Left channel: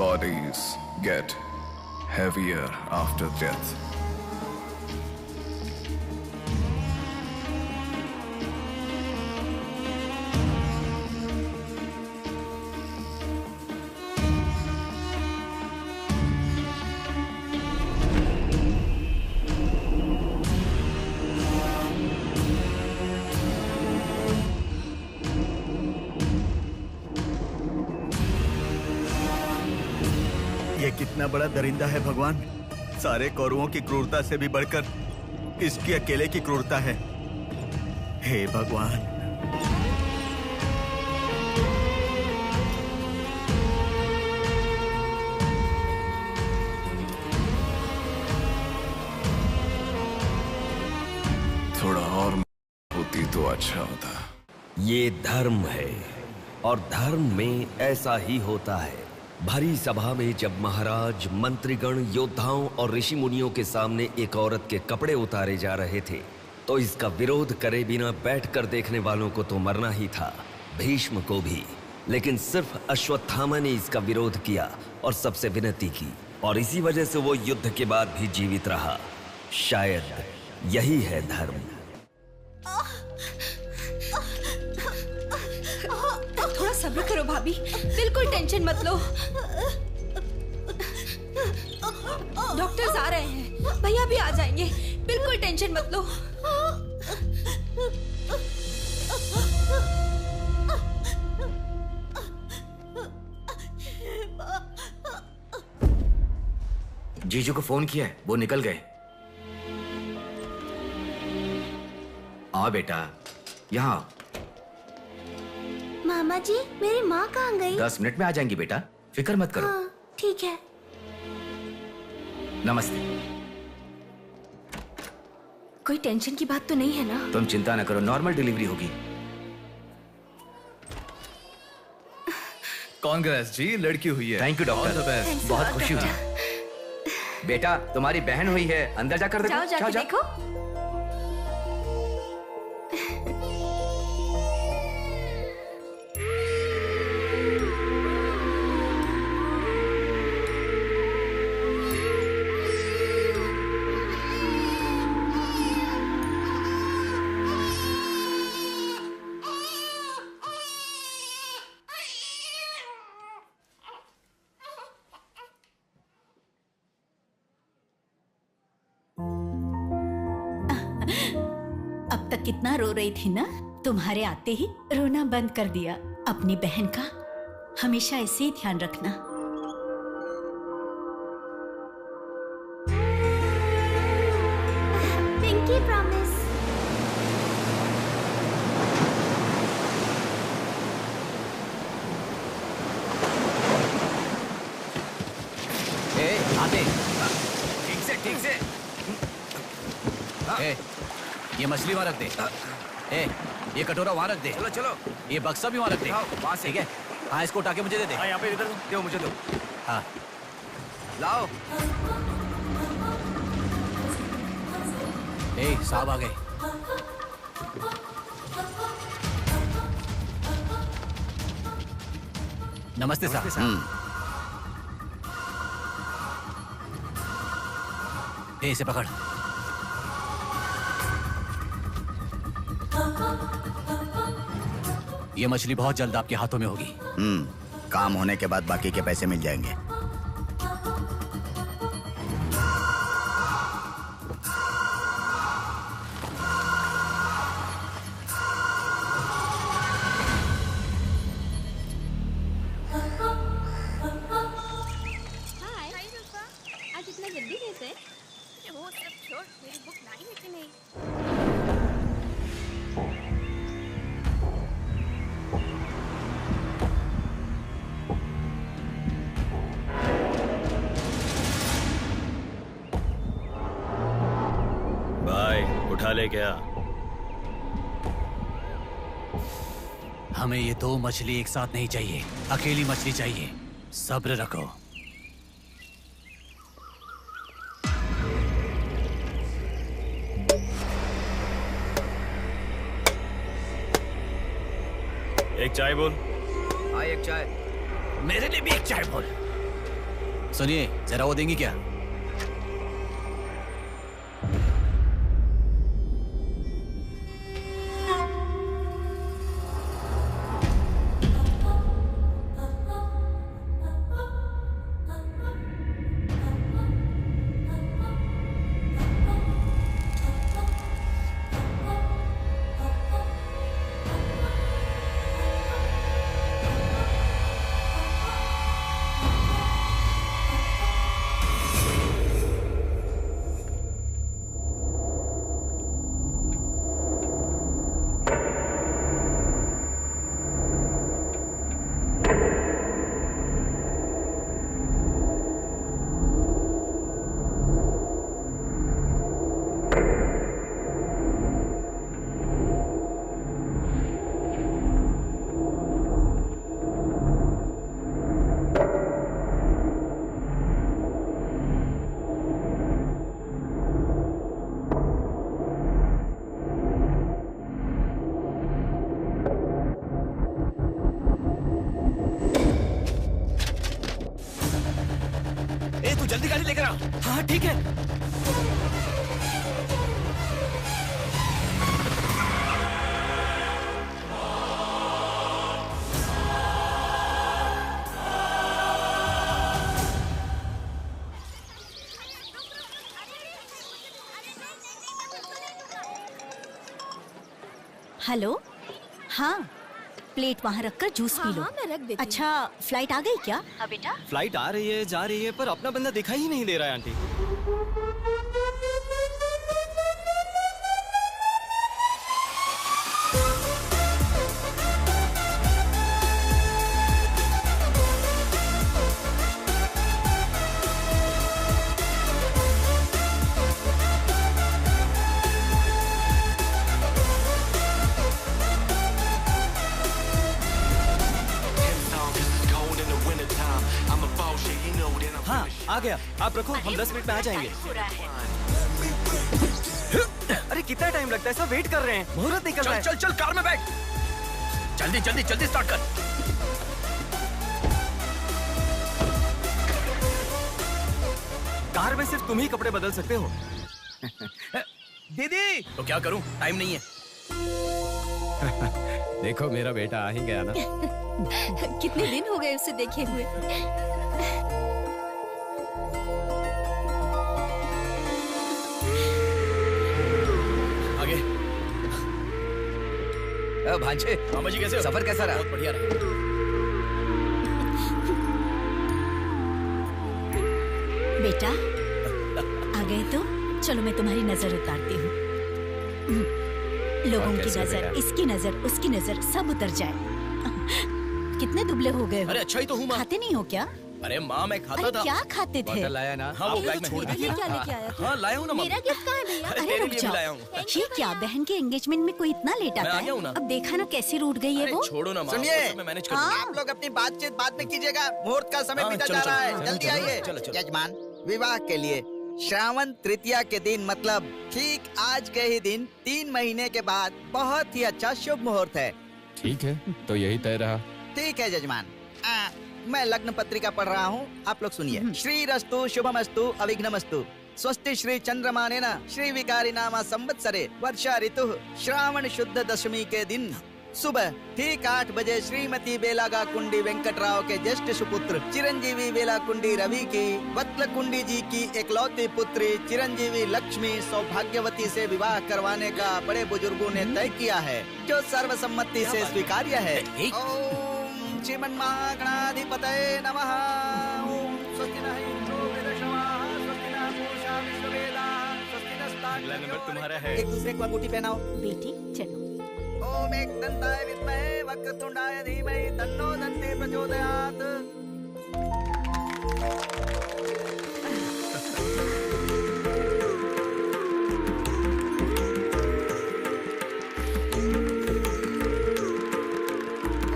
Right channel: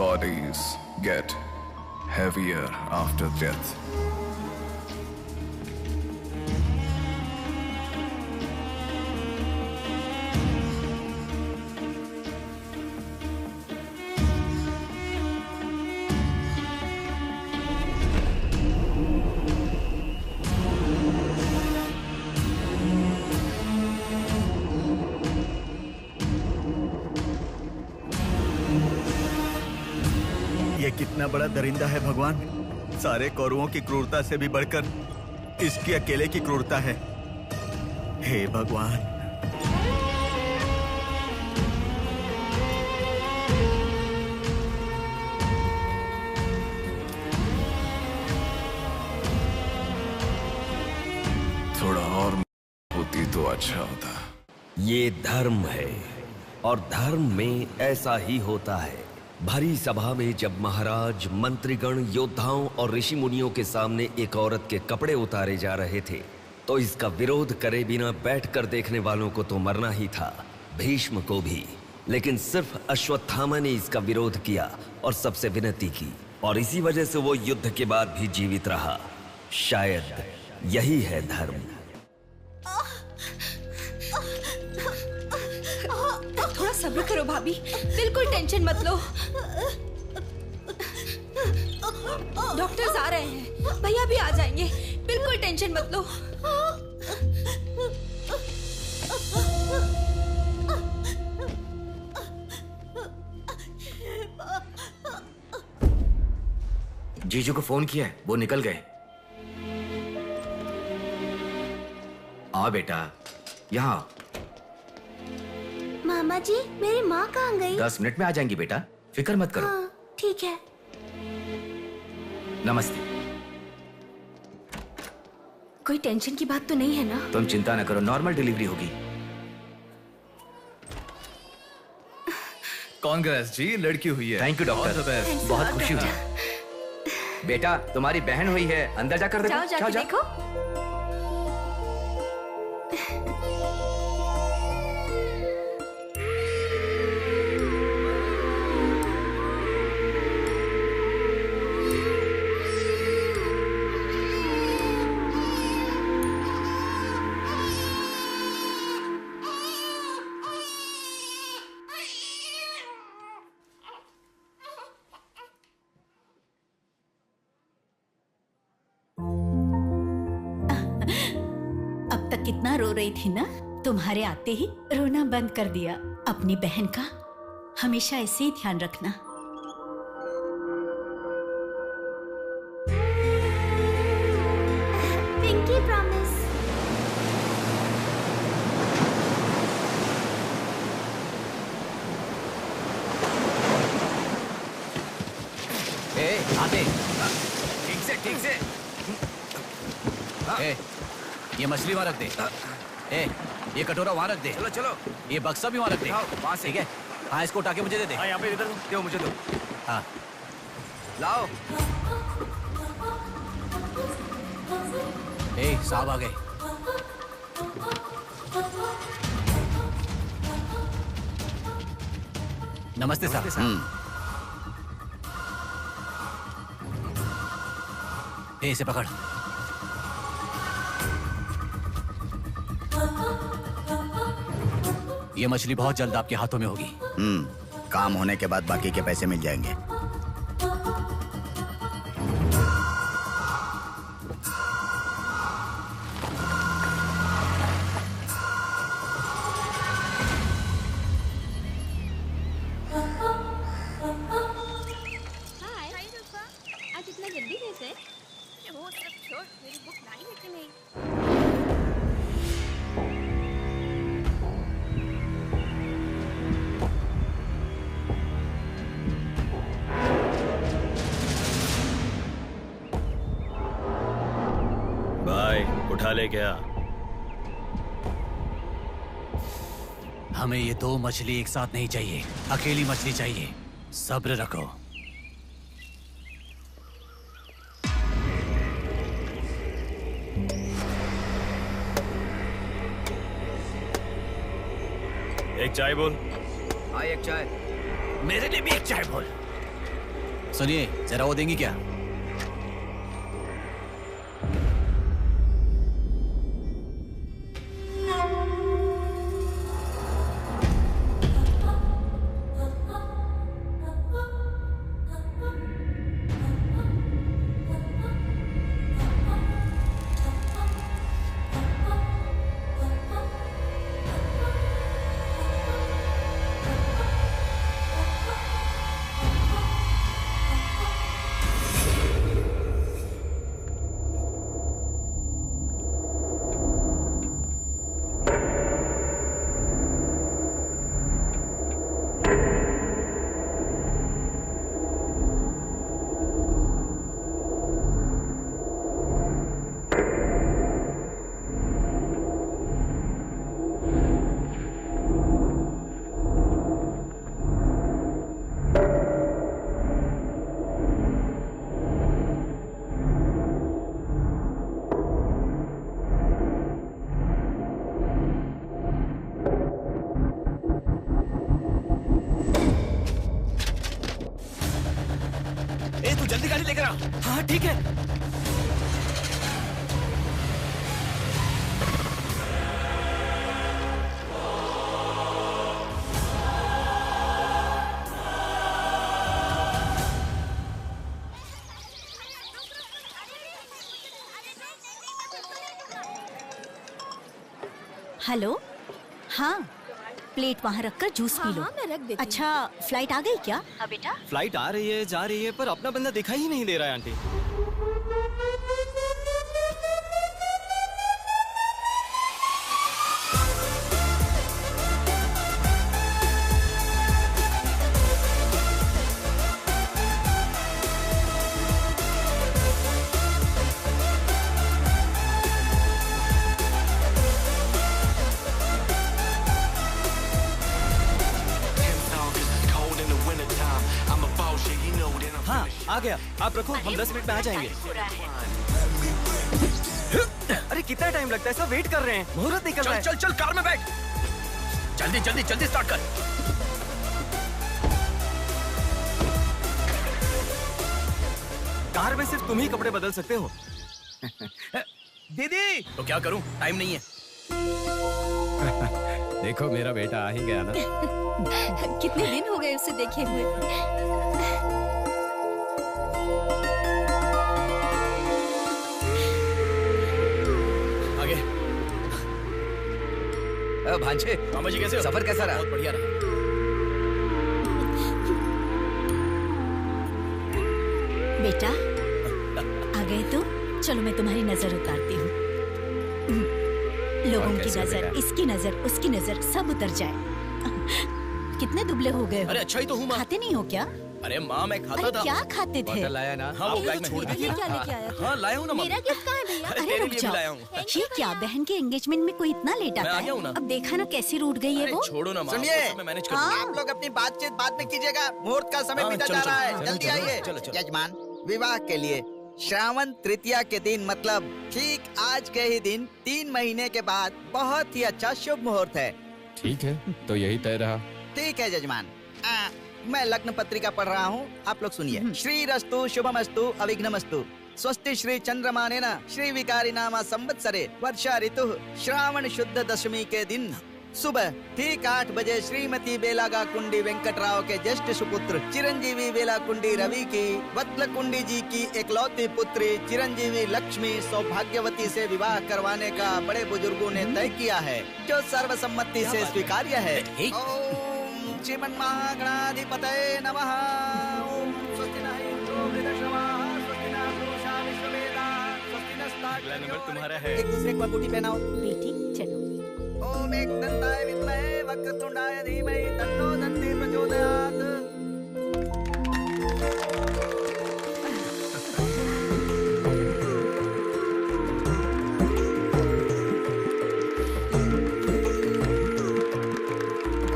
Bodies get heavier after death. ये कितना बड़ा दरिंदा है भगवान। सारे कौरवों की क्रूरता से भी बढ़कर इसकी अकेले की क्रूरता है। हे भगवान। थोड़ा और होती तो अच्छा होता। ये धर्म है और धर्म में ऐसा ही होता है। भरी सभा में जब महाराज, मंत्रीगण, योद्धाओं और ऋषि मुनियों के सामने एक औरत के कपड़े उतारे जा रहे थे तो इसका विरोध करे बिना बैठकर देखने वालों को तो मरना ही था, भीष्म को भी। लेकिन सिर्फ अश्वत्थामा ने इसका विरोध किया और सबसे विनती की, और इसी वजह से वो युद्ध के बाद भी जीवित रहा। शायद यही है धर्म। थोड़ा सब्र करो भाभी, बिल्कुल टेंशन मत लो। डॉक्टर्स आ रहे हैं, भैया भी आ जाएंगे, बिल्कुल टेंशन मत लो। जीजू को फोन किया है, वो निकल गए। आओ बेटा, यहाँ आओ। मामा जी, मेरी माँ कहाँ गई? 10 मिनट में आ जाएंगी बेटा, फिक्र मत करो। हाँ, ठीक है। नमस्ते। कोई टेंशन की बात तो नहीं है ना? तुम चिंता न करो, नॉर्मल डिलीवरी होगी। कांग्रेस जी, लड़की हुई है। थैंक यू डॉक्टर, बहुत खुशी हुई। बेटा, तुम्हारी बहन हुई है, अंदर जाकर देखो। जाओ देखो। अब तक कितना रो रही थी ना, तुम्हारे आते ही रोना बंद कर दिया। अपनी बहन का हमेशा ऐसे ही ध्यान रखना। Pinky promise. आते। ठीक से। ये मछली वहाँ रख दे। ये कटोरा वहाँ रख दे। चलो। ये बक्सा भी वहाँ रख दे। वहाँ से। ठीक है। हाँ, इसको उठा के मुझे दे दे। हाँ, यहाँ पे इधर दो, मुझे दो। हाँ, लाओ। साहब आ गए। नमस्ते साहब। इसे पकड़। ये मछली बहुत जल्द आपके हाथों में होगी। काम होने के बाद बाकी के पैसे मिल जाएंगे। आज इतना जल्दी कैसे? वो सब छोड़, मेरी बुक लाई है कि नहीं? भाई उठा ले क्या? हमें ये 2 मछली एक साथ नहीं चाहिए, अकेली मछली चाहिए। सब्र रखो। एक चाय बोल। हाँ, एक चाय। मेरे लिए भी एक चाय बोल। सुनिए, जरा वो देंगी क्या? जल्दी गाड़ी लेकर आ। हाँ ठीक है। हेलो, हाँ प्लेट वहाँ रखकर जूस पी लो। हाँ, मैं रख देती अच्छा, फ्लाइट आ गई क्या? हाँ बेटा। फ्लाइट आ रही है, जा रही है, पर अपना बंदा दिखाई ही नहीं दे रहा है आंटी। हाँ आ गया, आप रखो, हम 10 मिनट में आ जाएंगे। अरे कितना टाइम लगता है, सब वेट कर रहे हैं, मुहूर्त निकल रहा है। चल चल कार में बैठ, जल्दी जल्दी जल्दी स्टार्ट कर। कार में सिर्फ तुम ही कपड़े बदल सकते हो। दीदी तो क्या करूं, टाइम नहीं है। देखो मेरा बेटा आ ही गया ना। कितने दिन हो गए उसे देखे हुए। आगे भांजे, मामा जी कैसे हो? सफर कैसा रहा? बहुत बढ़िया रहा। बेटा आ गए तो चलो मैं तुम्हारी नजर उतारती हूँ। लोगों की नजर, इसकी नजर, उसकी नजर, सब उतर जाए। कितने दुबले हो गए हो? अरे अच्छा ही तो हूँ माँ। खाते नहीं हो क्या? अरे माँ मैं खाता अरे था। क्या खाते थे? लाया ना? हाँ वो बैग में छोड़ दीजिए, क्या लेके आया तू? हाँ लाया हूँ ना मेरा मम्मी। गिफ्ट कहाँ है भैया? अरे अरे तेरे रुक लिए भी जाओ। लाया हूँ। ये क्या, बहन के एंगेजमेंट में कोई इतना लेट मैं आता आ गया हूँ ना। है? अब देखा ना कैसे रूठ गई है अरे वो। छोड़ो ना माँ, सुनिए, वो सब मैं मैनेज कर हाँ। दूंगा। आप लोग अपनी बातचीत बाद में कीजिएगा, मुहूर्त का समय हाँ, बीता चलो, जा रहा चलो, है। चलो, जल्दी चलो, आइए। चलो, चलो। यजमान, विवाह के लिए श्रावण तृतीया के दिन, मतलब ठीक आज के ही दिन 3 महीने के बाद बहुत ही अच्छा शुभ मुहूर्त है। ठीक है, तो यही तय रहा। ठीक है यजमान। मैं लग्न पत्रिका पढ़ रहा हूँ, आप लोग सुनिए। श्रीरस्तु शुभमस्तु अविघ्नमस्तु स्वस्ति श्री चंद्रमानेन श्री विकारी नामा संवत्सरे वर्षा ऋतु श्रावण शुद्ध दशमी के दिन सुबह ठीक 8 बजे श्रीमती बेलागा कुंडी वेंकटराव के ज्येष्ठ सुपुत्र चिरंजीवी बेला कुंडी रवि की वत्ल कुंडी जी की एकलौती पुत्री चिरंजीवी लक्ष्मी सौभाग्यवती से विवाह करवाने का बड़े बुजुर्गों ने तय किया है, जो सर्वसम्मति से स्वीकार्य है। ओम श्रीमन्महागणाधिपतये नमः। ओम स्वस्ति नः इंद्रो वृद्धश्रवाः स्वस्ति नः पूषा विश्ववेदाः स्वस्ति अगला नंबर तुम्हारा है। एक दूसरे को अंगूठी पहनाओ। बेटी चलो। ओम एकदंताय विद्महे वक्रतुंडाय धीमहि तन्नो दन्ति प्रचोदयात्।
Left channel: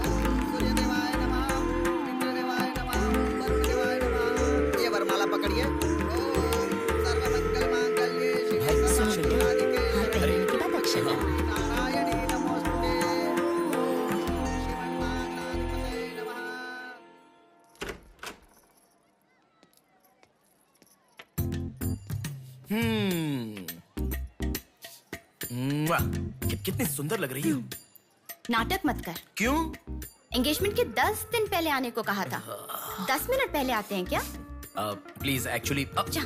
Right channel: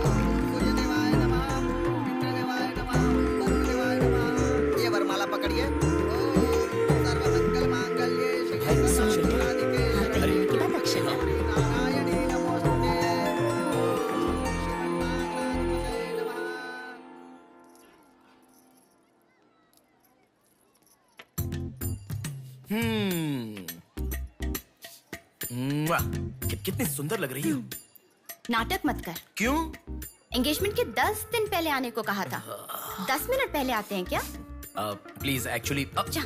ओम सूर्यदेवाय नमः, ओम इंद्रदेवाय नमः, ओम वरुणदेवाय नमः। ये वरमाला पकड़िए। ओम सर्वमंगल मांगल्ये शिवे सर्वार्थसाधिके हाथ पहनने के बाद अक्षर डालो। नारायणी नमोस्तुते। ओम श्रीमन्महागणाधिपतये नमः। कितनी सुंदर लग रही हो। नाटक मत कर। क्यों? एंगेजमेंट के 10 दिन पहले आने को कहा था। 10 मिनट पहले आते हैं क्या? प्लीज एक्चुअली जा।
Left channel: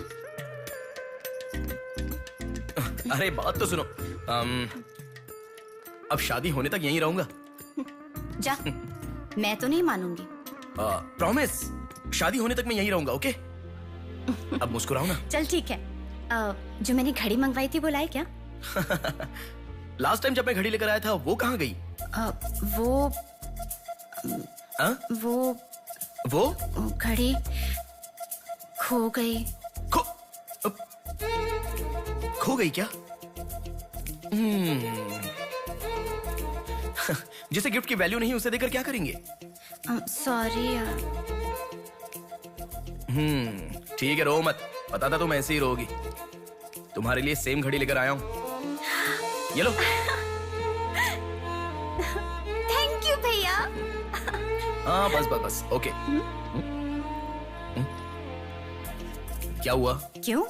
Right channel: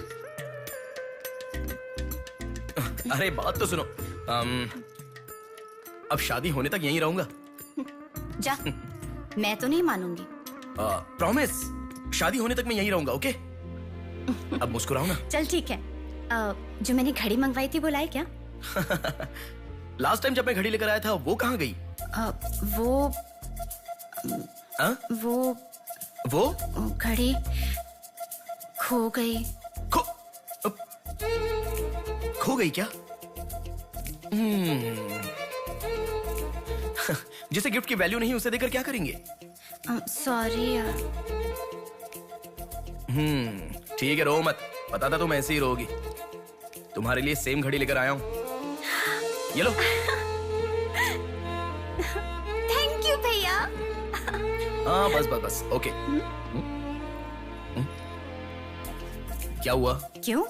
अरे बात तो सुनो। अब शादी होने तक यहीं रहूंगा। जा। मैं तो नहीं मानूंगी। प्रॉमिस, शादी होने तक मैं यहीं रहूंगा। ओके? अब मुस्कुराओ ना। चल ठीक है। जो मैंने घड़ी मंगवाई थी वो लाए क्या? लास्ट टाइम जब मैं घड़ी लेकर आया था वो कहाँ गई? वो घड़ी खो गई। खो गई क्या? जिसे गिफ्ट की वैल्यू नहीं उसे देकर क्या करेंगे? सॉरी यार। ठीक है, रो मत। पता था तुम ऐसे ही रोगी। तुम्हारे लिए सेम घड़ी लेकर आया हूँ। ये लो। थैंक यू भैया। हाँ बस बस बस। ओके। क्या हुआ? क्यों?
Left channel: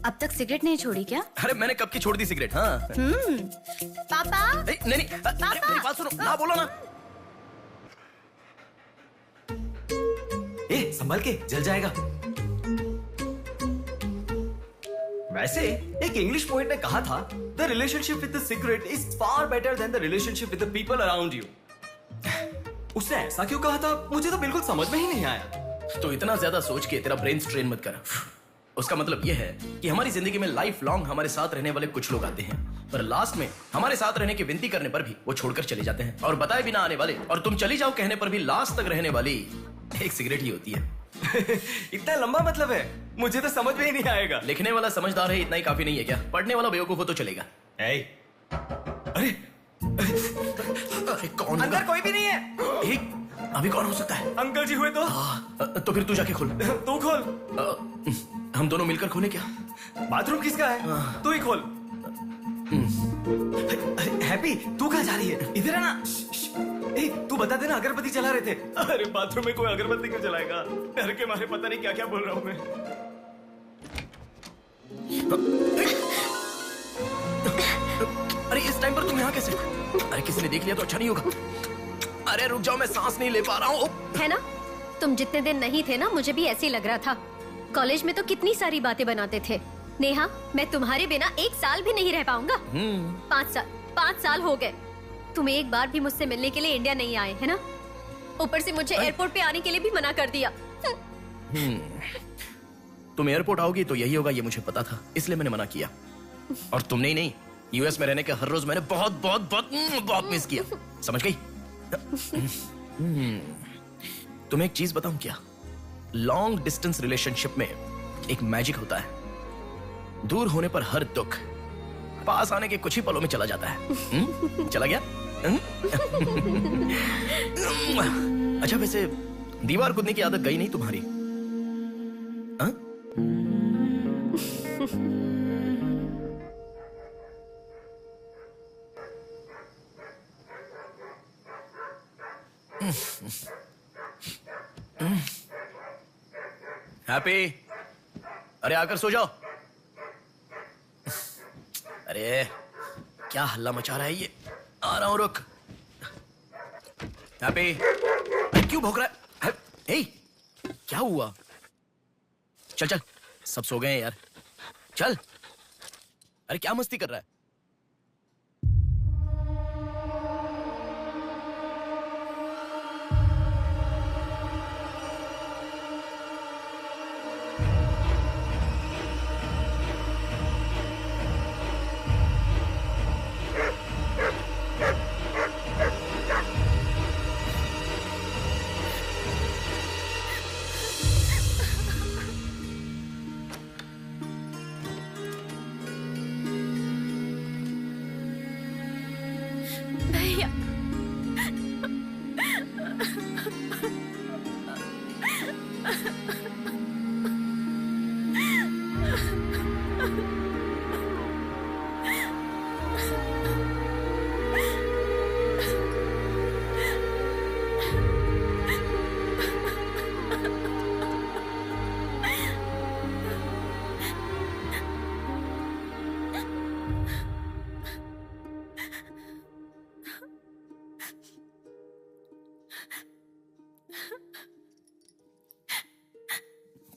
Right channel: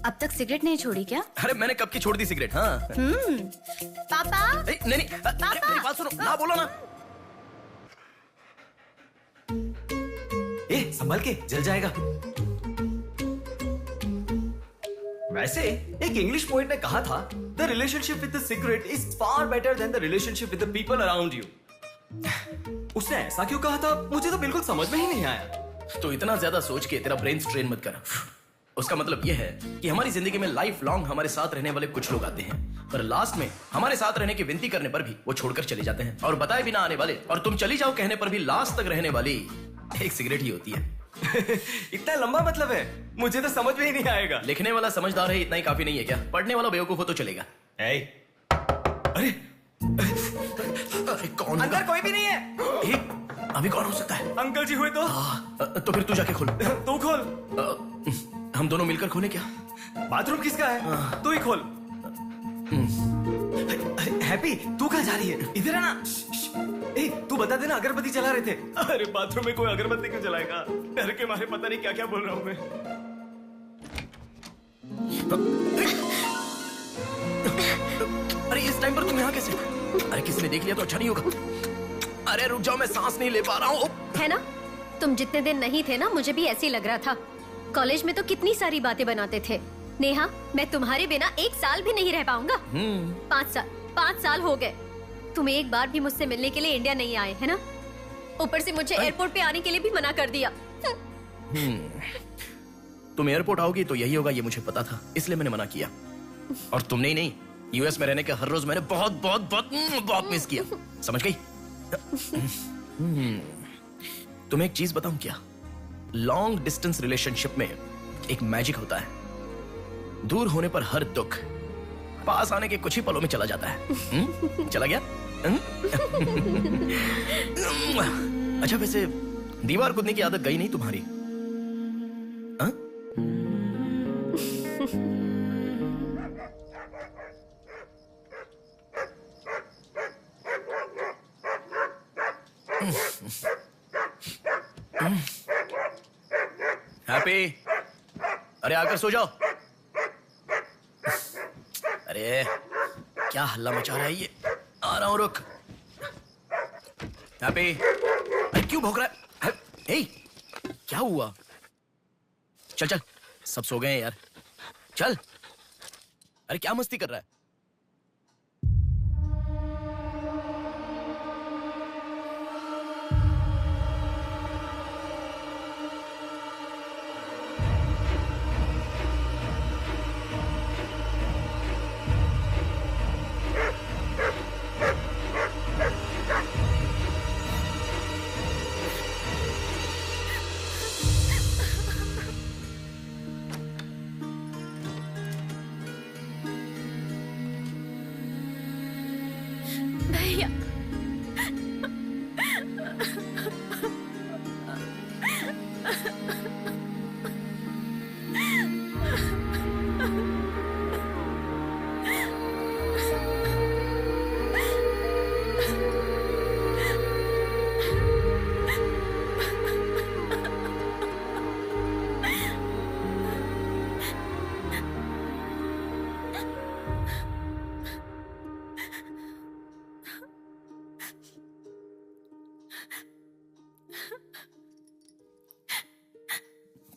अब तक सिगरेट नहीं छोड़ी क्या? अरे मैंने कब की छोड़ दी सिगरेट। हाँ। पापा। नहीं पापा। मेरी बात सुनो ना, बोलो ना। संभल के, जल जाएगा। वैसे एक इंग्लिश पोएट ने कहा था, the relationship with the cigarette is far better than the relationship with the people around you. उसने ऐसा क्यों कहा था मुझे तो बिल्कुल समझ में ही नहीं आया। तो इतना ज्यादा सोच के तेरा ब्रेन स्ट्रेन मत कर। उसका मतलब यह है कि हमारी जिंदगी में लाइफ लॉन्ग हमारे साथ रहने वाले कुछ लोग आते हैं, पर लास्ट में हमारे साथ रहने की विनती करने पर भी वो छोड़कर चले जाते हैं, और बताए बिना आने वाले और तुम चली जाओ कहने पर भी लास्ट तक रहने वाली एक सिगरेट ही होती है। इतना लंबा मतलब है, मुझे तो समझ में ही नहीं आएगा। लिखने वाला समझदार है इतना ही काफी नहीं है क्या? पढ़ने वाला बेवकूफ हो तो चलेगा। अरे कौन? अंदर कोई भी नहीं है। अभी कौन हो सकता है? अंकल जी हुए तो? तो फिर तू जाके खोल। तू खोल। हम दोनों मिलकर खोले क्या? बाथरूम किसका है? तू ही खोल। हैप्पी, तू कहाँ जा रही है? इधर है ना। तू बता देना, अगरबत्ती जला रहे थे। अरे बाथरूम में कोई अगरबत्ती क्यों जलाएगा? डर के मारे पता नहीं क्या क्या बोल रहा हूँ मैं। अरे इस टाइम पर तुम यहाँ कैसे? अरे किसी ने देख लिया तो अच्छा नहीं होगा। अरे रुक जाओ, मैं सांस नहीं ले पा रहा हूँ। है ना, तुम जितने दिन नहीं थे ना, मुझे भी ऐसे ही लग रहा था। कॉलेज में तो कितनी सारी बातें बनाते थे। नेहा, मैं तुम्हारे बिना 1 साल भी नहीं रह पाऊंगा। 5 साल हो गए। तुम एक बार भी मुझसे मिलने के लिए इंडिया नहीं आए, है ना? ऊपर से मुझे एयरपोर्ट पे आने के लिए भी मना कर दिया। तुम एयरपोर्ट आओगी तो यही होगा, ये मुझे पता था, इसलिए मैंने मना किया। और तुमने ही नहीं, यूएस में रहने के हर रोज मैंने बहुत बहुत बहुत बहुत मिस किया। समझ गई? तुम्हें एक चीज बताऊं क्या? लॉन्ग डिस्टेंस रिलेशनशिप में एक मैजिक होता है। दूर होने पर हर दुख पास आने के कुछ ही पलों में चला जाता है। चला गया? अच्छा वैसे दीवार कूदने की आदत गई नहीं तुम्हारी? हैप्पी, अरे आकर सो जाओ। अरे क्या हल्ला मचा रहा है ये? आ रहा हूं, रुक। हैप्पी, अरे क्यों भौंक रहा है? हे, क्या हुआ? चल चल, सब सो गए हैं यार, चल। अरे क्या मस्ती कर रहा है? भैया,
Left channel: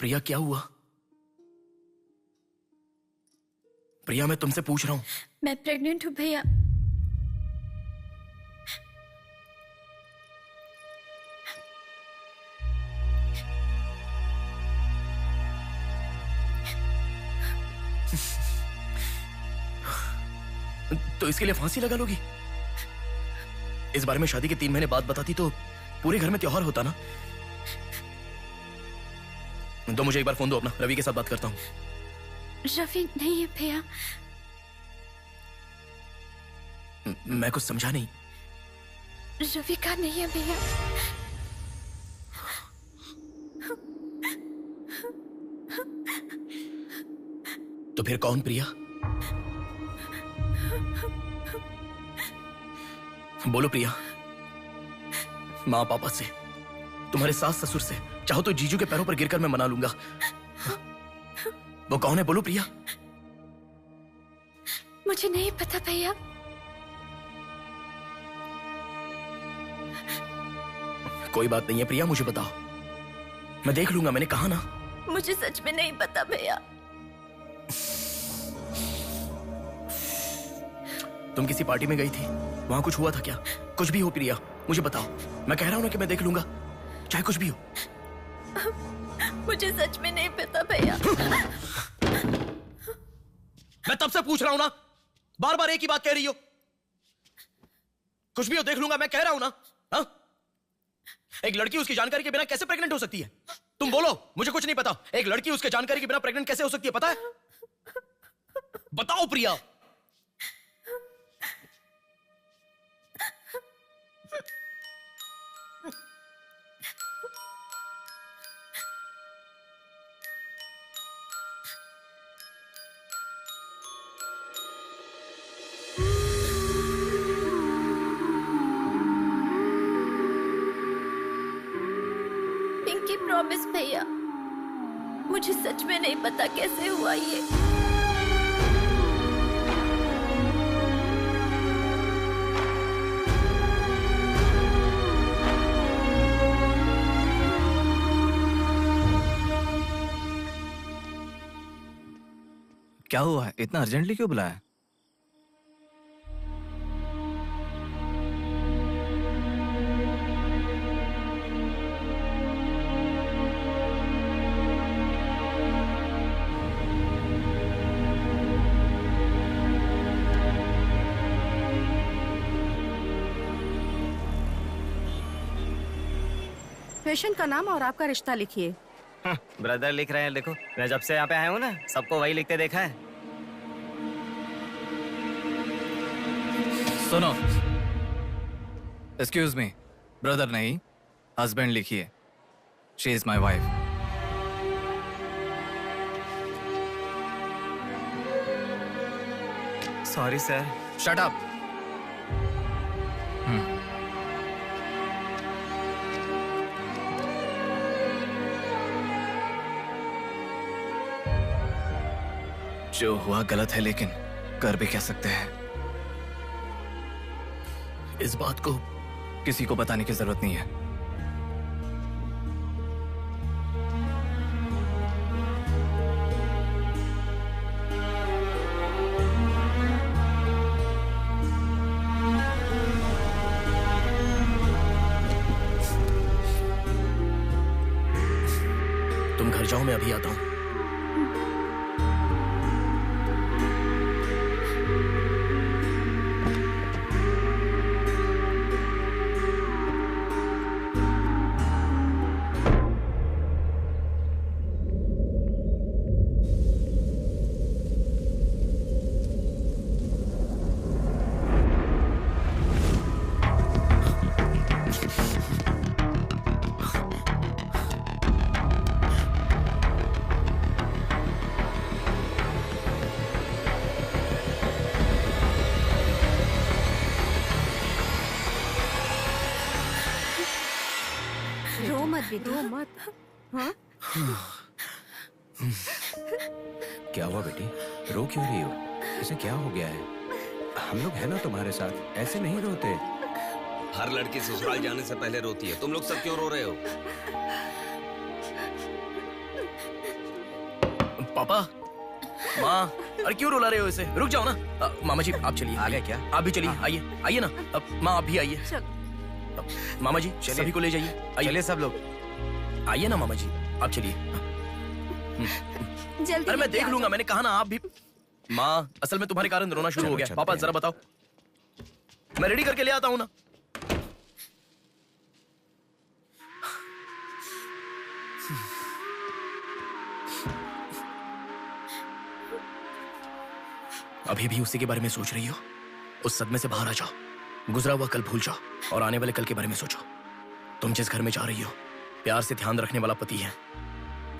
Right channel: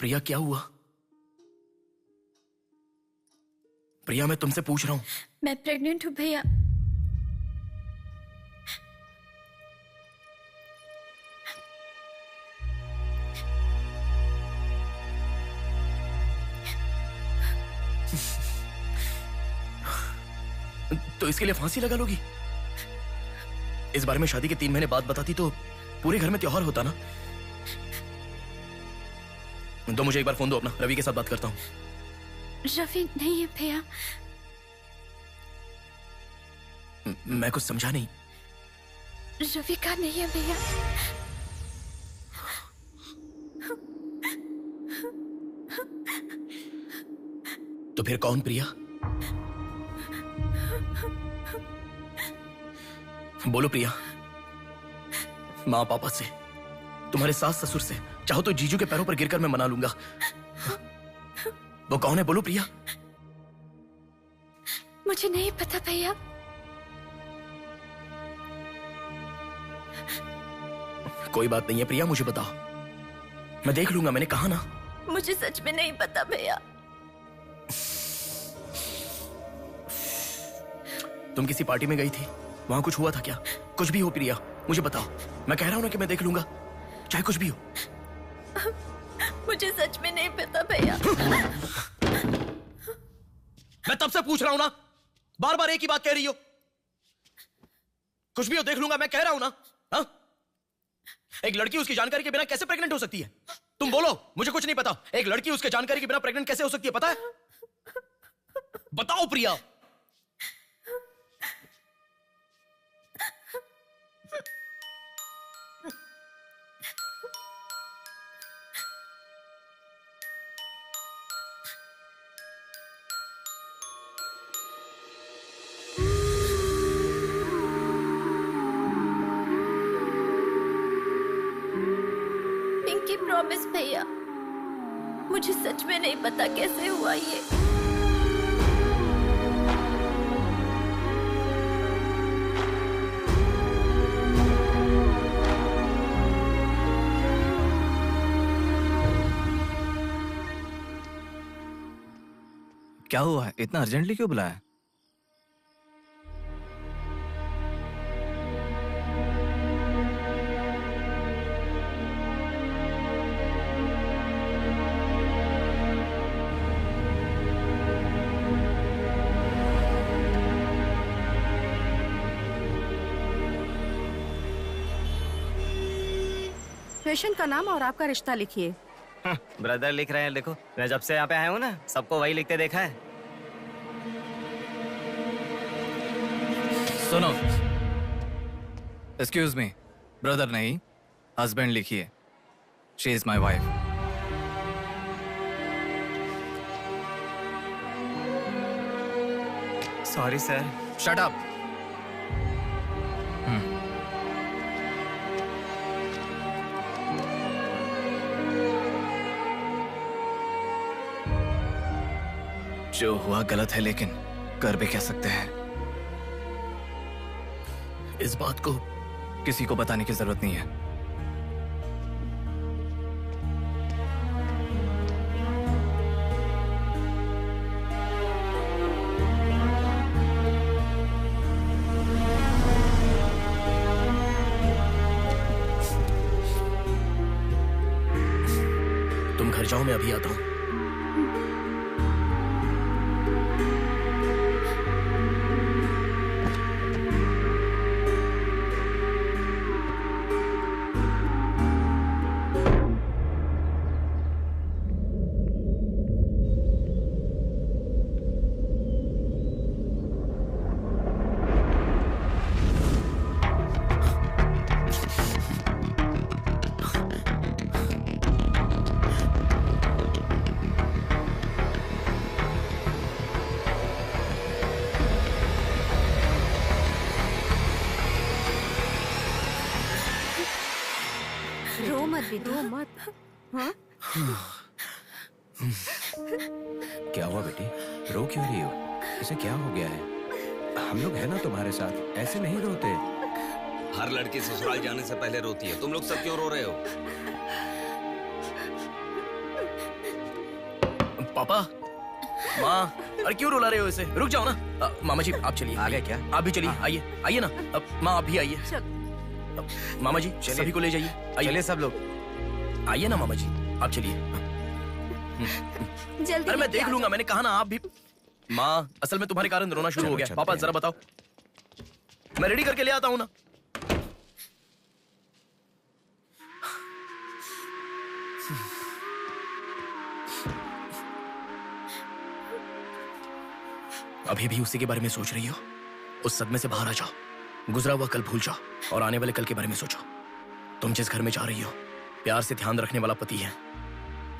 प्रिया क्या हुआ? प्रिया मैं तुमसे पूछ रहा हूं। मैं प्रेग्नेंट हूँ भैया। तो इसके लिए फांसी लगा लोगी? इस बारे में शादी के 3 महीने बाद बताती तो पूरे घर में त्योहार होता ना। तो मुझे एक बार फोन दो अपना, रवि के साथ बात करता हूं। रवि नहीं है भैया। मैं कुछ समझा नहीं। रवि का नहीं है भैया। तो फिर कौन प्रिया? बोलो प्रिया। माँ पापा से, तुम्हारे सास ससुर से, चाहो तो जीजू के पैरों पर गिरकर मैं मना लूंगा। वो कौन है बोलो प्रिया। मुझे नहीं पता भैया। कोई बात नहीं है प्रिया, मुझे बताओ, मैं देख लूंगा, मैंने कहा ना। मुझे सच में नहीं पता भैया। तुम किसी पार्टी में गई थी, वहां कुछ हुआ था क्या? कुछ भी हो प्रिया, मुझे बताओ। मैं कह रहा हूं ना कि मैं देख लूंगा, चाहे कुछ भी हो। मुझे सच में नहीं पता भैया। मैं तब से पूछ रहा हूं ना, बार बार एक ही बात कह रही हो। कुछ भी हो देख लूंगा, मैं कह रहा हूं ना। हा? एक लड़की उसकी जानकारी के बिना कैसे प्रेग्नेंट हो सकती है? तुम बोलो, मुझे कुछ नहीं पता। एक लड़की उसके जानकारी के बिना प्रेग्नेंट कैसे हो सकती है, पता है? बताओ प्रिया। पिंकी प्रॉमिस भैया, मुझे सच में नहीं पता कैसे हुआ ये। क्या हुआ है? इतना अर्जेंटली क्यों बुलाया? पेशेंट का नाम और आपका रिश्ता लिखिए। ब्रदर लिख रहे हैं, देखो। मैं जब से यहाँ पे आया हूँ ना, सबको वही लिखते देखा है। सुनो, एक्सक्यूज मी, ब्रदर नहीं, हस्बैंड लिखिए। She is my wife. Sorry sir. Shut up. जो हुआ गलत है, लेकिन कर भी कह सकते हैं। इस बात को किसी को बताने की जरूरत नहीं है। तुम घर जाओ, मैं अभी आता हूं। रो मत बेटा, रो मत। हाँ? क्या हुआ बेटी? रो क्यों रही हो? इसे क्या हो गया है? हम लोग हैं ना तुम्हारे साथ, ऐसे नहीं रोते। हर लड़की ससुराल जाने से पहले रोती है, तुम लोग सब क्यों रो रहे हो? पापा, माँ, अरे क्यों रुला रहे हो इसे? रुक जाओ ना। मामा जी आप चलिए। आ गए क्या? आप भी चलिए, आइए आइए ना। माँ आप भी आइए। मामा जी सभी को ले जाइए। चलिए सब लोग आइए ना मामा जी, आप चलिए। जल्दी। अरे मैं देख लूंगा, मैंने कहा ना आप भी। माँ असल में तुम्हारे कारण रोना शुरू हो गया। पापा जरा बताओ, मैं रेडी करके ले आता हूँ ना। अभी भी उसी के बारे में सोच रही हो? उस सदमे से बाहर आ जाओ, गुजरा हुआ कल भूल जाओ और आने वाले कल के बारे में सोचो। तुम जिस घर में जा रही हो, प्यार से ध्यान रखने वाला पति है।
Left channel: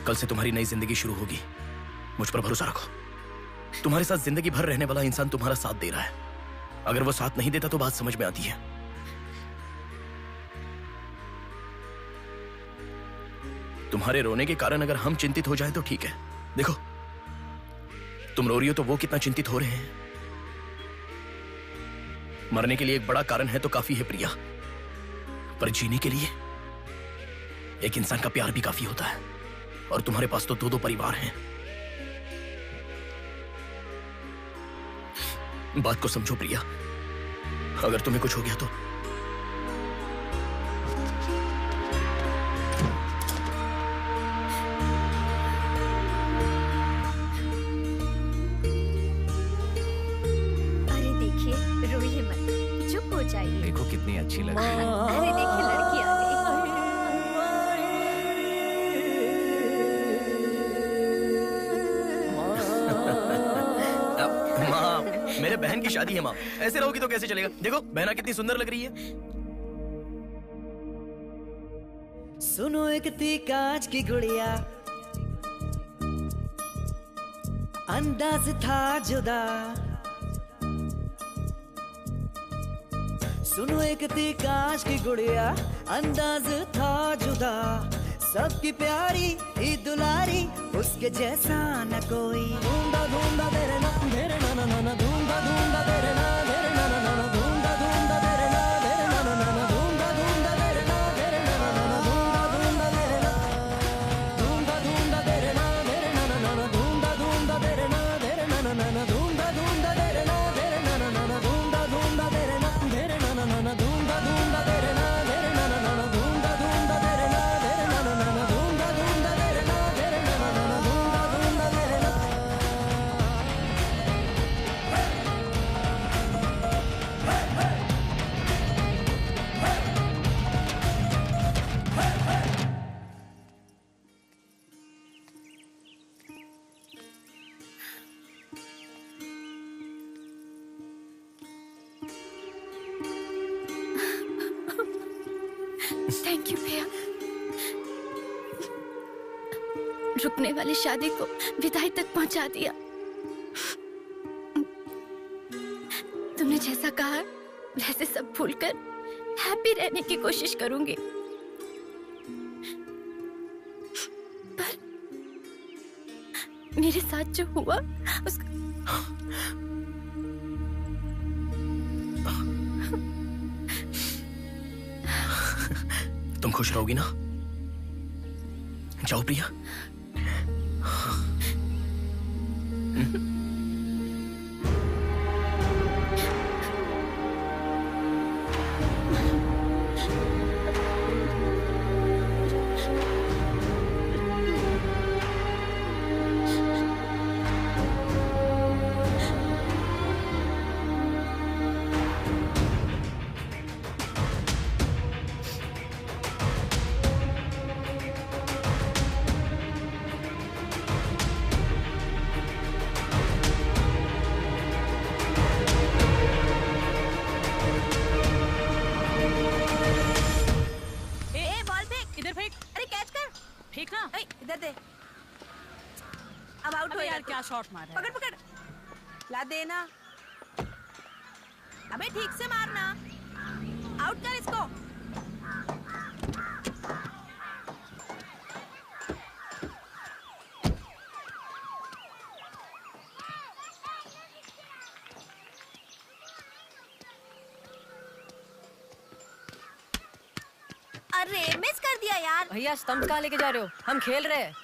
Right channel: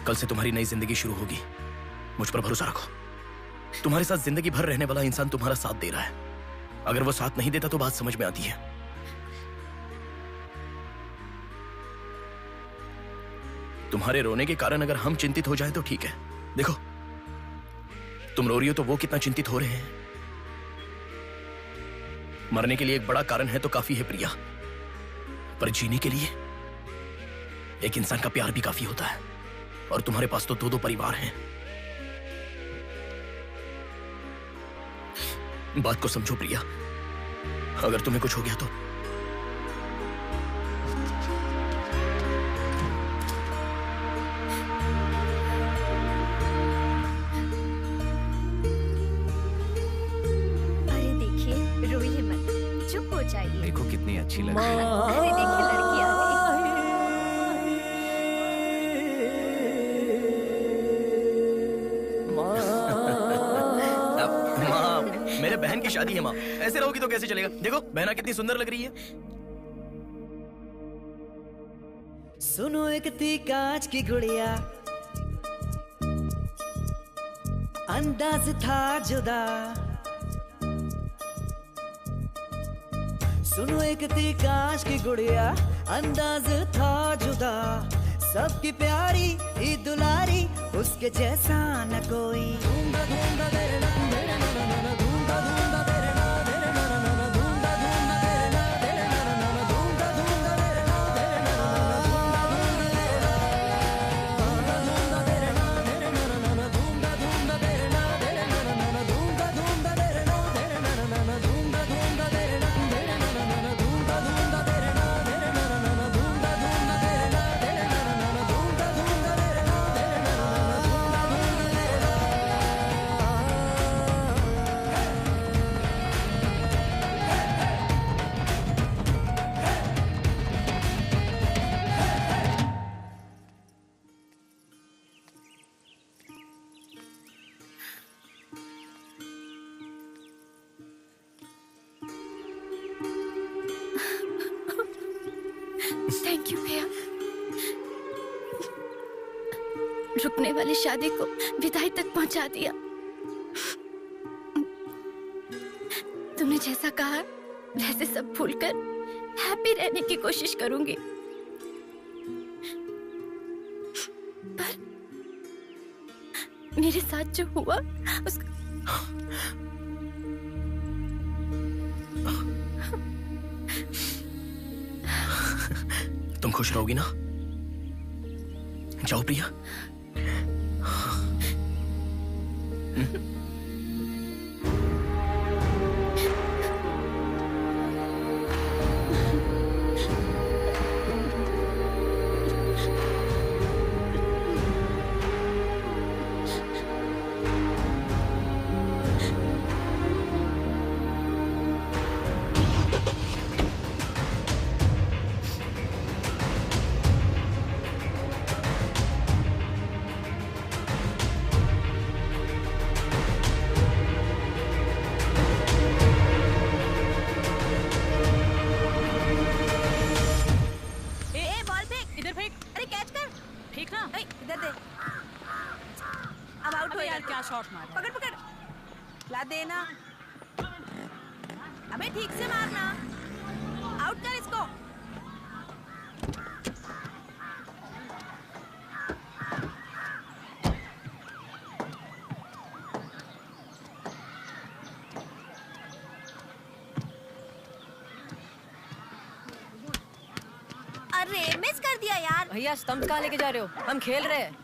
कल से तुम्हारी नई जिंदगी शुरू होगी। मुझ पर भरोसा रखो। तुम्हारे साथ जिंदगी भर रहने वाला इंसान तुम्हारा साथ दे रहा है। अगर वो साथ नहीं देता तो बात समझ में आती है। तुम्हारे रोने के कारण अगर हम चिंतित हो जाए तो ठीक है। देखो तुम रो रही हो तो वो कितना चिंतित हो रहे हैं। मरने के लिए एक बड़ा कारण है तो काफी है प्रिया, पर जीने के लिए एक इंसान का प्यार भी काफी होता है। और तुम्हारे पास तो 2-2 परिवार हैं। बात को समझो प्रिया, अगर तुम्हें कुछ हो गया तो अरे देखिए, रोइए मत, चुप हो जाइए। देखो कितनी अच्छी लग रही है। अरे देखिए लड़की आ गई। माँ, मेरे बहन की शादी है माँ, ऐसे रहोगी तो कैसे चलेगा? देखो बहना कितनी सुंदर लग रही है। सुनो एक थी कांच की गुड़िया, अंदाज था जुदा। सुनो एक थी कांच की गुड़िया, अंदाज था जुदा। सबकी प्यारी ही दुलारी, उसके जैसा न कोई। थैंक यू भैया, रुकने वाली शादी को विदाई तक पहुंचा दिया। तुमने जैसा कहा वैसे सब भूलकर हैप्पी रहने की कोशिश करूंगी। पर मेरे साथ जो हुआ उसका तुम खुश रहोगी ना? जाओ प्रिया। अब आउट हो यार, क्या शॉट मारा। पकड़ पकड़, ला देना। अबे ठीक से मारना, आउट कर इसको। अरे मिस कर दिया यार। भैया स्टंप कहाँ लेके जा रहे हो? हम खेल रहे हैं।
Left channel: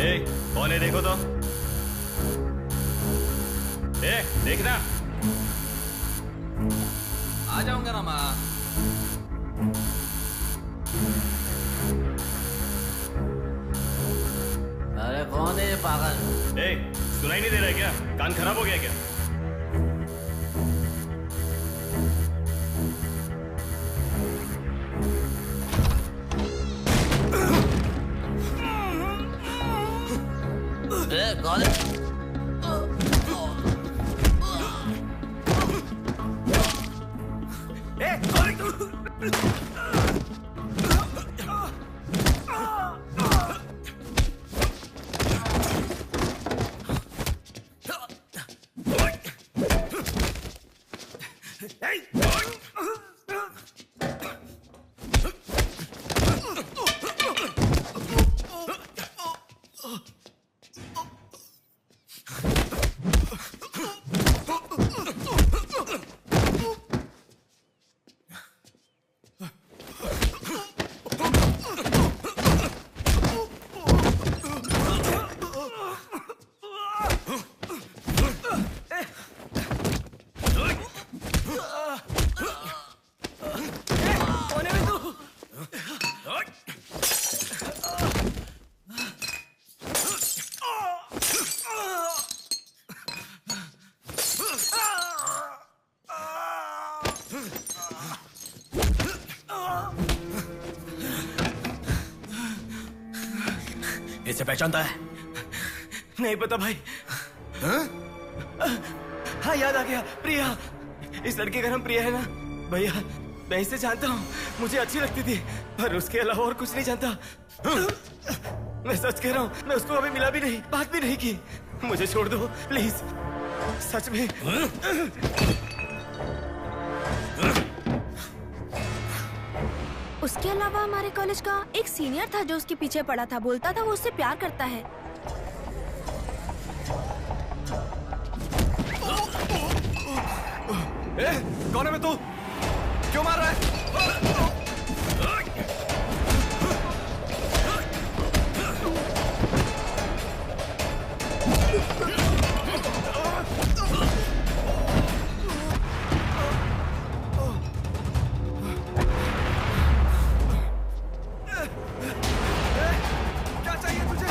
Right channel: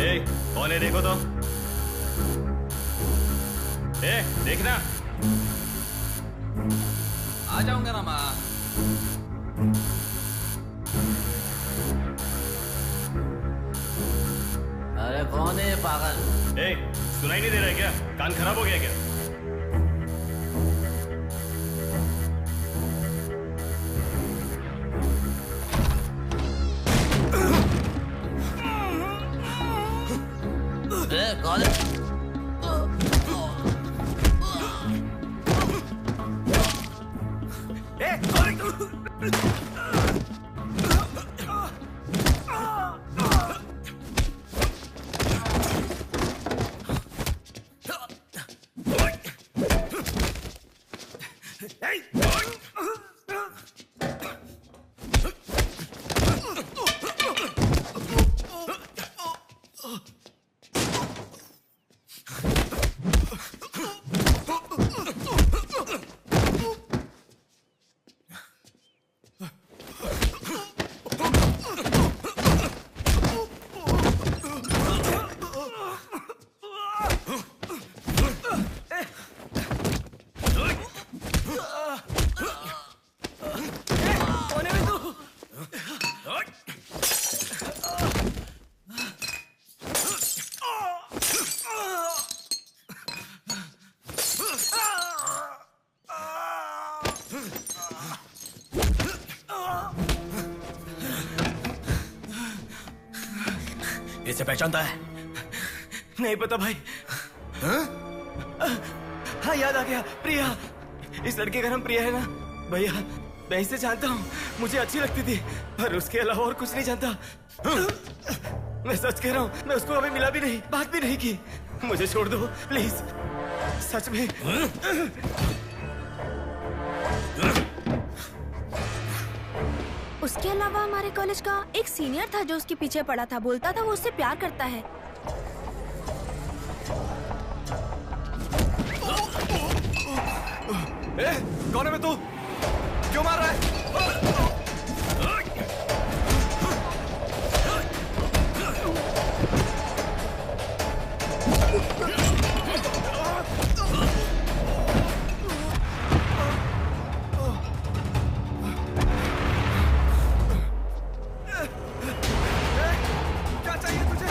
ए, कौन है देखो तो। ए, देखना। आ जाऊंगा ना माँ। अरे कौन है ये पागल? ए, सुनाई नहीं दे रहा है क्या? कान खराब हो गया क्या? कौन है? इसे पहचानता है? नहीं पता भाई। हाँ याद आ गया, प्रिया। इस लड़के का नाम प्रिया है ना भैया? मैं इसे जानता हूँ, मुझे अच्छी लगती थी, पर उसके अलावा और कुछ नहीं जानता। मैं सच कह रहा हूँ, मैं उसको अभी मिला भी नहीं, बात भी नहीं की। मुझे छोड़ दो प्लीज, सच में। उसके अलावा हमारे कॉलेज का एक सीनियर था जो उसके पीछे पड़ा था, बोलता था वो उससे प्यार करता है। कौन है मैं तू? क्यों मार रहा है? क्या चाहिए तुझे?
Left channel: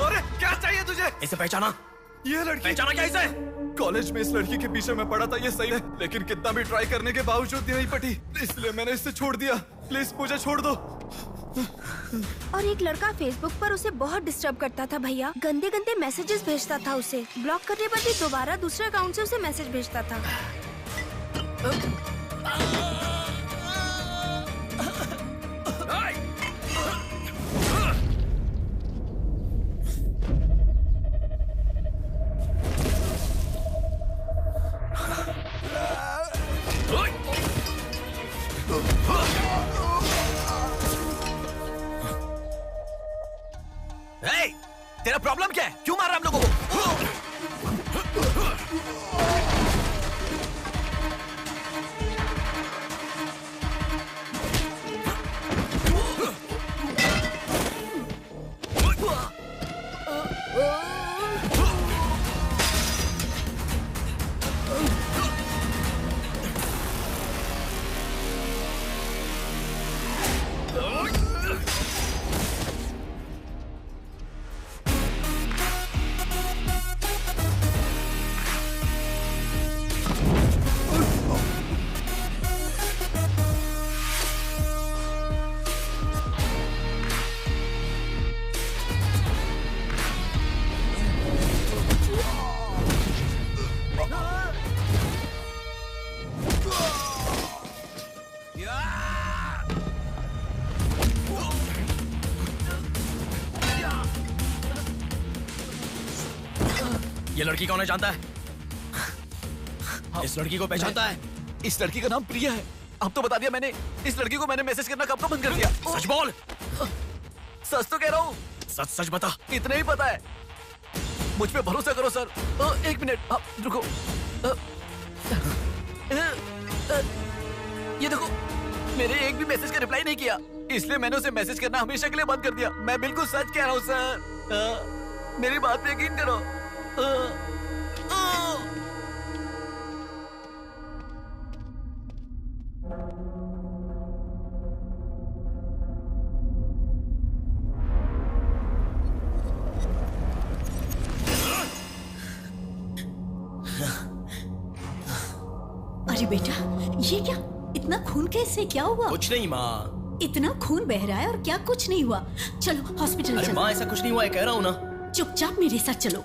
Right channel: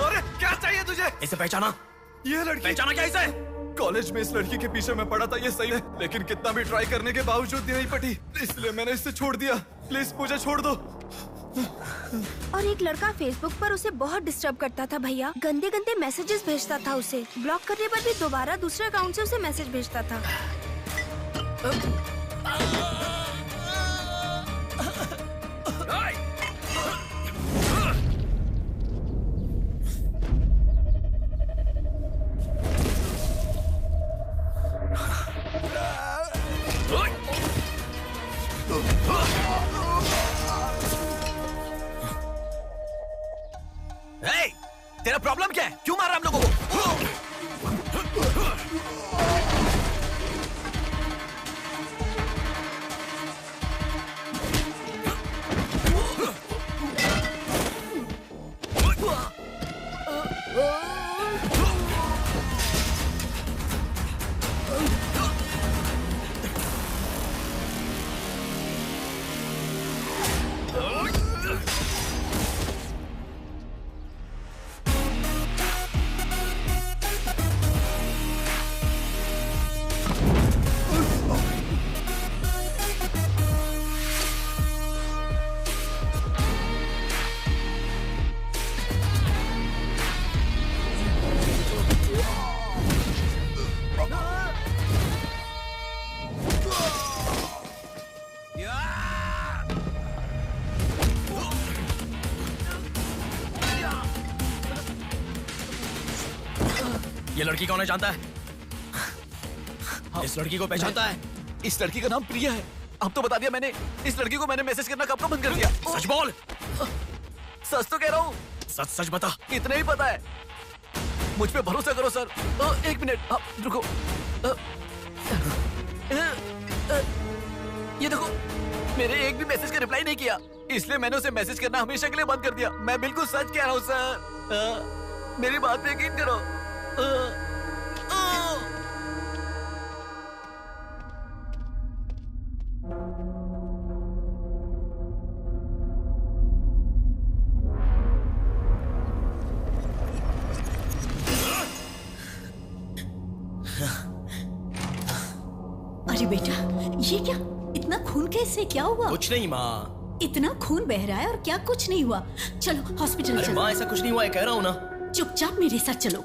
अरे क्या चाहिए तुझे? इसे पहचाना? ये लड़की पहचाना क्या इसे? कॉलेज में इस लड़की के पीछे मैं पड़ा था, ये सही है, लेकिन कितना भी ट्राई करने के बावजूद नहीं पटी, इसलिए मैंने इसे छोड़ दिया। प्लीज मुझे छोड़ दो। और एक लड़का फेसबुक पर उसे बहुत डिस्टर्ब करता था भैया, गंदे गंदे मैसेजेस भेजता था उसे। ब्लॉक करने पर भी दोबारा दूसरे अकाउंट से उसे मैसेज भेजता था। तेरा प्रॉब्लम क्या है? क्यों मार रहा है हम लोगों को? ये लड़की कौन है जानता है? इस लड़की को पहचानता है? इस लड़की का नाम प्रिया है। अब तो बता दिया मैंने। इस लड़की को मैंने मैसेज करना कब का बंद कर दिया। सच बोल। सच तो कह रहा हूँ। सच सच बता। इतना ही पता है। मुझ पे भरोसा करो सर। एक मिनट रुको। ये देखो, मेरे एक भी मैसेज का रिप्लाई नहीं किया, इसलिए मैंने उसे मैसेज करना हमेशा के लिए बंद कर दिया। मैं बिल्कुल सच कह रहा हूँ सर। मेरी बात पे यकीन करो। अरे बेटा, ये क्या? इतना खून कैसे? क्या हुआ? कुछ नहीं माँ। इतना खून बह रहा है और क्या कुछ नहीं हुआ? चलो हॉस्पिटल चलो। अरे माँ, ऐसा कुछ नहीं हुआ है, कह रहा हूँ ना। चुपचाप मेरे साथ चलो।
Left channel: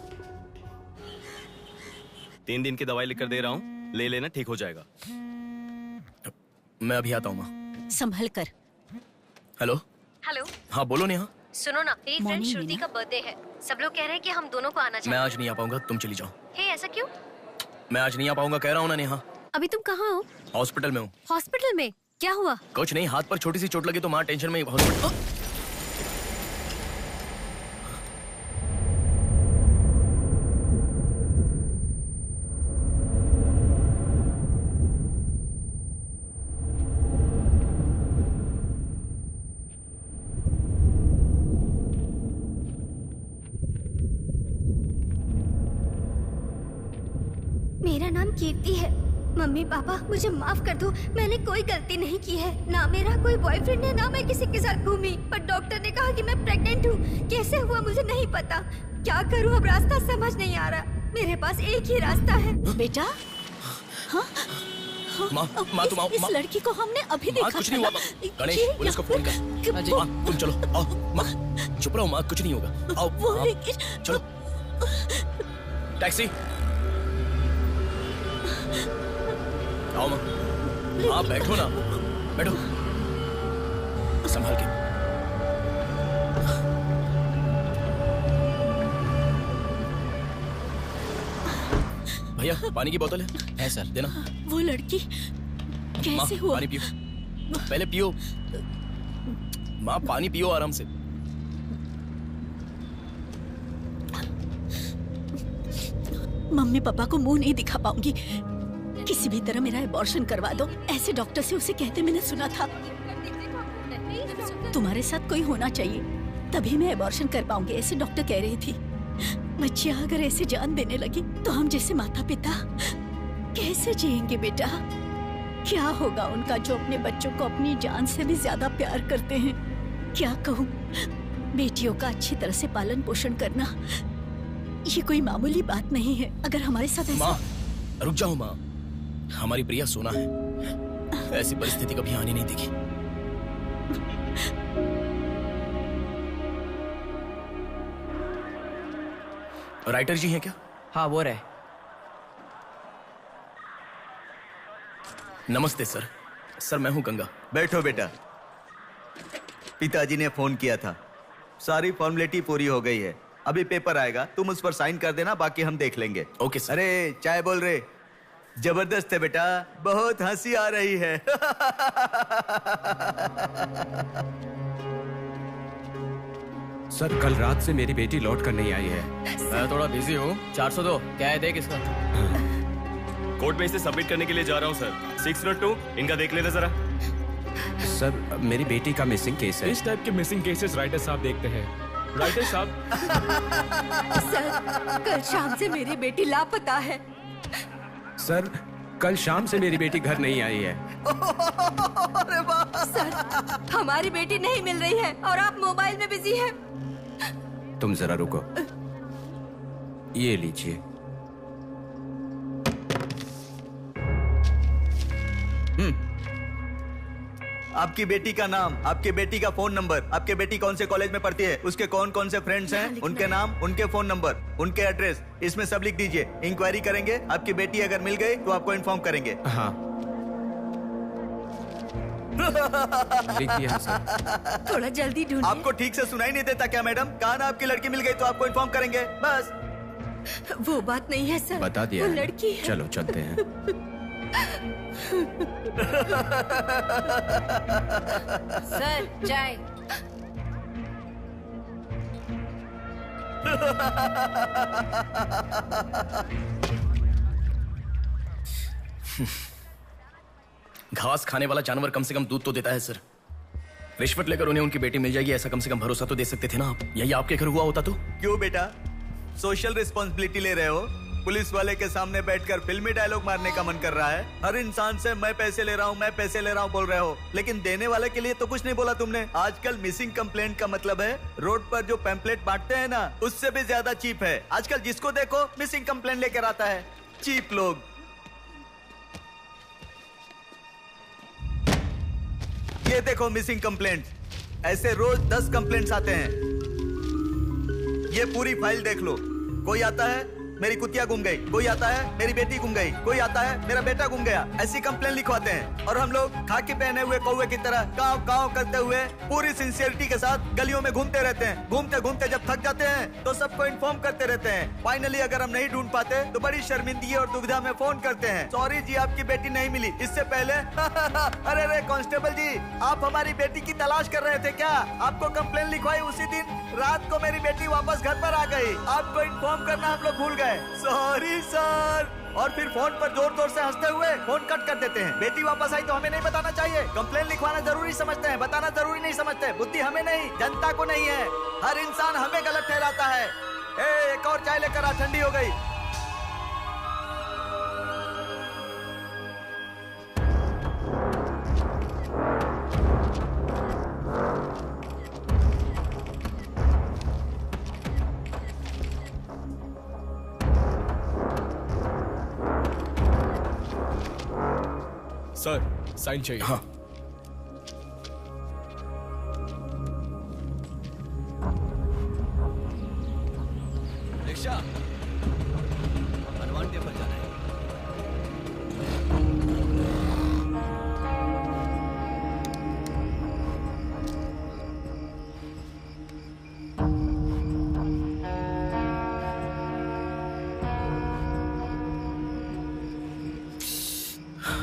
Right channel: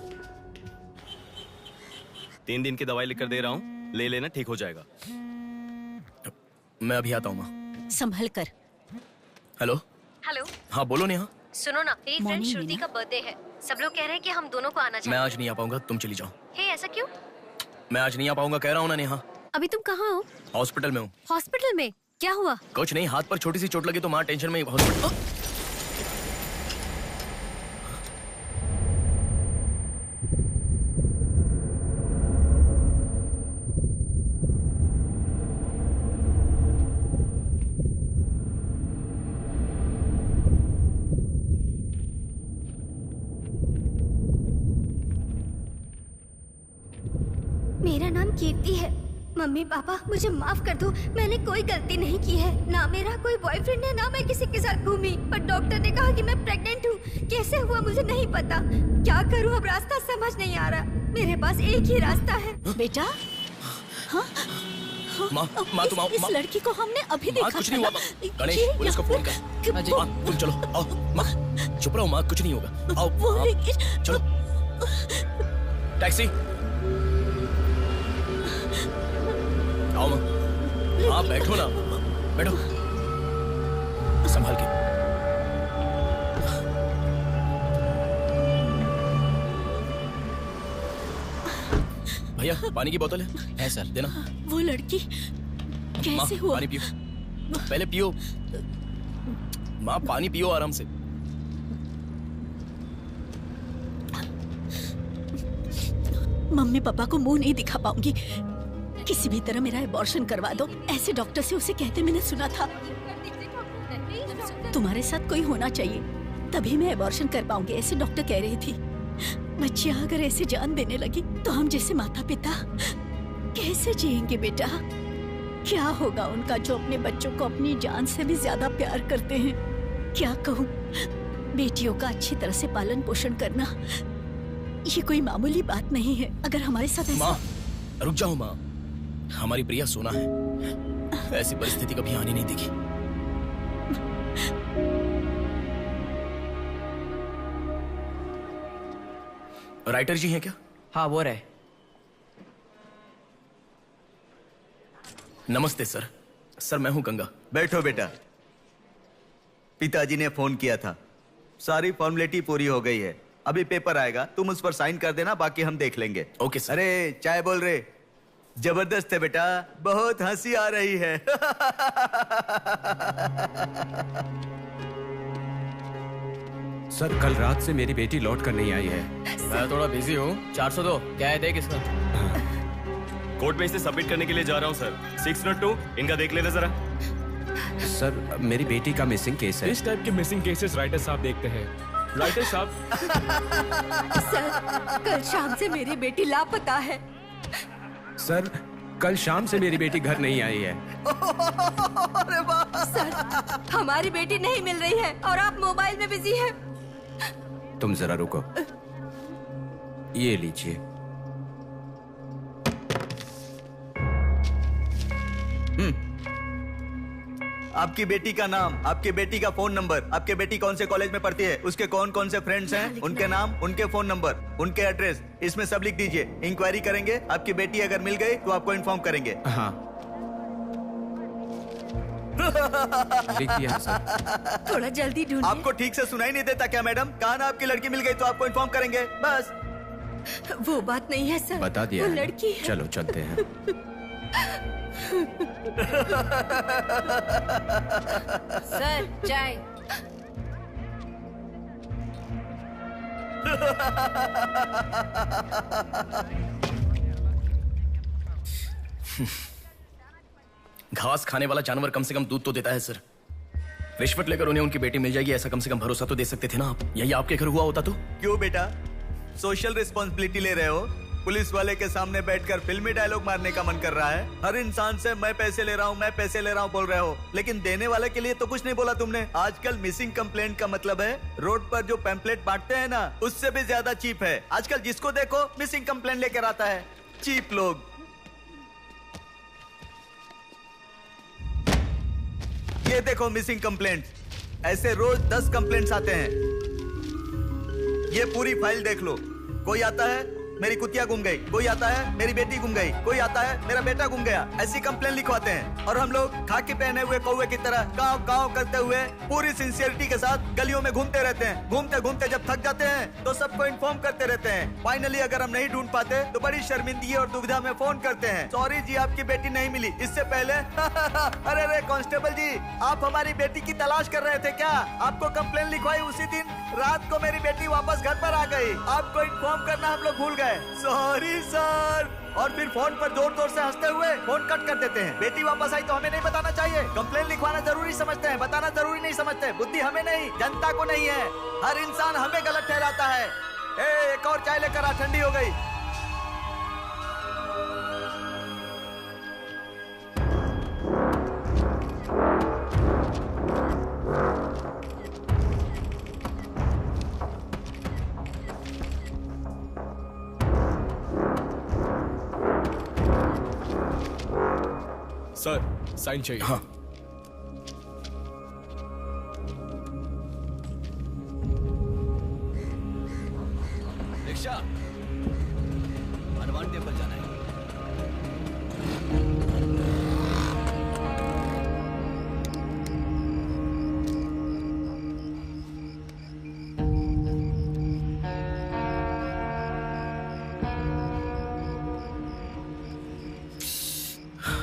3 दिन की दवाई लिख कर दे रहा हूँ, ले लेना, ठीक हो जाएगा। मैं अभी आता हूँ माँ। संभल कर। हेलो। हेलो। हाँ बोलो नेहा। सुनो ना, मेरी फ्रेंड श्रुति का बर्थडे है। सब लोग कह रहे हैं कि हम दोनों को आना चाहिए। मैं आज नहीं आ पाऊंगा, तुम चली जाओ। हे, ऐसा क्यों? मैं आज नहीं आ पाऊंगा, कह रहा हूँ ना नेहा। अभी तुम कहाँ हो? हॉस्पिटल में हूँ। हॉस्पिटल में? क्या हुआ? कुछ नहीं, हाथ पर छोटी सी चोट लगी तो माँ टेंशन में हॉस्पिटल। मेरा नाम कीर्ति है। मम्मी पापा मुझे माफ कर दो, मैंने कोई गलती नहीं की है। ना मेरा कोई बॉयफ्रेंड है, ना मैं किसी के साथ घूमी। पर डॉक्टर ने कहा कि मैं प्रेग्नेंट हूँ। कैसे हुआ मुझे नहीं पता। क्या करूँ अब, रास्ता समझ नहीं आ रहा। मेरे पास एक ही रास्ता है। बेटा, हाँ? माँ, तुम आओ। इस लड़की को हमने अभी देखा। कुछ नहीं हुआ। गणेश, पुलिस को फोन कर। माँ, तुम चलो, आओ। माँ, चुप रहो माँ, कुछ नहीं होगा। आओ, चलो। टैक्सी। आओ माँ। आप बैठो ना, बैठो, संभाल के। भैया, पानी की बोतल है सर, देना। वो लड़की कैसे हुआ? पानी पियो, पहले पियो। माँ, पानी पियो आराम से। मम्मी पापा को मुंह नहीं दिखा पाऊंगी। किसी भी तरह मेरा एबॉर्शन करवा दो, ऐसे डॉक्टर से उसे कहते मैंने सुना था। तुम्हारे साथ कोई होना चाहिए, तभी मैं एबॉर्शन कर पाऊंगी, ऐसे डॉक्टर कह रही थी। बच्चियां अगर ऐसे जान देने लगी तो हम जैसे माता पिता कैसे जिएंगे बेटा? क्या होगा उनका जो अपने बच्चों को अपनी जान से भी ज्यादा प्यार करते हैं? क्या कहूँ, बेटियों का अच्छी तरह से पालन पोषण करना ये कोई मामूली बात नहीं है। अगर हमारे साथ ऐसा... माँ, रुक जाओ माँ, हमारी प्रिया सोना है, ऐसी परिस्थिति कभी आनी नहीं देखी। राइटर जी हैं क्या? हाँ, वो रहे। नमस्ते सर। सर, मैं हूं गंगा। बैठो बेटा। पिताजी ने फोन किया था, सारी फॉर्मेलिटी पूरी हो गई है। अभी पेपर आएगा, तुम उस पर साइन कर देना, बाकी हम देख लेंगे। Okay sir. अरे चाय बोल रहे? जबरदस्त है बेटा, बहुत हंसी आ रही है। सर, कल रात से मेरी बेटी लौट कर नहीं आई है। मैं थोड़ा बिजी हूँ। 402 क्या है, देख इसका। कोर्ट में इसे सबमिट करने के लिए जा रहा हूँ सर। 602, इनका देख लेना जरा। सर, मेरी बेटी का मिसिंग केस है। इस टाइप के मिसिंग केसेस राइटर साहब देखते हैं। राइटर साहब। सर, कल शाम से मेरी बेटी लापता है। सर, कल शाम से मेरी बेटी घर नहीं आई है। सर, हमारी बेटी नहीं मिल रही है और आप मोबाइल में बिजी हैं। तुम जरा रुको, ये लीजिए। आपकी बेटी का नाम, आपकी बेटी का फोन नंबर, आपकी बेटी कौन से कॉलेज में पढ़ती है, उसके कौन कौन से फ्रेंड्स हैं, उनके नाम, उनके फोन नंबर, उनके एड्रेस, इसमें सब लिख दीजिए। इंक्वायरी करेंगे, आपकी बेटी अगर मिल गई तो आपको इन्फॉर्म करेंगे। हाँ, लिख दिया सर। थोड़ा जल्दी ढूंढिए। आपको ठीक से सुनाई नहीं देता क्या मैडम? कहा ना आपकी लड़की मिल गई तो आपको इन्फॉर्म करेंगे, बस। वो बात नहीं है सर। बता दिया वो है ना? लड़की है। चलो चलते हैं। सर चाय। घास खाने वाला जानवर कम से कम दूध तो देता है सर। रिश्वत लेकर उन्हें उनकी बेटी मिल जाएगी ऐसा कम से कम भरोसा तो दे सकते थे ना आप। यही आपके घर हुआ होता तो? क्यों बेटा, सोशल रिस्पॉन्सिबिलिटी ले रहे हो? पुलिस वाले के सामने बैठकर फिल्मी डायलॉग मारने का मन कर रहा है? हर इंसान से मैं पैसे ले रहा हूँ, मैं पैसे ले रहा हूँ बोल रहे हो, लेकिन देने वाले के लिए तो कुछ नहीं बोला तुमने। आजकल मिसिंग कंप्लेंट का मतलब है रोड पर जो पैम्पलेट बांटते हैं ना, उससे भी ज्यादा चीप है। आजकल जिसको देखो मिसिंग कंप्लेंट लेकर आता है, चीप लोग। ये देखो मिसिंग कंप्लेंट, ऐसे रोज 10 कंप्लेंट्स आते हैं। ये पूरी फाइल देख लो। कोई आता है मेरी कुतिया गुम गई, कोई आता है मेरी बेटी गुम गई, कोई आता है मेरा बेटा गुम गया, ऐसी कंप्लेंट लिखवाते हैं। और हम लोग खाकी पहने हुए कौवे की तरह काव काव करते हुए पूरी सिंसियरिटी के साथ गलियों में घूमते रहते हैं। घूमते घूमते जब थक जाते हैं तो सबको इन्फॉर्म करते रहते हैं। फाइनली अगर हम नहीं ढूंढ पाते तो बड़ी शर्मिंदगी और दुविधा में फोन करते हैं, सॉरी जी आपकी बेटी नहीं मिली। इससे पहले अरे रे कांस्टेबल जी, आप हमारी बेटी की तलाश कर रहे थे क्या? आपको कंप्लेंट लिखवाई उसी दिन रात को मेरी बेटी वापस घर पर आ गई। आपको इन्फॉर्म करना हम लोग भूल गए, सॉरी सर। और फिर फोन पर जोर जोर से हंसते हुए फोन कट कर देते हैं। बेटी वापस आई तो हमें नहीं बताना चाहिए। कंप्लेंट लिखवाना जरूरी समझते हैं, बताना जरूरी नहीं समझते। बुद्धि हमें नहीं, जनता को नहीं है। हर इंसान हमें गलत ठहराता है। एक और चाय लेकर आ, ठंडी हो गई। सर साइन चाहिए। हाँ। रिक्शा, हनुमान टेम्पल जाना है।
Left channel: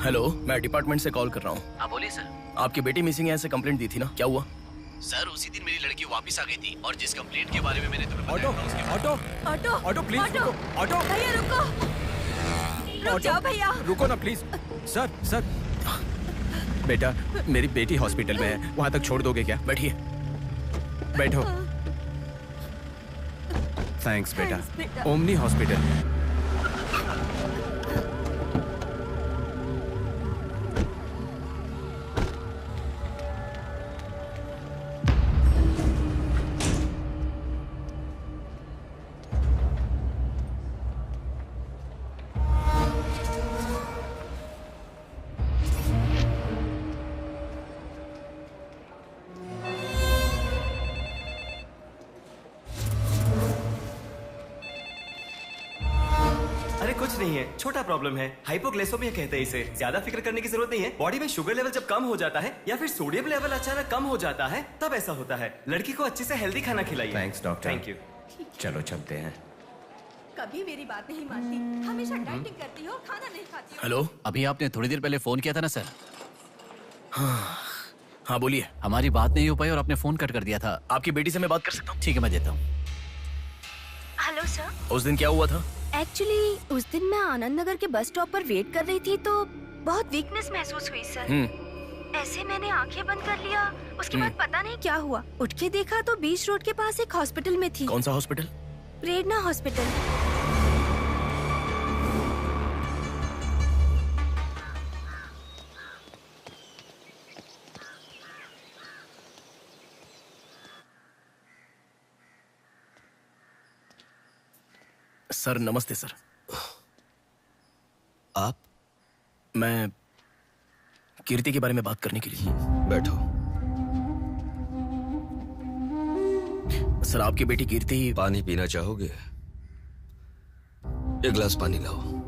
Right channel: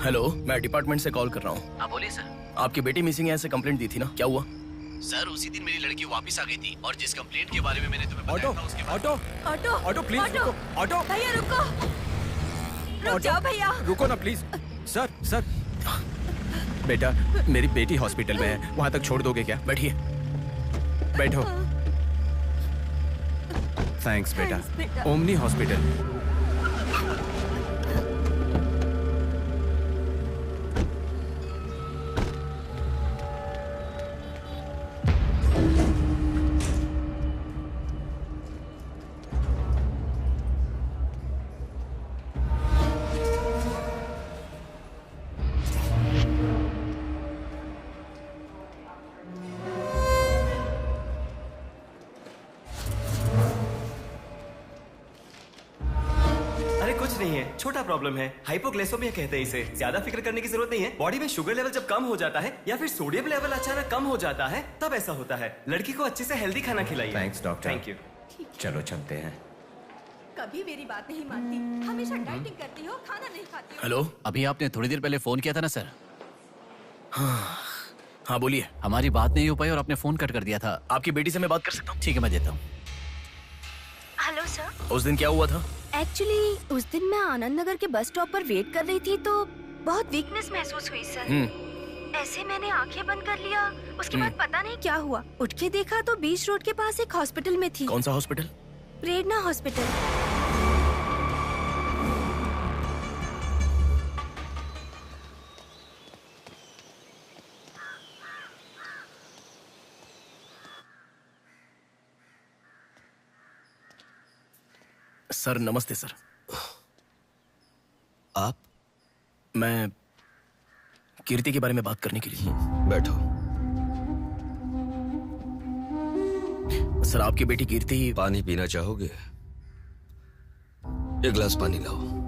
हेलो, मैं डिपार्टमेंट से कॉल कर रहा हूँ। हाँ बोलिए सर। आपकी बेटी मिसिंग है ऐसे कंप्लेंट दी थी ना, क्या हुआ? सर उसी दिन मेरी लड़की वापस आ गई थी और जिस कंप्लेंट के बारे में मैंने तुम्हें ऑटो बताया था उसके ऑटो ऑटो ऑटो प्लीज रुको। ऑटो भैया रुको, रुक जाओ भैया। रुको ना प्लीज। सर सर, बेटा मेरी बेटी हॉस्पिटल में है, वहां तक छोड़ दोगे क्या? बैठिए। बैठो। थैंक्स बेटा। Omni hospital. अरे कुछ नहीं है, छोटा प्रॉब्लम है, हाइपोग्लाइसेमिया कहते हैं इसे। ज्यादा फिक्र करने की जरूरत नहीं है। बॉडी में शुगर लेवल जब कम हो जाता है या फिर सोडियम लेवल अचानक कम हो जाता है तब ऐसा होता है। लड़की को अच्छे से हेल्दी खाना खिलाइए। Thanks doctor. Thank you. चलो चलते हैं। कभी मेरी बात नहीं मानती, हमेशा डाइटिंग करती हो, खाना नहीं खाती हो। हेलो, अभी आपने थोड़ी देर पहले फोन किया था ना सर? हाँ बोलिए। हमारी बात नहीं हो पाई और आपने फोन कट कर दिया था। आपकी बेटी से मैं बात कर सकता हूँ? ठीक है मैं देता हूँ। Hello sir. उस दिन क्या हुआ था? एक्चुअली उस दिन मैं आनंद नगर के बस स्टॉप पर वेट कर रही थी तो बहुत वीकनेस महसूस हुई सर। ऐसे मैंने आंखें बंद कर लिया। उसके बाद पता नहीं क्या हुआ, उठ के देखा तो बीच रोड के पास एक हॉस्पिटल में थी। कौन सा हॉस्पिटल? प्रेरणा हॉस्पिटल। सर नमस्ते सर। आप? मैं कीर्ति के बारे में बात करने के लिए। बैठो। सर आपकी बेटी कीर्ति। पानी पीना चाहोगे? एक गिलास पानी लाओ।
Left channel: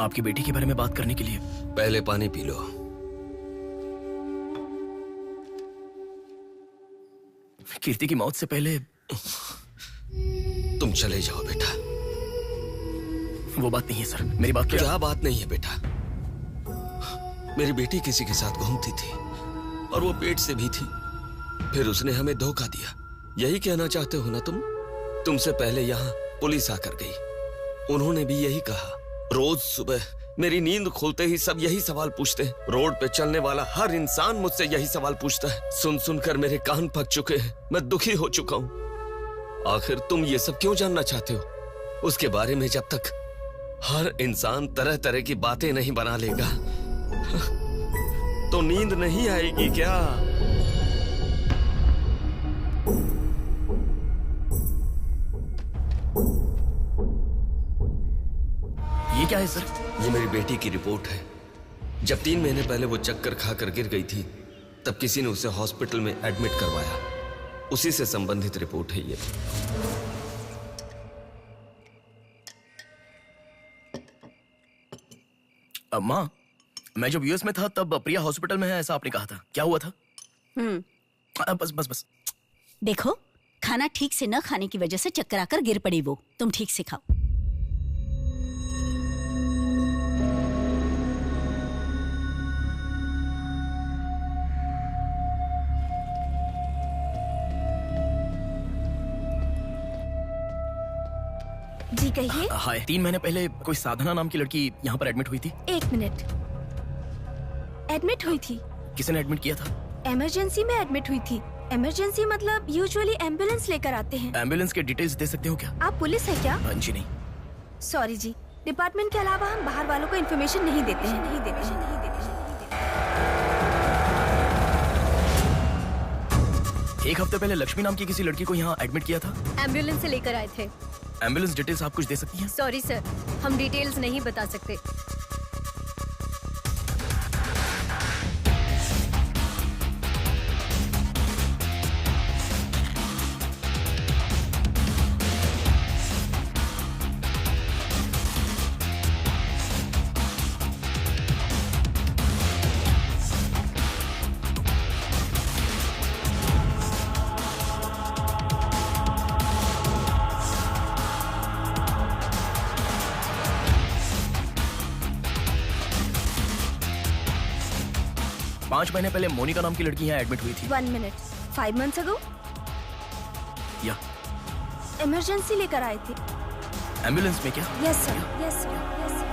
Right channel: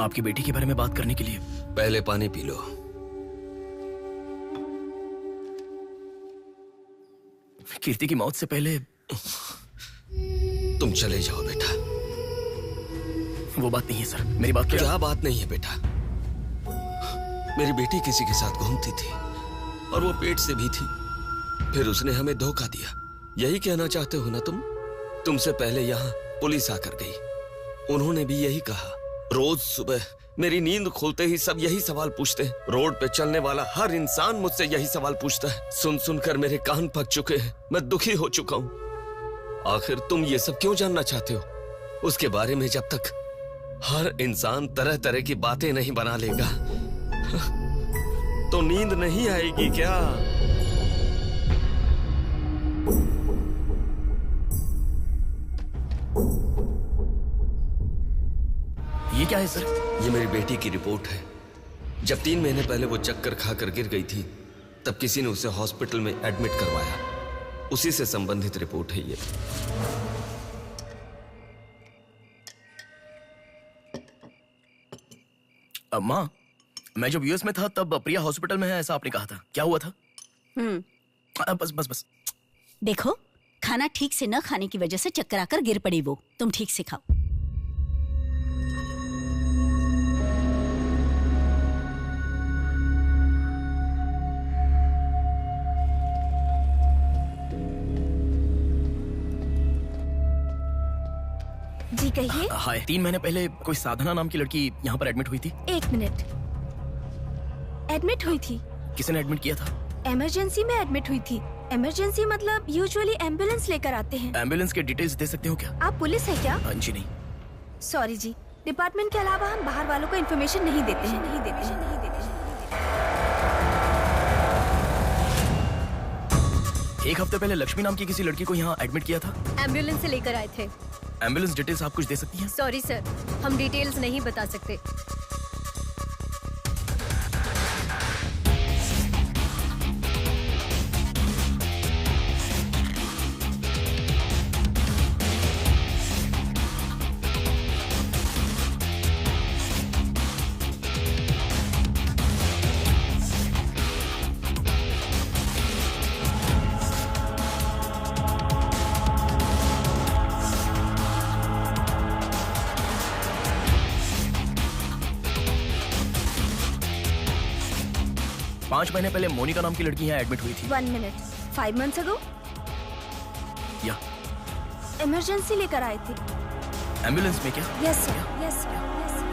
आपकी बेटी के बारे में बात करने के लिए। पहले पानी पी लो। कीर्ति की मौत से पहले तुम चले जाओ बेटा। वो बात नहीं है सर, मेरी बात क्या बात नहीं है बेटा? मेरी बेटी किसी के साथ घूमती थी और वो पेट से भी थी, फिर उसने हमें धोखा दिया। यही कहना चाहते हो ना तुम? तुमसे पहले यहाँ पुलिस आकर गई, उन्होंने भी यही कहा। रोज सुबह मेरी नींद खुलते ही सब यही सवाल पूछते हैं। रोड पे चलने वाला हर इंसान मुझसे यही सवाल पूछता है। सुन सुनकर मेरे कान पक चुके हैं, मैं दुखी हो चुका हूँ। आखिर तुम ये सब क्यों जानना चाहते हो? उसके बारे में जब तक हर इंसान तरह तरह की बातें नहीं बना लेगा तो नींद नहीं आएगी क्या? ये क्या है सर? ये मेरी बेटी की रिपोर्ट है। जब 3 महीने पहले वो चक्कर खाकर गिर गई थी, तब किसी ने उसे हॉस्पिटल में एडमिट करवाया। उसी से संबंधित रिपोर्ट है ये। माँ, मैं जब यूएस में था तब प्रिया हॉस्पिटल में है, ऐसा आपने कहा था। क्या हुआ था? बस बस बस। देखो, खाना ठीक से न खाने की वजह से चक्कर आकर गिर पड़ी वो। तुम ठीक से खाओ। जी कहिए। हाय। 3 महीने पहले कोई साधना नाम की लड़की यहाँ पर एडमिट हुई थी। 1 मिनट। एडमिट हुई थी? किसने एडमिट किया था? इमरजेंसी में एडमिट हुई थी। इमरजेंसी मतलब यूजुअली एम्बुलेंस लेकर आते हैं। एम्बुलेंस के डिटेल्स दे सकते हो क्या? आप पुलिस है क्या? जी नहीं। सॉरी जी, डिपार्टमेंट के अलावा हम बाहर वालों को इन्फॉर्मेशन नहीं देते हैं। एक हफ्ते पहले लक्ष्मी नाम की किसी लड़की को यहाँ एडमिट किया था। एम्बुलेंस से लेकर आए थे। एम्बुलेंस डिटेल्स आप कुछ दे सकती हैं? सॉरी सर, हम डिटेल्स नहीं बता सकते। पांच महीने पहले मोनिका नाम की लड़की यहाँ एडमिट हुई थी। 1 मिनट। 5 months ago? या इमरजेंसी लेकर आए थे। एम्बुलेंस में क्या? Yes sir, yes sir, yes sir.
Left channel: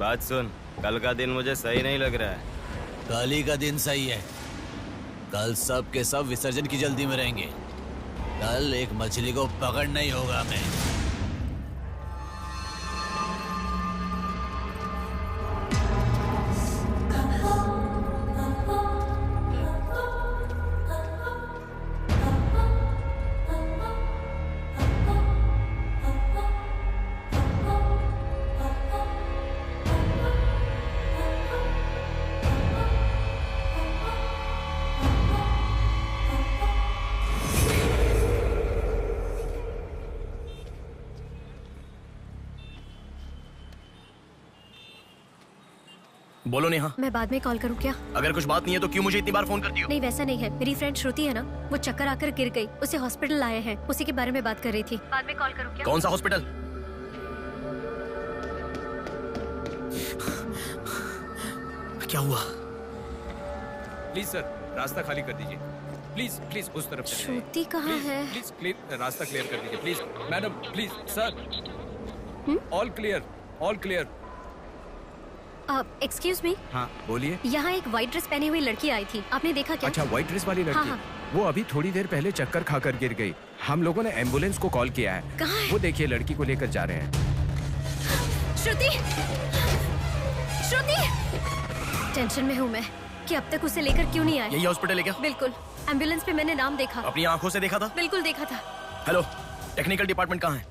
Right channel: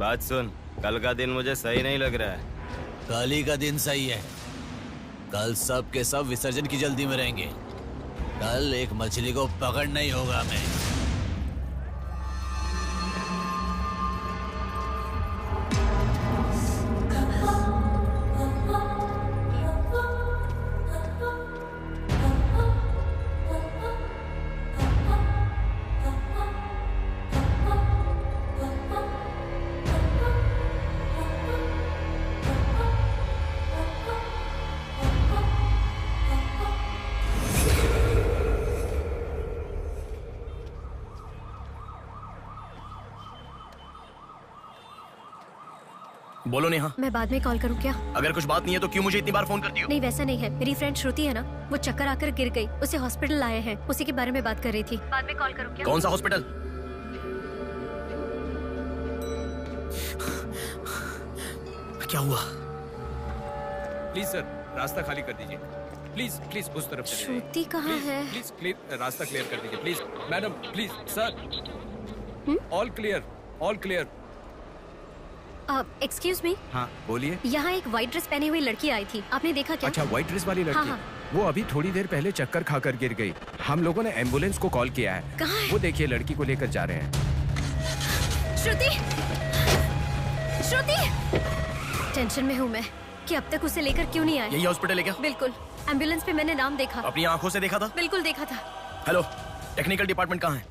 बात सुन, कल का दिन मुझे सही नहीं लग रहा है। कल ही का दिन सही है। कल सब के सब विसर्जन की जल्दी में रहेंगे। कल एक मछली को पकड़ना ही होगा हमें। बोलो नेहा। मैं बाद में कॉल करूँ क्या? अगर कुछ बात नहीं है तो क्यों मुझे इतनी बार फोन करती हो? नहीं वैसा नहीं है, मेरी फ्रेंड श्रुति है ना, वो चक्कर आकर गिर गई, उसे हॉस्पिटल लाए हैं, उसी के बारे में बात कर रही थी। बाद में कॉल करूँ क्या? कौन सा हॉस्पिटल? क्या हुआ? प्लीज सर, रास्ता खाली कर दीजिए। प्लीज प्लीज उस तरफ चले जाइए। श्रुति कहाँ है? प्लीज क्लियर, रास्ता क्लियर कर दीजिए please. Madam please sir. All clear, all clear. Excuse me. हाँ बोलिए। यहाँ एक व्हाइट ड्रेस पहनी हुई लड़की आई थी, आपने देखा क्या? अच्छा, व्हाइट ड्रेस वाली लड़की। हाँ, हाँ। वो अभी थोड़ी देर पहले चक्कर खाकर गिर गई। हम लोगों ने एम्बुलेंस को कॉल किया है। कहाँ है? वो देखिए लड़की को लेकर जा रहे हैं। श्रुति, श्रुति! टेंशन में हूँ मैं कि अब तक उसे लेकर क्यों नहीं आए। यही हॉस्पिटल है क्या? बिल्कुल। एम्बुलेंस पे मैंने नाम देखा। अपनी आंखों से देखा था? बिल्कुल देखा था। हेलो, टेक्निकल डिपार्टमेंट कहाँ है?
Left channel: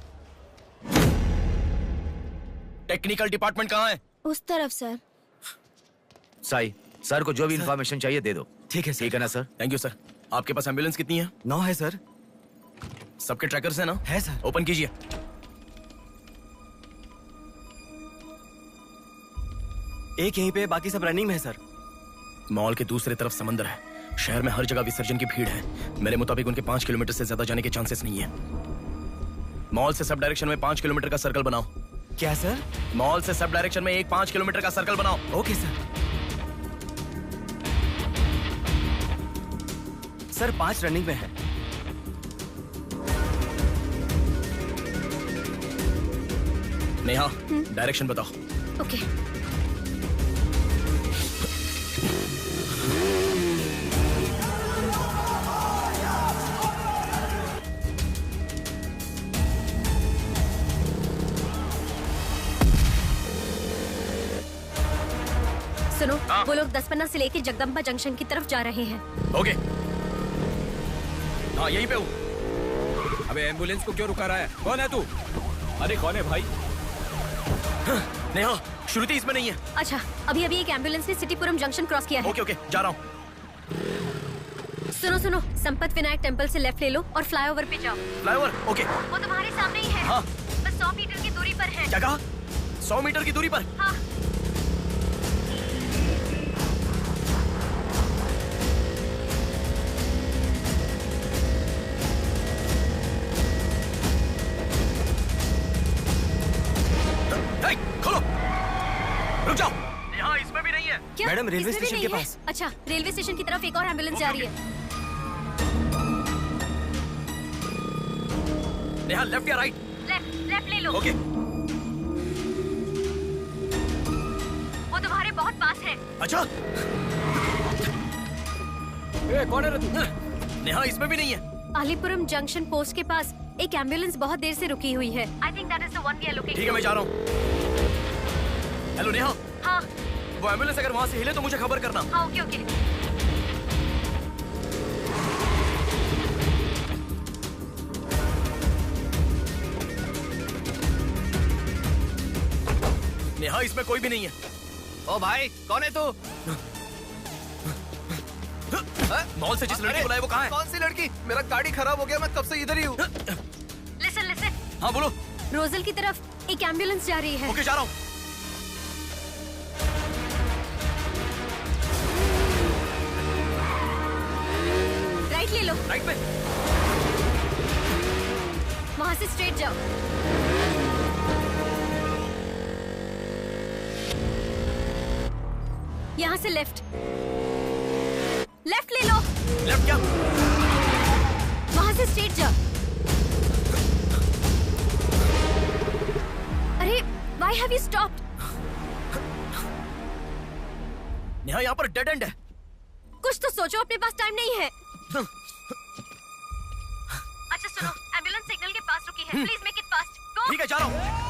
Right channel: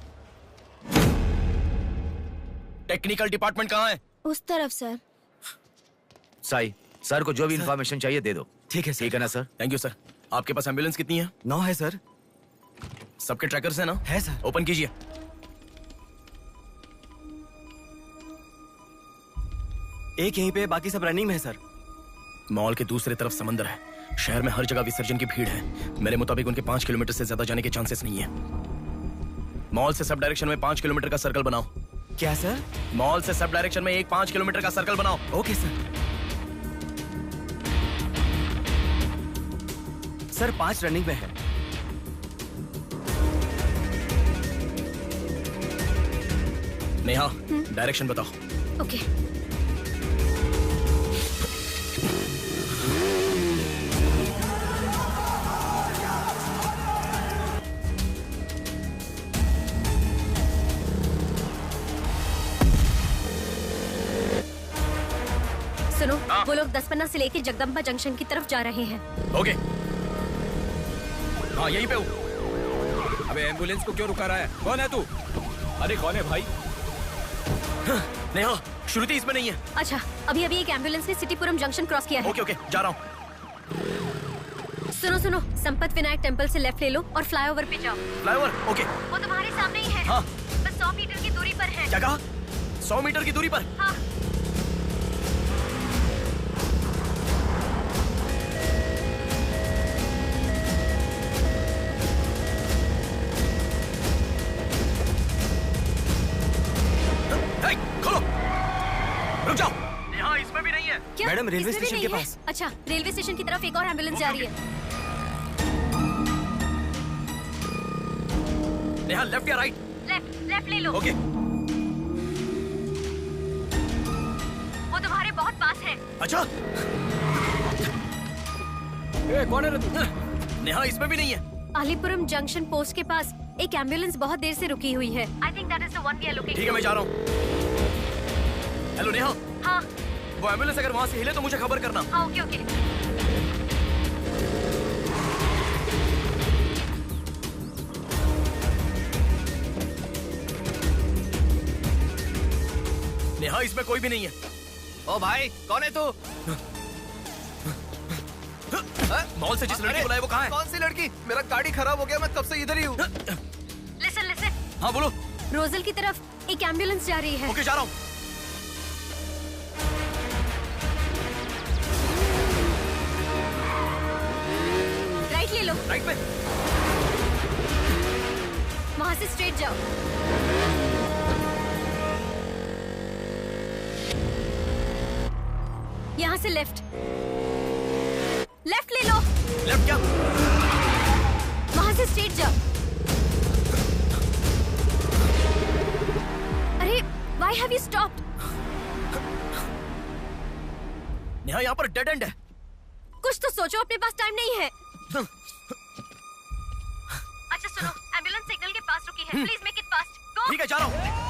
टेक्निकल डिपार्टमेंट कहाँ है? उस तरफ सर। साई, सर को जो भी इंफॉर्मेशन चाहिए दे दो। ठीक है सर। ठीक है ना सर? Thank you sir. आपके पास एम्बुलेंस कितनी है? 9 है सर। सबके ट्रैकर्स है ना? है सर। ओपन कीजिए। एक यहीं पे, बाकी सब रनिंग में है सर। मॉल के दूसरे तरफ समंदर है। शहर में हर जगह विसर्जन की भीड़ है। मेरे मुताबिक उनके 5 किलोमीटर से ज्यादा जाने के चांसेस नहीं है। मॉल से सब डायरेक्शन में 5 किलोमीटर का सर्कल बनाओ। क्या सर? मॉल से सब डायरेक्शन में एक 5 किलोमीटर का सर्कल बनाओ। Okay sir. सर 5 रनिंग में है। नेहा, डायरेक्शन बताओ। ओके। सुनो, वो लोग 10 से लेके जगदम्बा जंक्शन की तरफ जा रहे हैं। ओके। हाँ, यहीं पे हूँ। अबे एम्बुलेंस को क्यों रुका रहा है? कौन है तू? अरे कौन है भाई? नेहा, श्रुति इसमें नहीं है। अच्छा, अभी अभी एक एम्बुलेंस ने सिटीपुरम जंक्शन क्रॉस किया है। ओके ओके, जा रहा हूँ। सुनो सुनो, संपत विनायक टेम्पल से लेफ्ट ले लो और फ्लाईओवर पे जाओ। फ्लाईओवर? ओके। वो तुम्हारे सामने ही है। हाँ। बस 100 मीटर की दूरी पर है। क्या कहा? 100 मीटर की दूरी पर? हाँ। खोलो। रुक जाओ। यहाँ इसमें भी नहीं है। क्या? मैडम, रेलवे इसमें भी स्टेशन के नहीं है? पास। अच्छा, रेलवे स्टेशन की तरफ एक और एम्बुलेंस जा रही है। नेहा, लेफ्ट या राइट? लेफ्ट ले लो। ओके। वो तुम्हारे बहुत पास है। अच्छा। कौन है रे तू? नेहा, इसमें भी नहीं है। अलीपुरम जंक्शन पोस्ट के पास एक एम्बुलेंस बहुत देर से रुकी हुई है। I think that is the one we are looking ठीक है, मैं जा रहा हूँ। हेलो नेहा। हाँ। वो एम्बुलेंस अगर वहाँ से हिले तो मुझे खबर करना। हाँ, ओके ओके। नेहा, इसमें कोई भी नहीं है। ओ भाई, कौन है तू? मॉल से जिस लड़की को बुलाया वो कहाँ है? कौन सी लड़की? मेरा गाड़ी खराब हो गया, मैं कब से इधर ही हूँ। लिसन। हाँ बोलो। रोजल की तरफ एक एम्बुलेंस जा रही है। ओके, जा रहा हूँ। राइट ले लो। राइट में? वहाँ से स्ट्रेट जाओ। यहाँ से लेफ्ट ले लो। लेफ्ट क्या? वहाँ से स्ट्रेट जाओ। अरे, why have you stopped? Neha, यहाँ पर डेड एंड है। कुछ तो सोचो, अपने पास टाइम नहीं है। अच्छा सुनो, एम्बुलेंस सिग्नल के पास रुकी है। Please make it fast. Go. ठीक है, जा रहा हूँ।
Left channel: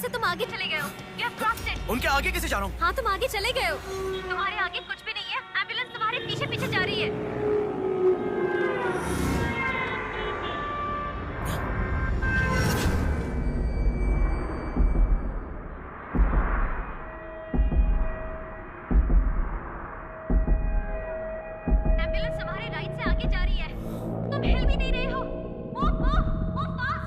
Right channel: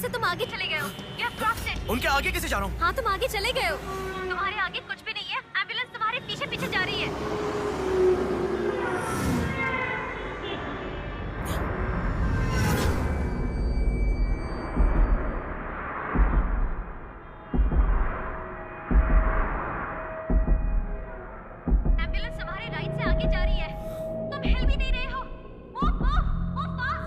से तुम आगे चले गए हो। You have crossed it. उनके आगे कैसे जा रहा हूँ? हाँ तुम आगे चले गए हो। तुम्हारे आगे कुछ भी नहीं है। एम्बुलेंस तुम्हारे पीछे पीछे जा रही है। एम्बुलेंस तुम्हारे राइट से आगे जा रही है। तुम हिल भी नहीं रहे हो। Move, move, move fast.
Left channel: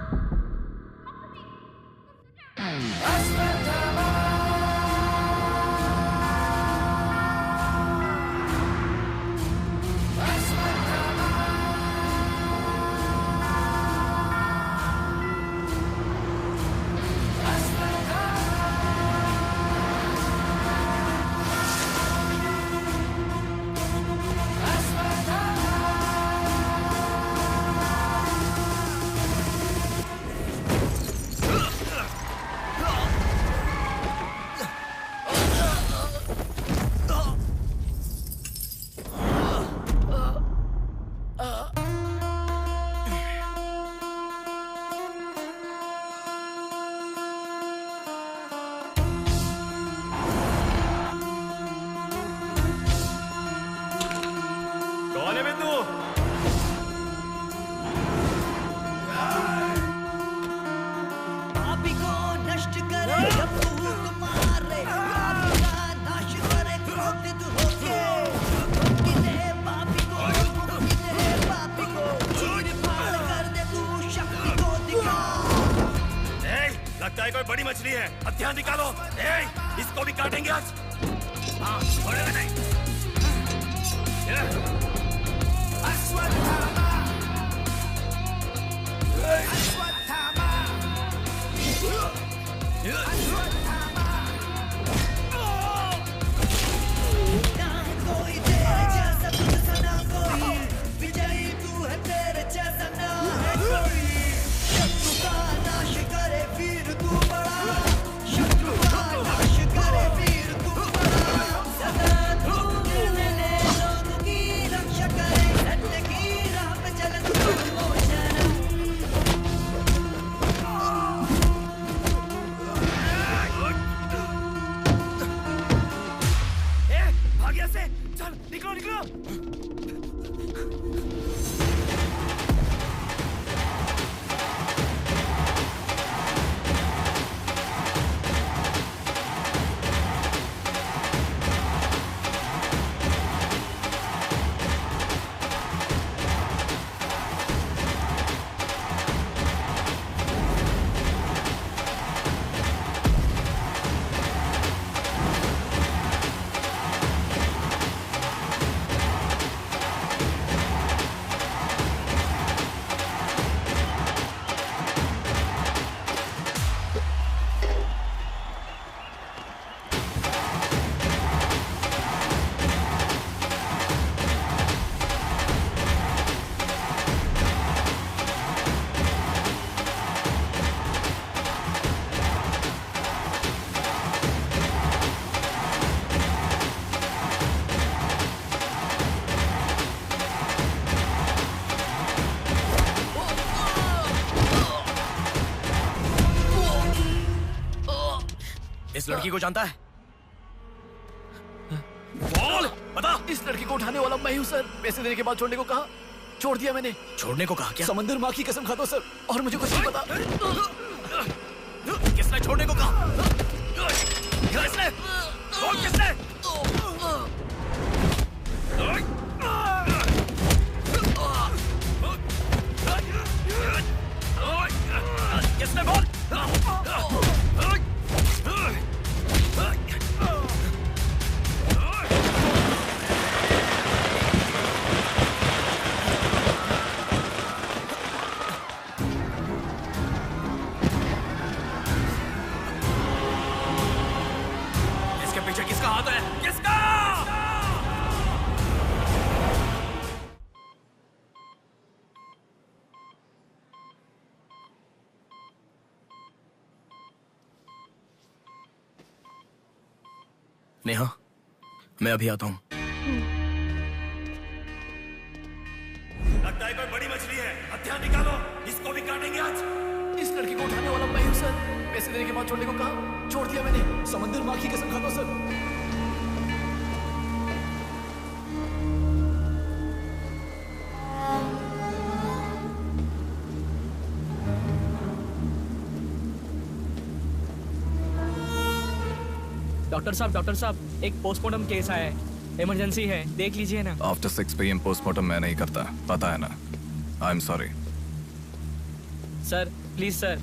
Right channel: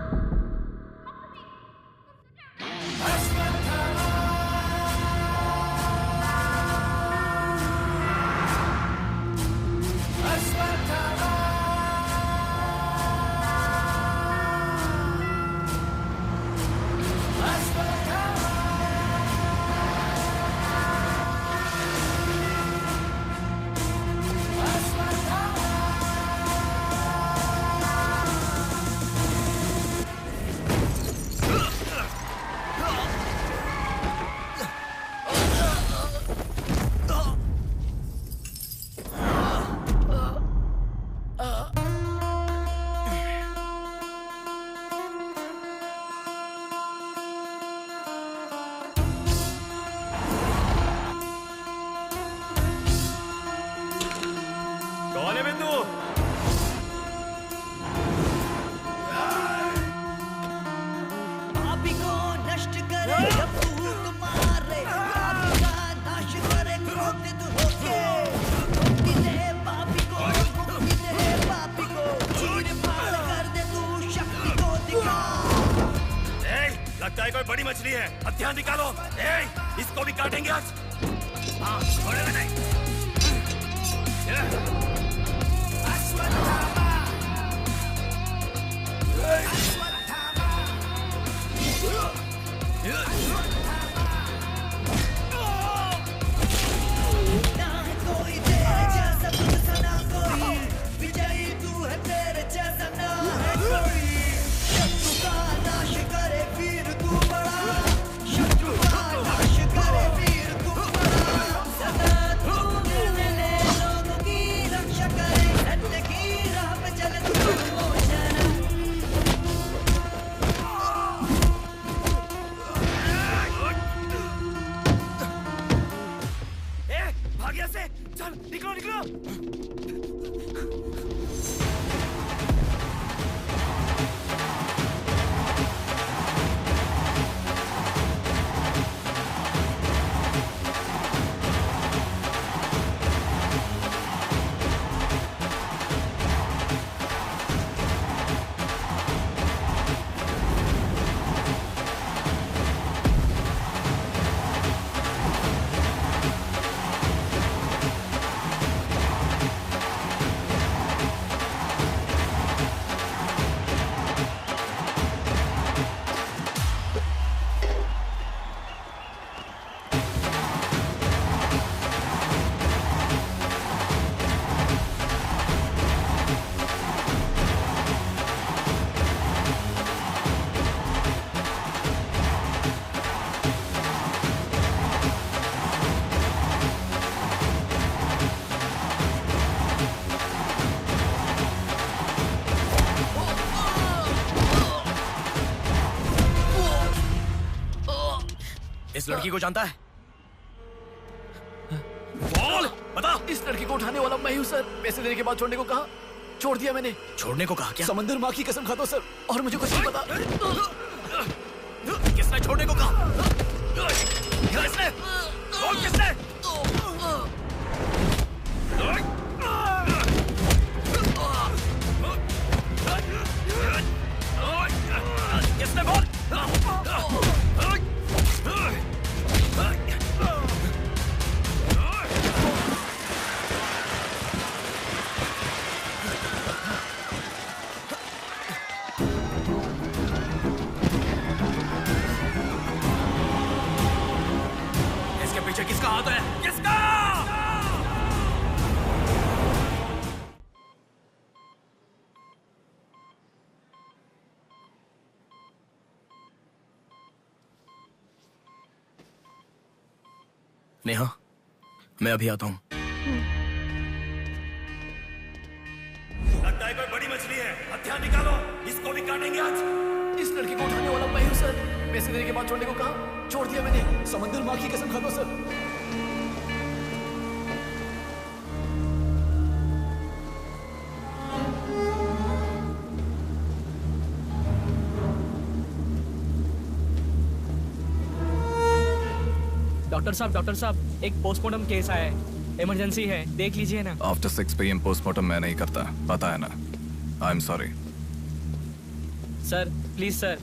कौन है बिंदु? पापी को नष्ट करे जब फूक मारे, पापी का नाश करे क्रोधित होके। मुक्ति दे पापी को, मुक्ति दे पापी को, चीर फाड़ कर दे तू शक्ति को दिखा। लगता है कोई बड़ी मछली है। हथियार निकालो। इसको भी काटेंगे आज। हाँ, छोड़ेगा नहीं। ना है कोई तेरे जैसा, तुझसा ना कोई। विजयी तू है, तेरे जैसा ना है कोई। शत्रु का नाश करे वीर तू बड़ा, शत्रु का नाश करे वीर तू बड़ा। सदा तू निर्णय ले लोगों की रक्षा करे, सत्य की राह पे चले तू मोचन। भाग्य से चल, निकलो निकलो। इस लड़की को जानता है? बोल, बता। इस लड़की को उठाने वाला मैं ही हूँ सर। पैसे देने के बाद छोड़ने को कहा, छोड़ दिया मैंने। छोड़ने को कहा क्या? समंदर माँ की कसम खाता हूँ सर, और मुझे कुछ नहीं पता। किसने छोड़ने को कहा? किसने? बोल किसने? किसने बोल? इसके पीछे किसका हाथ है? किसका? नेहा, मैं अभी आता हूँ। लगता है कोई बड़ी मछली है। हथियार निकालो, इसको भी काटेंगे आज। इस लड़की को उठाने वाला मैं हूँ सर। पैसे देने के बाद छोड़ने को कहा, छोड़ दिया मैंने। समंदर माँ की कसम खाता हूं सर। डॉक्टर साहब, एक पोस्टमार्टम केस आया है, इमरजेंसी है, देख लीजिए ना। आफ्टर 6 PM पोस्टमार्टम मैं नहीं करता, पता है ना। I am sorry. Sir please sir,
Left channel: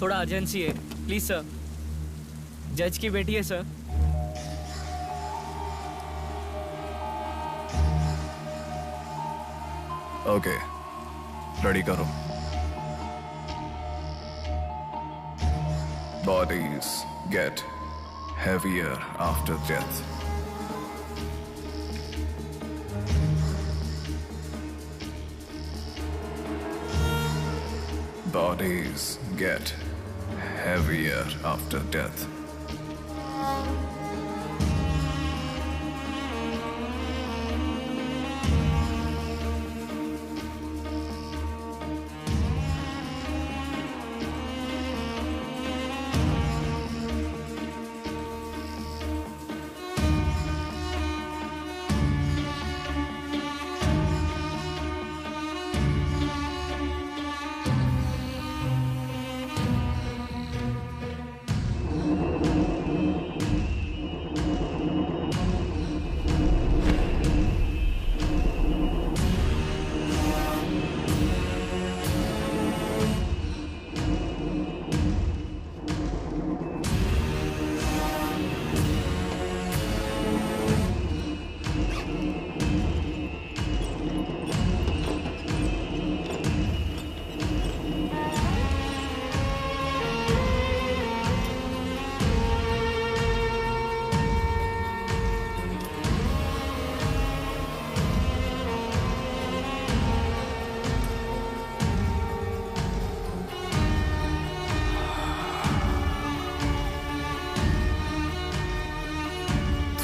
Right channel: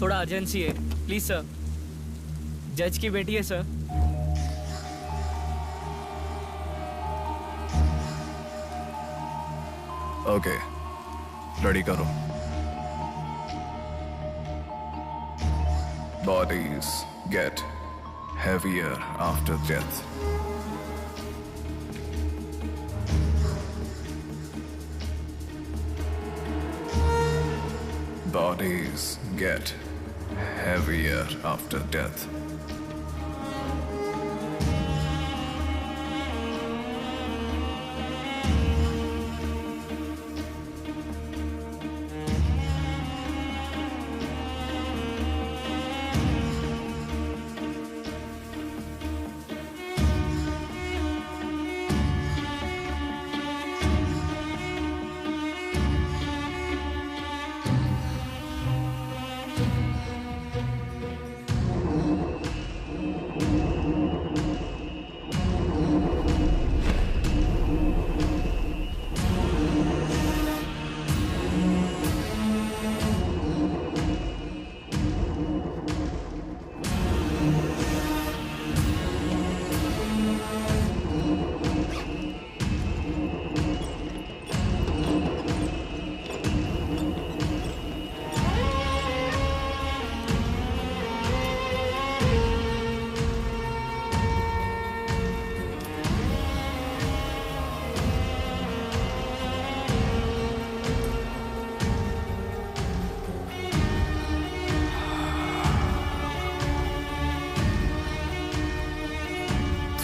थोड़ा अर्जेंसी है, प्लीज सर। जज की बेटी है सर। ओके, रेडी करो। Bodies get heavier after death. Bodies get heavier after death.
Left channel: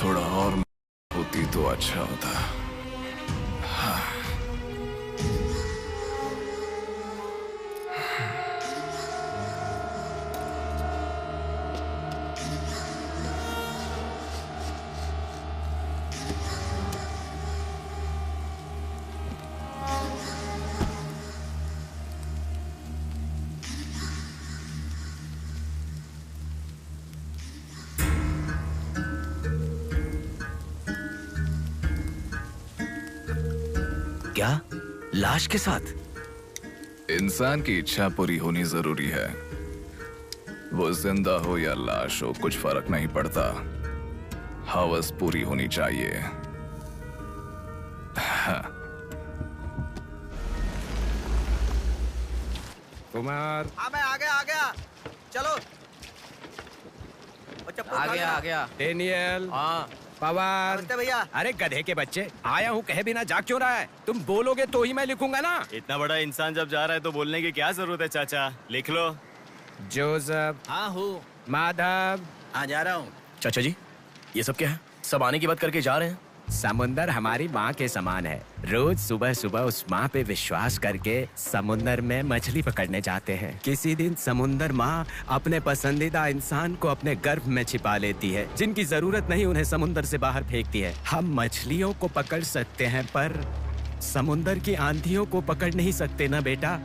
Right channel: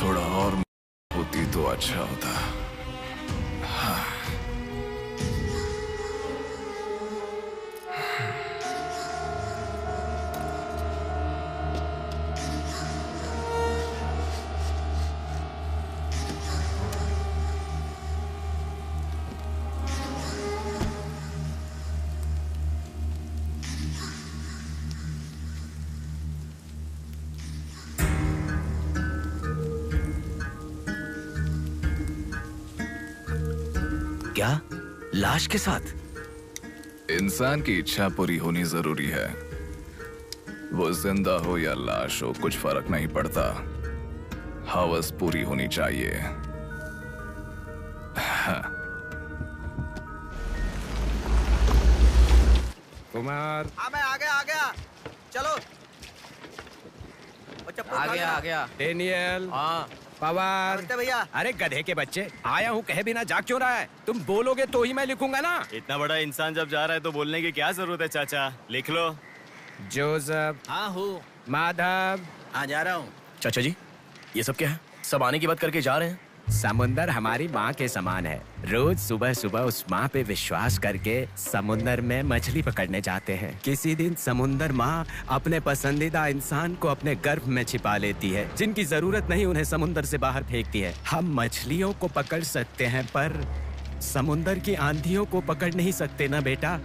थोड़ा और होती तो अच्छा होता। हाँ। क्या? लाश के साथ? इंसान की इच्छा पूरी होनी जरूरी है। वो जिंदा हो या लाश हो, कुछ फर्क नहीं पड़ता। हवस पूरी होनी चाहिए। हाँ। कुमार। हाँ मैं आ गया। चलो। आ गया। डेनियल। हाँ। पवार। भैया। अरे गधे के बच्चे, आया हूँ कहे बिना जाग क्यों रहा है? तुम बोलोगे तो ही मैं लिखूंगा ना। इतना बड़ा इंसान जब जा रहा है तो बोलने की क्या जरूरत है चाचा, लिख लो। जोसेफ। हाँ हूँ। माधव। हाँ जा रहा हूँ। चाचा जी, ये सब क्या है? सब आने की बात करके जा रहे हैं। समुंदर हमारी माँ के समान है। रोज सुबह सुबह उस माँ पे विश्वास करके समुंदर में मछली पकड़ने जाते हैं। किसी दिन समुंदर माँ अपने पसंदीदा इंसान को अपने गर्भ में छिपा लेती है। जिनकी जरूरत नहीं उन्हें समुंदर से बाहर फेंकती है। हम मछलियों को पकड़ सकते हैं पर समुंदर की आंधियों को पकड़ नहीं सकते ना बेटा।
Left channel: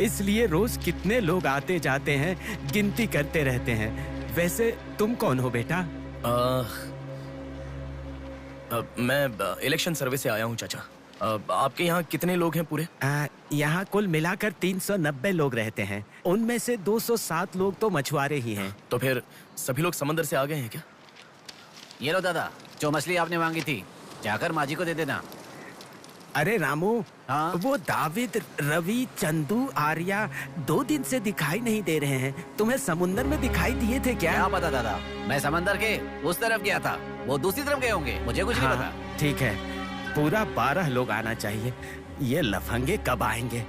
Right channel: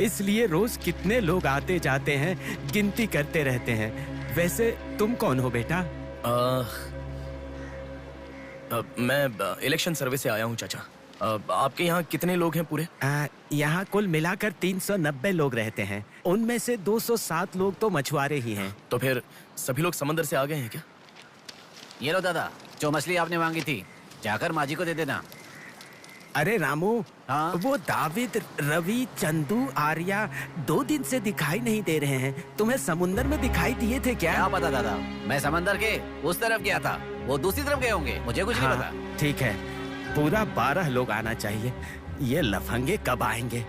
इसलिए रोज कितने लोग आते जाते हैं, गिनती करते रहते हैं। वैसे तुम कौन हो बेटा? मैं इलेक्शन सर्वे से आया हूँ चाचा। आपके यहाँ कितने लोग हैं पूरे? यहाँ कुल मिलाकर 390 लोग रहते हैं। उनमें से 207 लोग तो मछुआरे ही हैं। तो फिर सभी लोग समंदर से आ गए हैं क्या? ये लो दादा, जो मछली आपने मांगी थी, जाकर माँ जी को दे देना। अरे रामू, हाँ? वो दाविद, रवि, चंदू, आर्या 2 दिन से दिखाई नहीं दे रहे हैं। तुम्हें समुंदर में दिखाई दिए थे क्या? क्या पता दादा, मैं समंदर के उस तरफ गया था, वो दूसरी तरफ गए होंगे, मुझे कुछ नहीं पता। ठीक है, पूरा 12 लोग आना चाहिए। ये लफंगे कब आएंगे?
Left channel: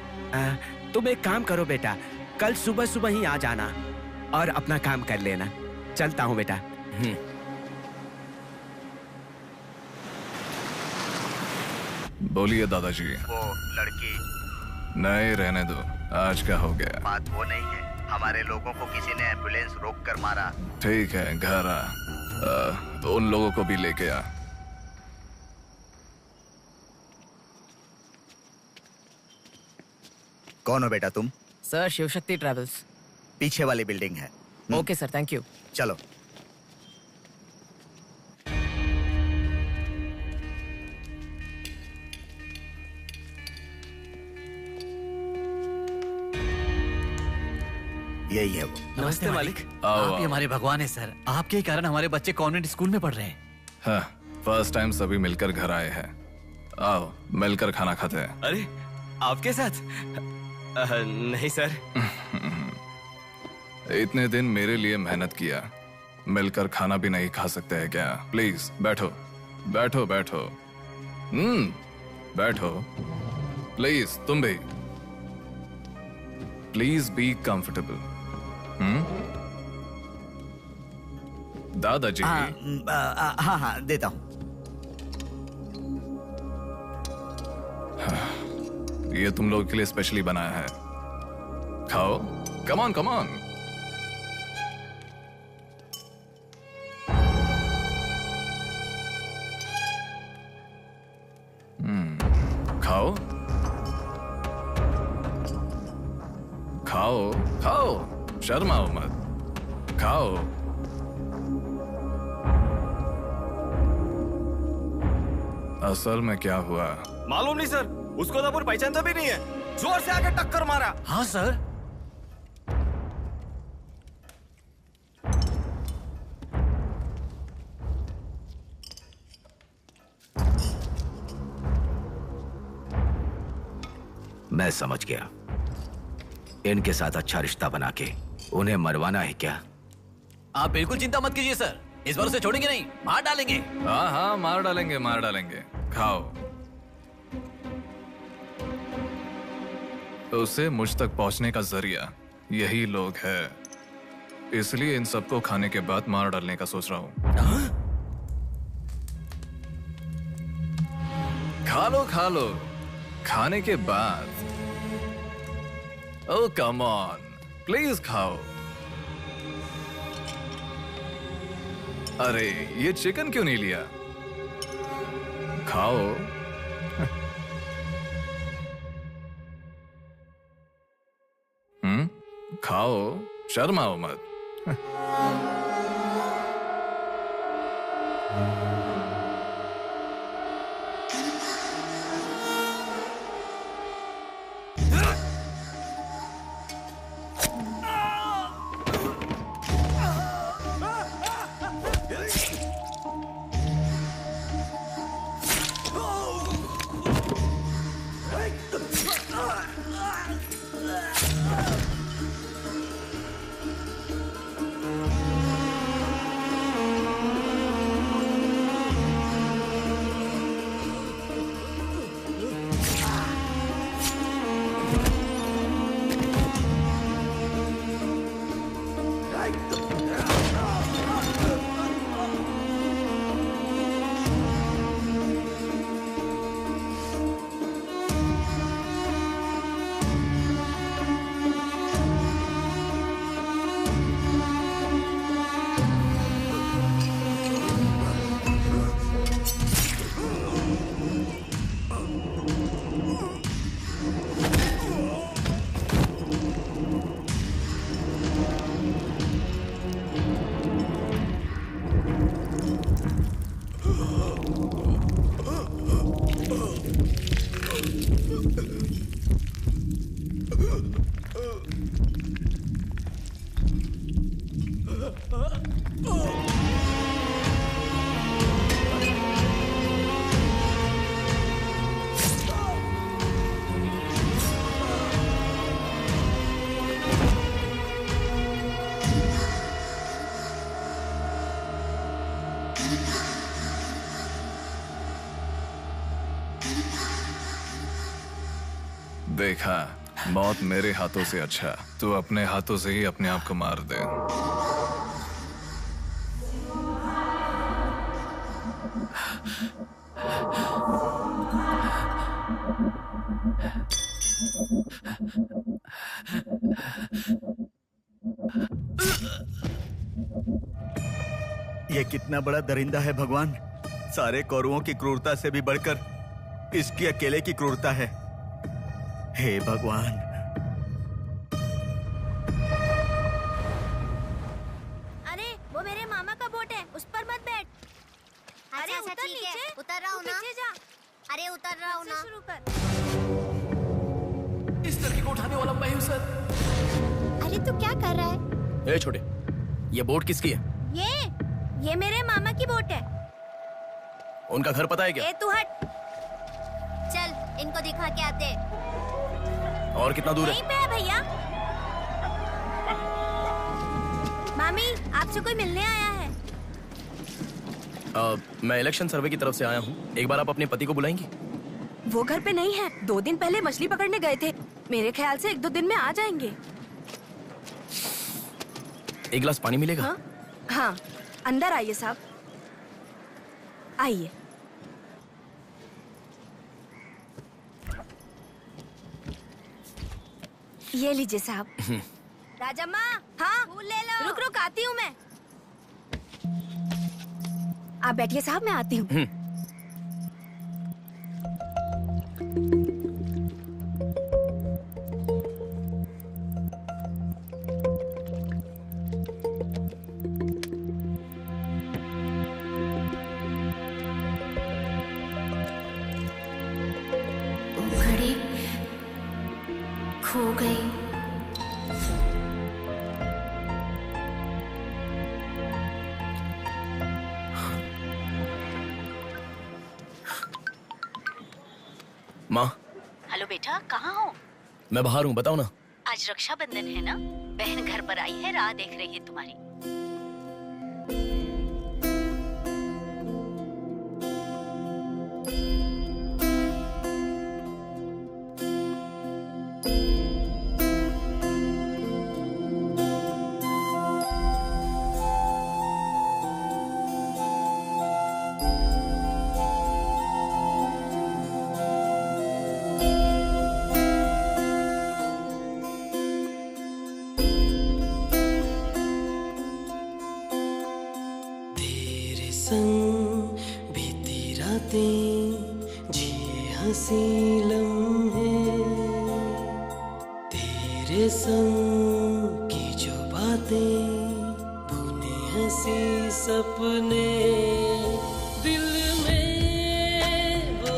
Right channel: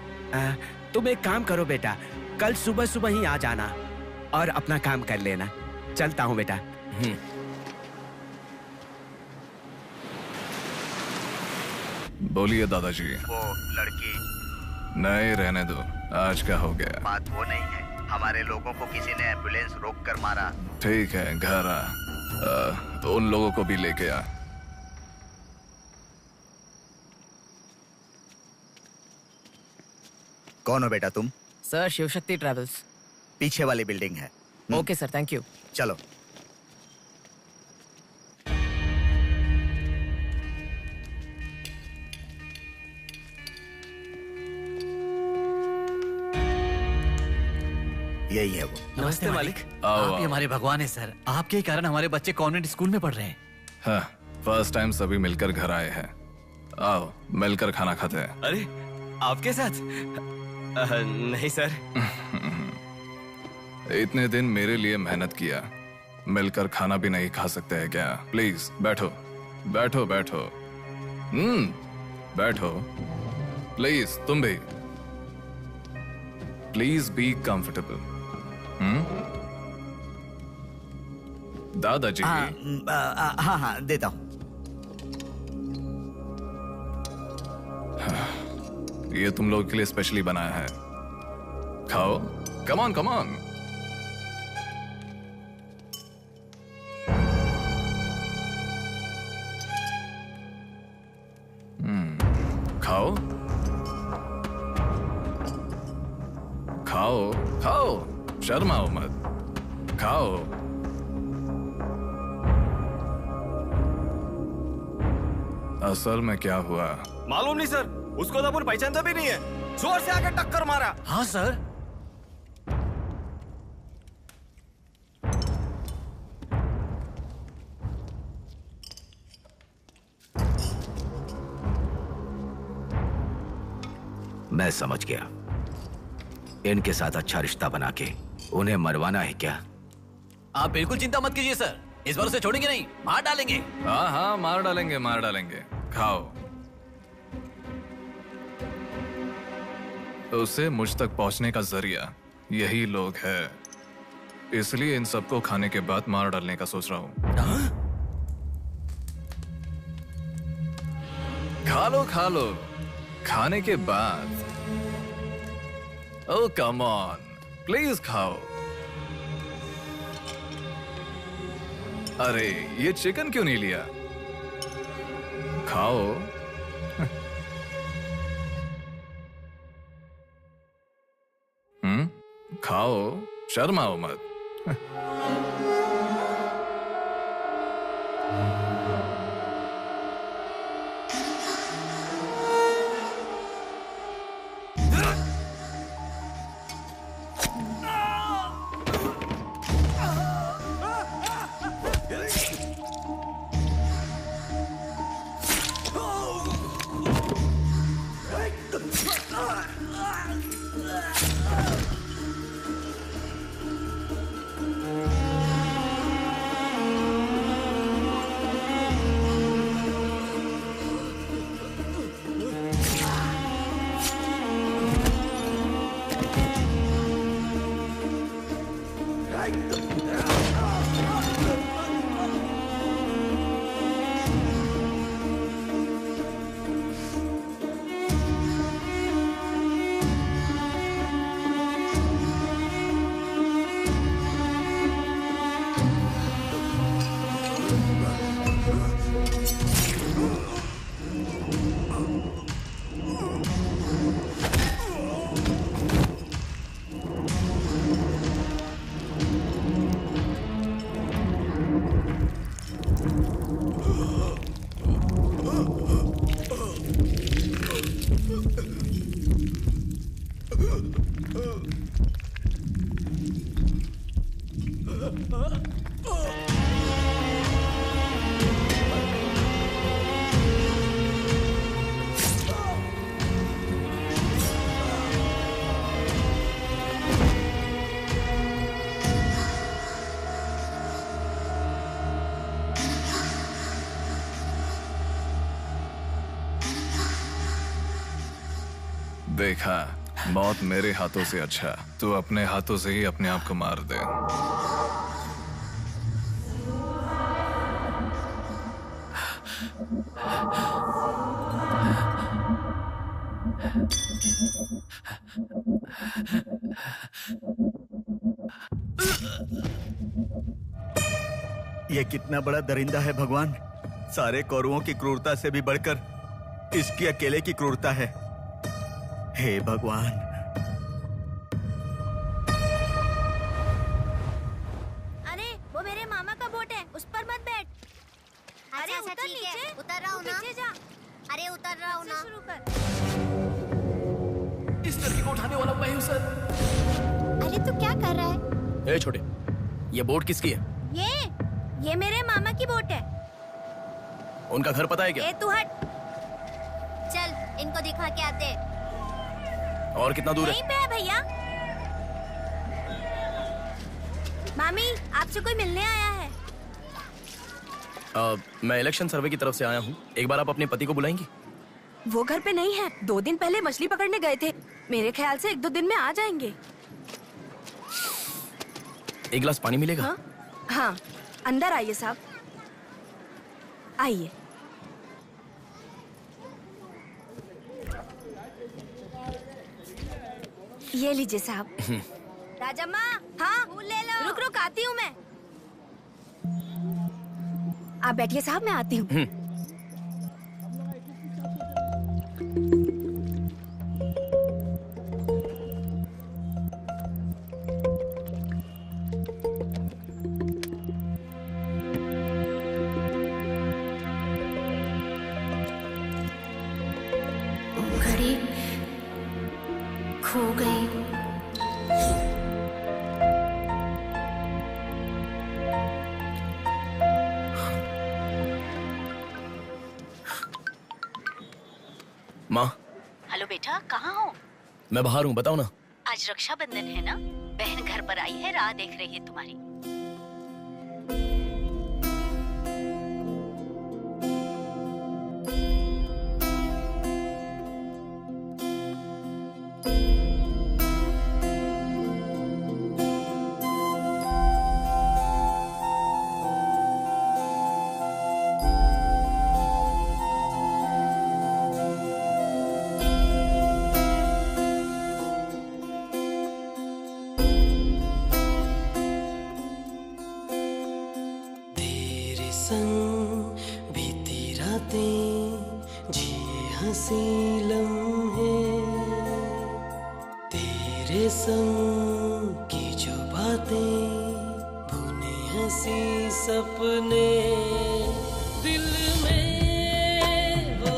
तुम एक काम करो बेटा, कल सुबह सुबह ही आ जाना और अपना काम कर लेना। चलता हूँ बेटा। बोलिए दादाजी। वो लड़की। नहीं रहने दो, आज का हो गया। बात वो नहीं है, हमारे लोगों को किसी ने एम्बुलेंस रोक कर मारा। ठीक है, घर आ। उन लोगों को भी लेके आ। कौन हो बेटा तुम? Sir, Shivshakti travels. पीछे वाली बिल्डिंग है। Okay sir, thank you. चलो। यही है वो। नमस्ते मालिक। आओ, आप ही आओ। हमारे भगवान है सर। आपके ही कारण हमारे बच्चे कॉन्वेंट स्कूल में पढ़ रहे हैं। हाँ, फर्स्ट टाइम सभी मिलकर घर आए हैं। आओ, मिलकर खाना खाते हैं। अरे, आपके साथ? नहीं सर। इतने दिन मेरे लिए मेहनत किया, मिलकर खाना भी नहीं खा सकते हैं क्या? प्लीज बैठो, बैठो, बैठो। बैठो। प्लीज तुम भी। Please be comfortable. दादाजी। हाँ, देता हूँ। ये तुम लोगों के लिए स्पेशली बनाया है, खाओ। Come on, come on. खाओ, खाओ, खाओ, शर्माओ मत, खाओ। असल में क्या हुआ मालूम नहीं सर, उसको तो अपन पहचानता भी नहीं है। जोर से आके टक्कर मारा। हाँ सर। मैं समझ गया। इनके साथ अच्छा रिश्ता बना के उन्हें मरवाना है क्या? आप बिल्कुल चिंता मत कीजिए सर, इस बार उसे छोड़ेंगे नहीं, मार डालेंगे। हाँ हाँ, मार डालेंगे, मार डालेंगे। खाओ। उसे मुझ तक पहुंचने का जरिया यही लोग है, इसलिए इन सबको खाने के बाद मार डालने का सोच रहा हूं। खा लो, खा लो। खाने के बाद। ओह कम ऑन, प्लीज खाओ। अरे, ये चिकन क्यों नहीं लिया? खाओ। खाओ, शर्माओ मत। देखा, मौत मेरे हाथों से अच्छा तू अपने हाथों से ही अपने आप को मार दे। ये कितना बड़ा दरिंदा है भगवान। सारे कौरवों की क्रूरता से भी बढ़कर इसकी अकेले की क्रूरता है। हे भगवान। अरे वो मेरे मामा का बोट है, उस पर मत बैठ। अरे उतर नीचे, उतर रहा हूँ ना। नीचे जा। अरे उतर रहा हूँ ना। शुरू कर। इस लड़की को उठाने वाला मैं हूँ सर। अरे तू क्या कर रहा है? ए छोटे, ये बोट किसकी है? ये मेरे मामा की बोट है। उनका घर पता है क्या? ए तू हट। चल इनको दिखा के आते। और कितना दूर है? यहीं पे है भैया। मामी आपसे कोई मिलने आया है। मैं इलेक्शन सर्वे की तरफ से आया हूँ। एक बार आप अपने पति को बुलाएंगी? वो घर पे नहीं है, 2 दिन पहले मछली पकड़ने गए थे। मेरे ख्याल से 1-2 दिन में आ जाएंगे। एक गिलास पानी मिलेगा? हाँ, अंदर आइए साहब, आइए। ये लीजिए साहब। राजम्मा, हाँ फूल ले लो। रुक रुक आती हूँ मैं। आप बैठिए साहब, मैं आती हूँ। घड़ी खो गई। माँ। हेलो बेटा, कहाँ हो? मैं बाहर हूँ, बताओ ना। आज रक्षाबंधन है ना, बहन घर पर आई है, राह देख रही है तुम्हारी। संग बीती रातें जिए हंसी लम्हे, तेरे संग की जो बातें बुने हंसी सपने, दिल में वो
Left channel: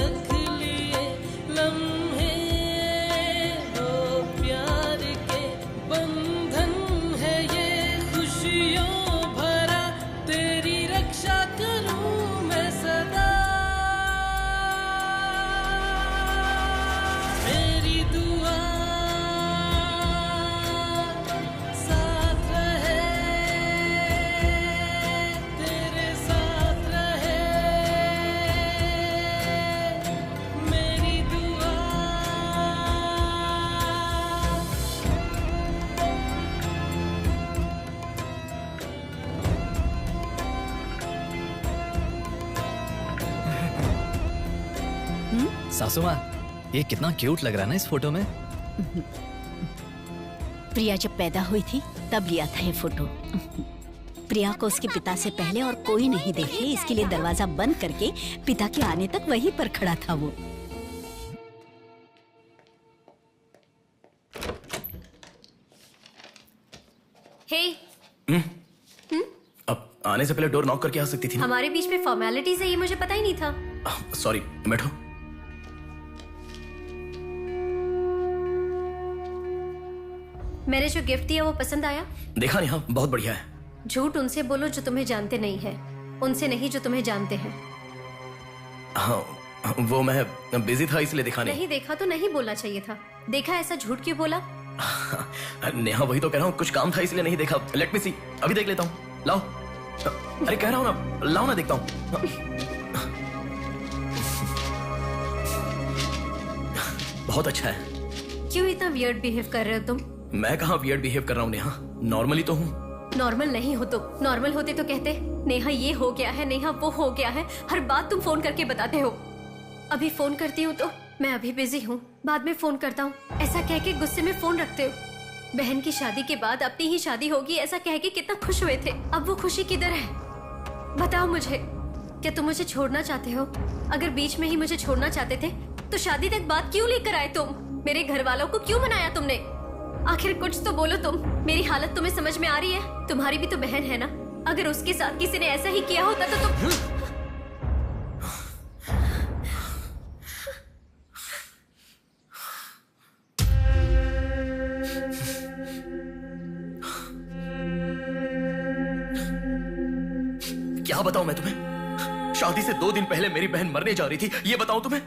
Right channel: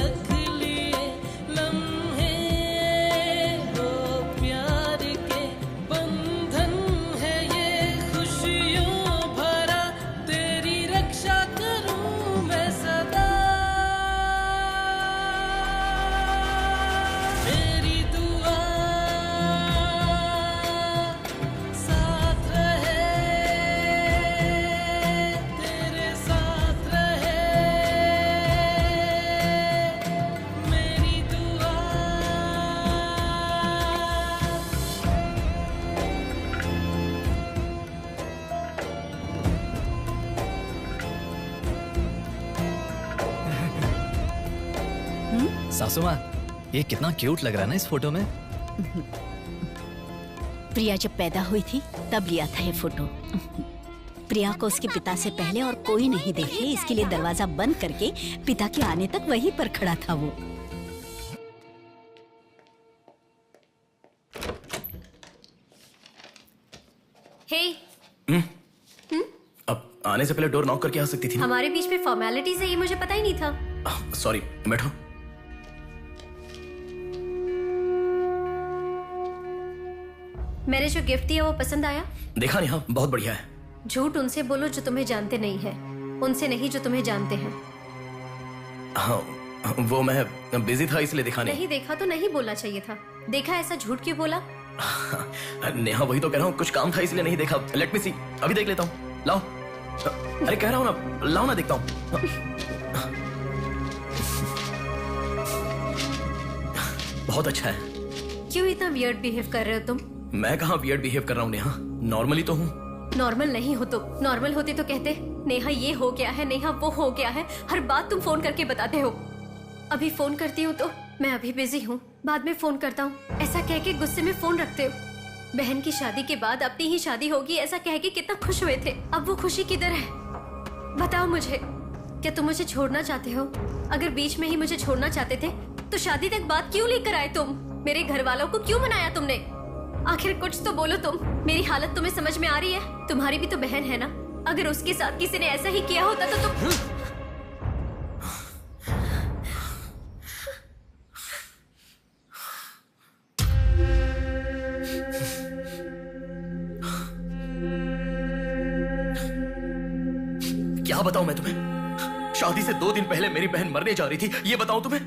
रख लिए लम्हे, वो प्यार के बंधन है ये खुशियों भरा, तेरी रक्षा करूं मैं सदा, मेरी दुआ साथ रहे, तेरे साथ रहे, मेरी दुआ। सासू माँ, ये कितना क्यूट लग रहा है ना इस फोटो में। प्रिया जब पैदा हुई थी तब लिया था ये फोटो। प्रिया को उसके पिता से पहले और कोई नहीं देखे, इसके लिए दरवाजा बंद करके पिता के आने तक वहीं पर खड़ा था वो। हे, अब आने से पहले डोर नॉक करके आ सकती थी ना? हमारे बीच में फॉर्मेलिटीज है, ये मुझे पता ही नहीं था। सॉरी, बैठो। मैंने जो गिफ्ट दिया वो पसंद आया? देखा नहीं? हाँ, बहुत बढ़िया है। झूठ उनसे बोलो जो तुम्हें जानते नहीं है, उनसे नहीं जो तुम्हें जानते हैं। हाँ, वो मैं बिजी था इसलिए देखा नहीं। नहीं देखा तो नहीं बोलना चाहिए था। देखा ऐसा झूठ क्यों बोला? नेहा, वही तो कह रहा हूँ, कुछ काम था इसलिए नहीं देखा। लेट मी सी, अभी देख लेता हूँ। लाओ। अरे कह रहा हूँ ना, लाओ ना, देखता हूँ। बहुत अच्छा है। क्यों इतना वियर्ड बिहेव कर रहे हो तुम? मैं कहाँ वियर्ड बिहेव कर रहा हूँ नेहा, नॉर्मली तो हूँ। नॉर्मल नहीं हो तुम। नॉर्मल होते तो कहते नेहा ये हो गया है, नेहा वो हो गया है। हर बात तुम फोन करके बताते हो। अभी फोन करती हूँ तो मैं अभी बिजी हूँ, बाद में फोन करता हूँ, ऐसा कह के गुस्से में फोन रखते हो। बहन की शादी के बाद अपनी ही शादी होगी ऐसा कह के कितना खुश हुए थे, अब वो खुशी किधर है? बताओ मुझे, क्या तुम मुझे छोड़ना चाहते हो? अगर बीच में ही मुझे छोड़ना चाहते थे तो शादी तक बात क्यों लेकर आए तुम? मेरे घर वालों को क्यों मनाया तुमने? आखिर कुछ तो बोलो तुम। मेरी हालत तुम्हें समझ में आ रही है? तुम्हारी भी तो बहन है ना, अगर उसके साथ किसी ने ऐसा ही किया होता तो तुम क्या बताऊं मैं तुम्हें? शादी से 2 दिन पहले मेरी बहन मरने जा रही थी, ये बताऊं तुम्हें?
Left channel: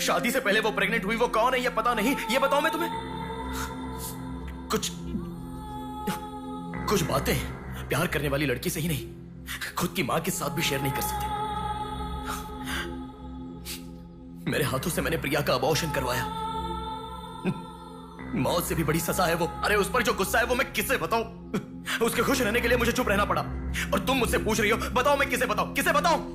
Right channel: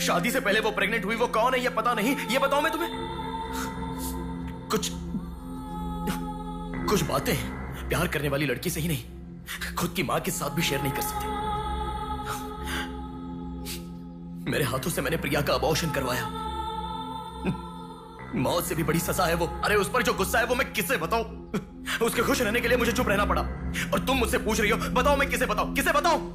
शादी से पहले वो प्रेग्नेंट हुई, वो कौन है ये पता नहीं, ये बताऊं मैं तुम्हें? कुछ बातें प्यार करने वाली लड़की से ही नहीं, खुद की मां के साथ भी शेयर नहीं कर सकते। मेरे हाथों से मैंने प्रिया का अबॉर्शन करवाया। मौत से भी बड़ी सजा है वो। अरे उस पर जो गुस्सा है वो मैं किसे बताऊं? उसके खुश रहने के लिए मुझे चुप रहना पड़ा। और तुम मुझसे पूछ रही हो, बताओ मैं किसे बताऊं? किसे बताऊं?